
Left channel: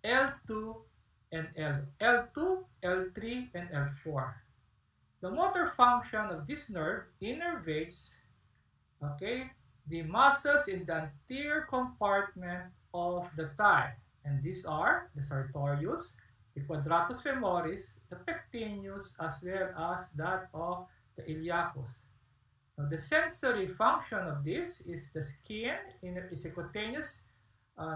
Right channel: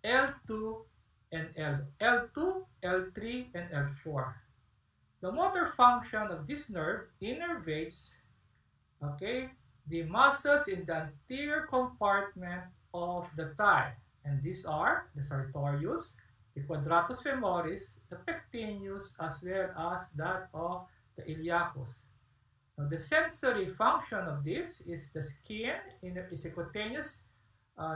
L2 and L2, L3, and L4. The motor function of this nerve innervates, okay, the muscles in the anterior compartment of the thigh. And these are the sartorius, the quadratus femoris, the pectineus, as well as that of the iliacus. Now, the sensory function of this is the skin, is a cutaneous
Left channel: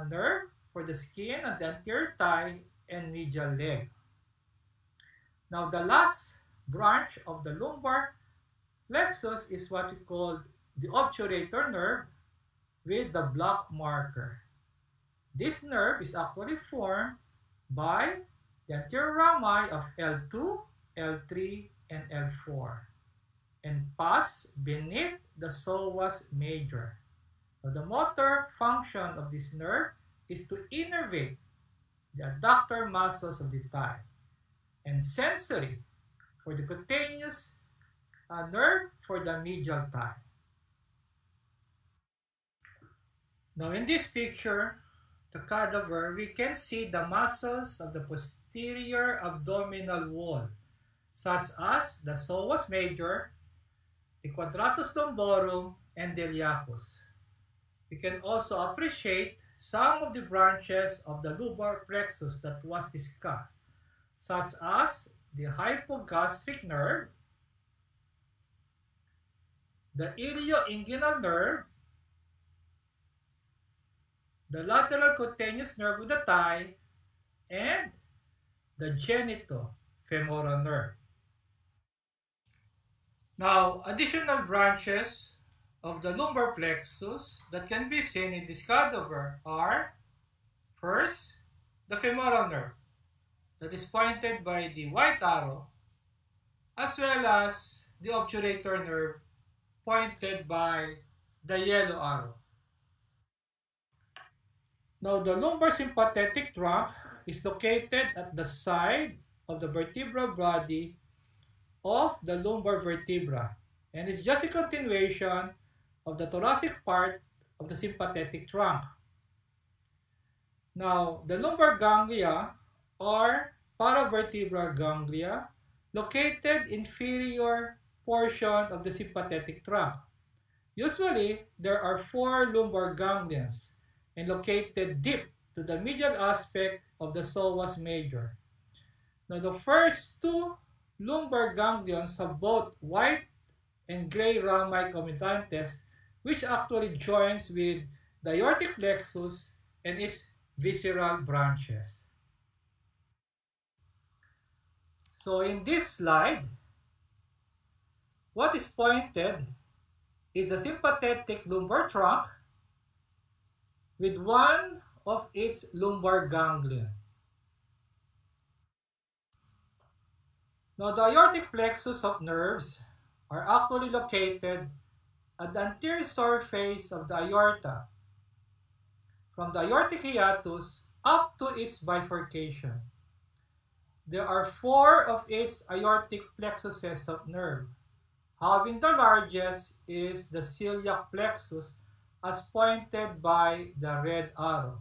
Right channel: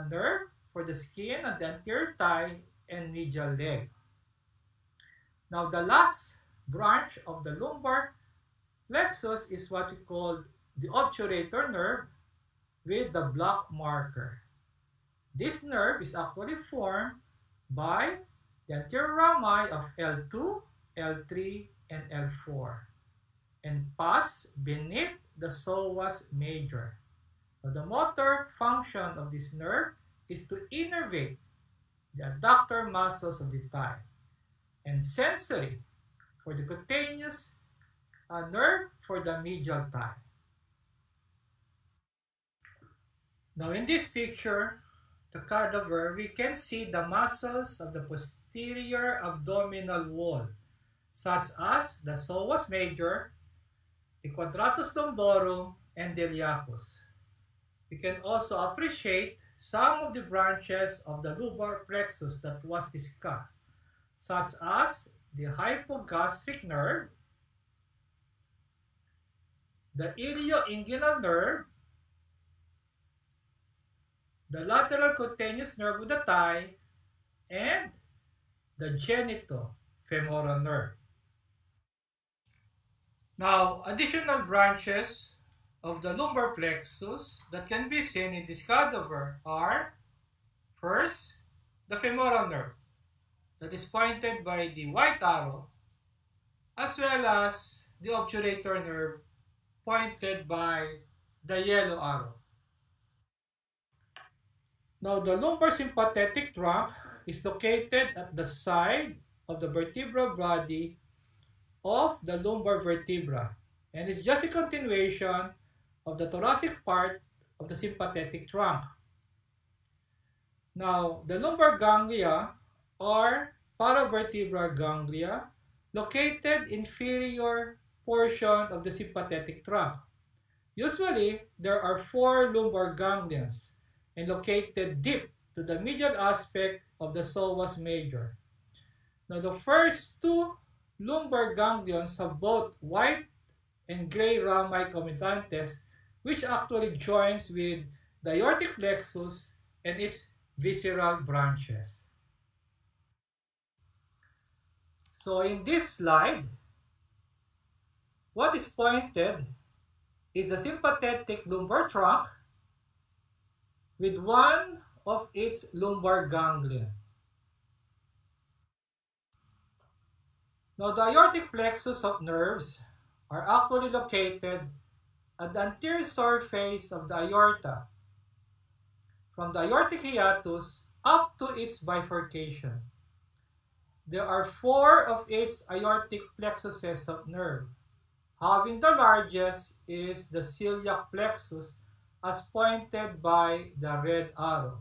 nerve for the skin on the anterior thigh and medial leg. Now, the last branch of the lumbar plexus is what we call the obturator nerve with the black marker. This nerve is actually formed by the anterior rami of L2, L3, and L4 and pass beneath the psoas major. So the motor function of this nerve is to innervate the adductor muscles of the thigh, and sensory for the cutaneous nerve for the medial thigh. Now in this picture, the cadaver, we can see the muscles of the posterior abdominal wall, such as the psoas major, the quadratus lumborum, and the iliacus. We can also appreciate some of the branches of the lumbar plexus that was discussed, such as the hypogastric nerve, the ilioinguinal nerve, the lateral cutaneous nerve of the thigh, and the genitofemoral nerve. Now, additional branches of the lumbar plexus that can be seen in this cadaver are, first, the femoral nerve that is pointed by the white arrow, as well as the obturator nerve pointed by the yellow arrow. Now, the lumbar sympathetic trunk is located at the side of the vertebral body of the lumbar vertebra, and is just a continuation of the thoracic part of the sympathetic trunk. Now, the lumbar ganglia are paravertebral ganglia located inferior portion of the sympathetic trunk. Usually, there are 4 lumbar ganglions and located deep to the medial aspect of the psoas major. Now, the first 2 lumbar ganglions have both white and gray rami communicantes, which actually joins with the aortic plexus and its visceral branches. So in this slide, what is pointed is the sympathetic lumbar trunk with one of its lumbar ganglion. Now, the aortic plexus of nerves are actually located at the anterior surface of the aorta, from the aortic hiatus up to its bifurcation. There are 4 of its aortic plexuses of nerve, having the largest is the celiac plexus as pointed by the red arrow.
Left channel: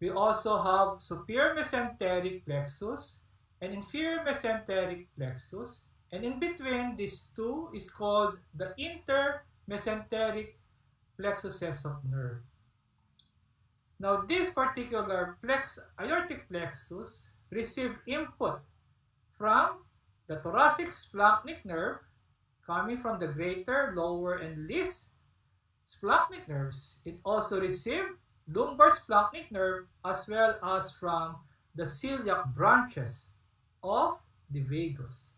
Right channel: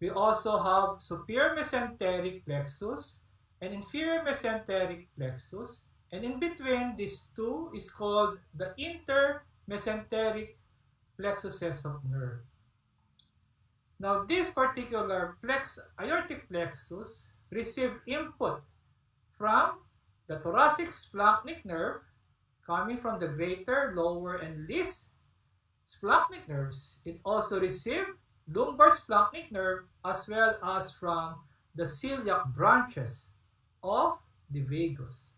We also have superior mesenteric plexus and inferior mesenteric plexus, and in between these 2 is called the intermesenteric plexuses of nerve. Now, this particular aortic plexus receive input from the thoracic splanchnic nerve coming from the greater, lower, and least splanchnic nerves. It also received lumbar splanchnic nerve as well as from the celiac branches of the vagus.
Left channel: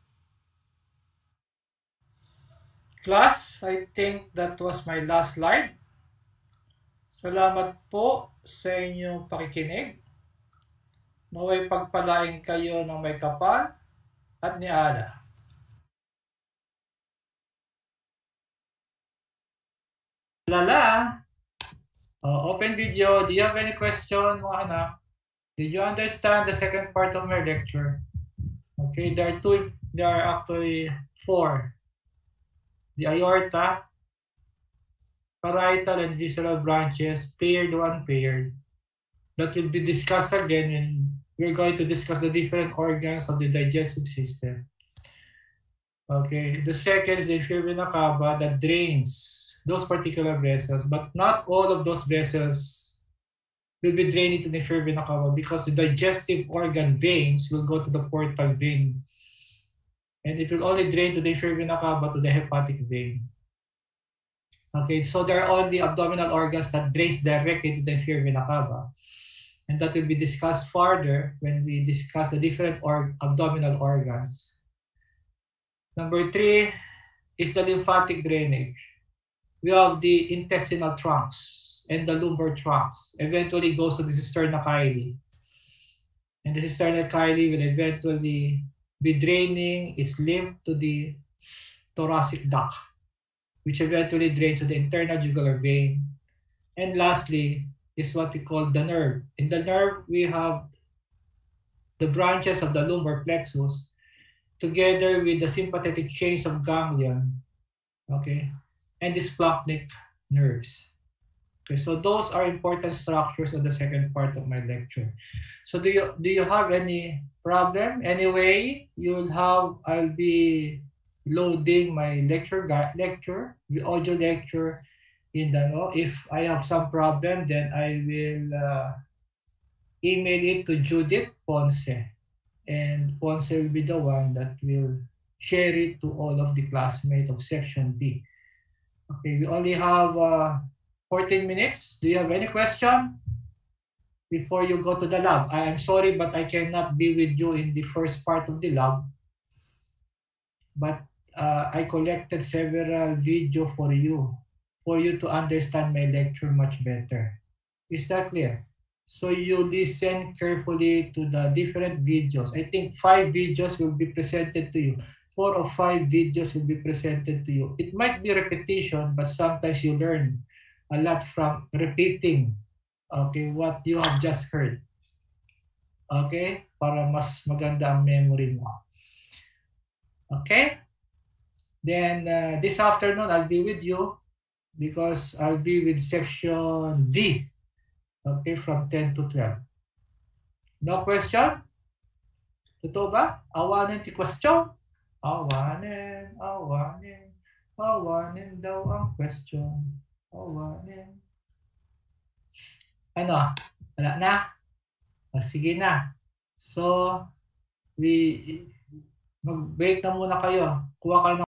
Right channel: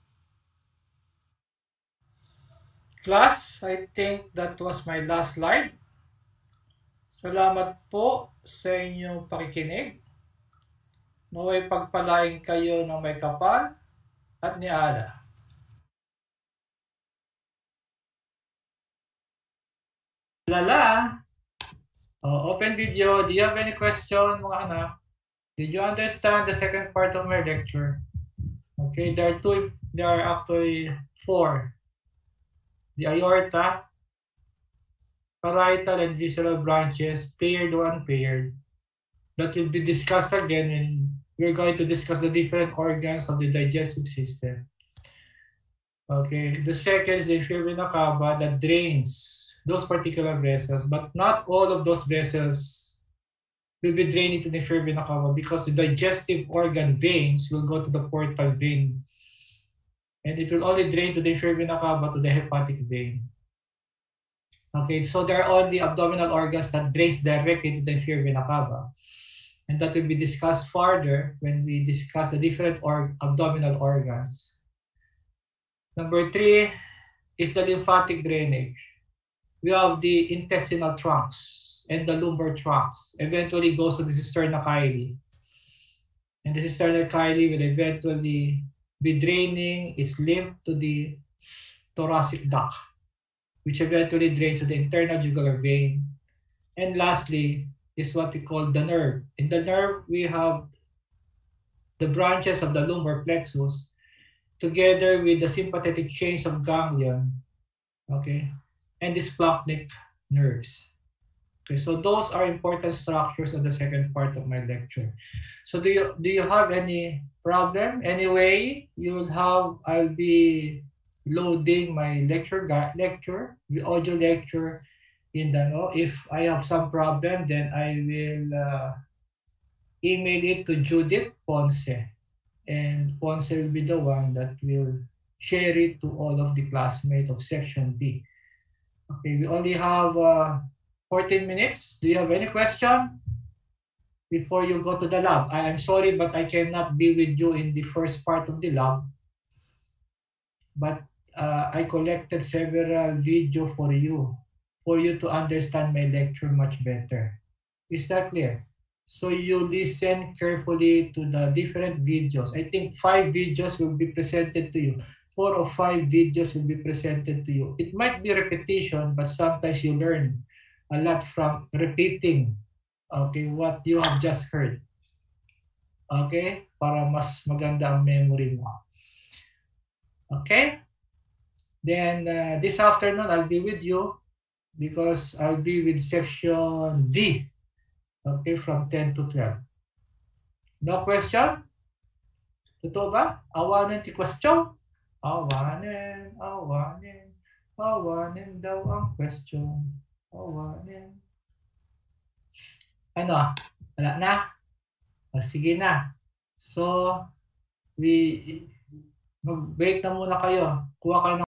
Class, I think that was my last slide. Salamat po sa inyong pakikinig. Naway pagpalain kayo ng may kapal at ni Allah. Lala. Open video. Do you have any question, mga anak? Did you understand the second part of my lecture? Okay, there are actually 4. The aorta, parietal and visceral branches, paired or unpaired. That will be discussed again when we're going to discuss the different organs of the digestive system. Okay, the second is the inferior vena cava that drains those particular vessels, but not all of those vessels will be drained into the inferior vena cava because the digestive organ veins will go to the portal vein. And it will only drain to the inferior vena cava to the hepatic vein. Okay, so there are only abdominal organs that drains directly to the inferior vena cava. And that will be discussed further when we discuss the different abdominal organs. Number 3 is the lymphatic drainage. We have the intestinal trunks and the lumbar trunks. Eventually goes to the cisterna chyli. And the cisterna chyli will eventually be draining its lymph to the thoracic duct, which eventually drains to the internal jugular vein. And lastly is what we call the nerve. In the nerve, we have the branches of the lumbar plexus together with the sympathetic chains of ganglion, okay, and the splanchnic nerves. Okay, so those are important structures of the second part of my lecture. So do you have any problem? Anyway, I'll be loading my the audio lecture in the if I have some problem, then I will email it to Judith Ponce, and Ponce will be the one that will share it to all of the classmates of section B. Okay, we only have 14 minutes. Do you have any question before you go to the lab? I'm sorry, but I cannot be with you in the first part of the lab. But I collected several videos for you to understand my lecture much better. Is that clear? So you listen carefully to the different videos. I think 5 videos will be presented to you. 4 or 5 videos will be presented to you. It might be repetition, but sometimes you learn a lot from repeating, okay, what you have just heard. Okay? Para mas maganda ang memory mo. Okay? Then this afternoon, I'll be with you because I'll be with section D. Okay, from 10 to 12. No question? Totoo ba? Awanin ti question? Awanin daw ang question. Awanin. Ano? Wala na? O, sige na. So, mag-break na muna kayo. Kuha kayo ng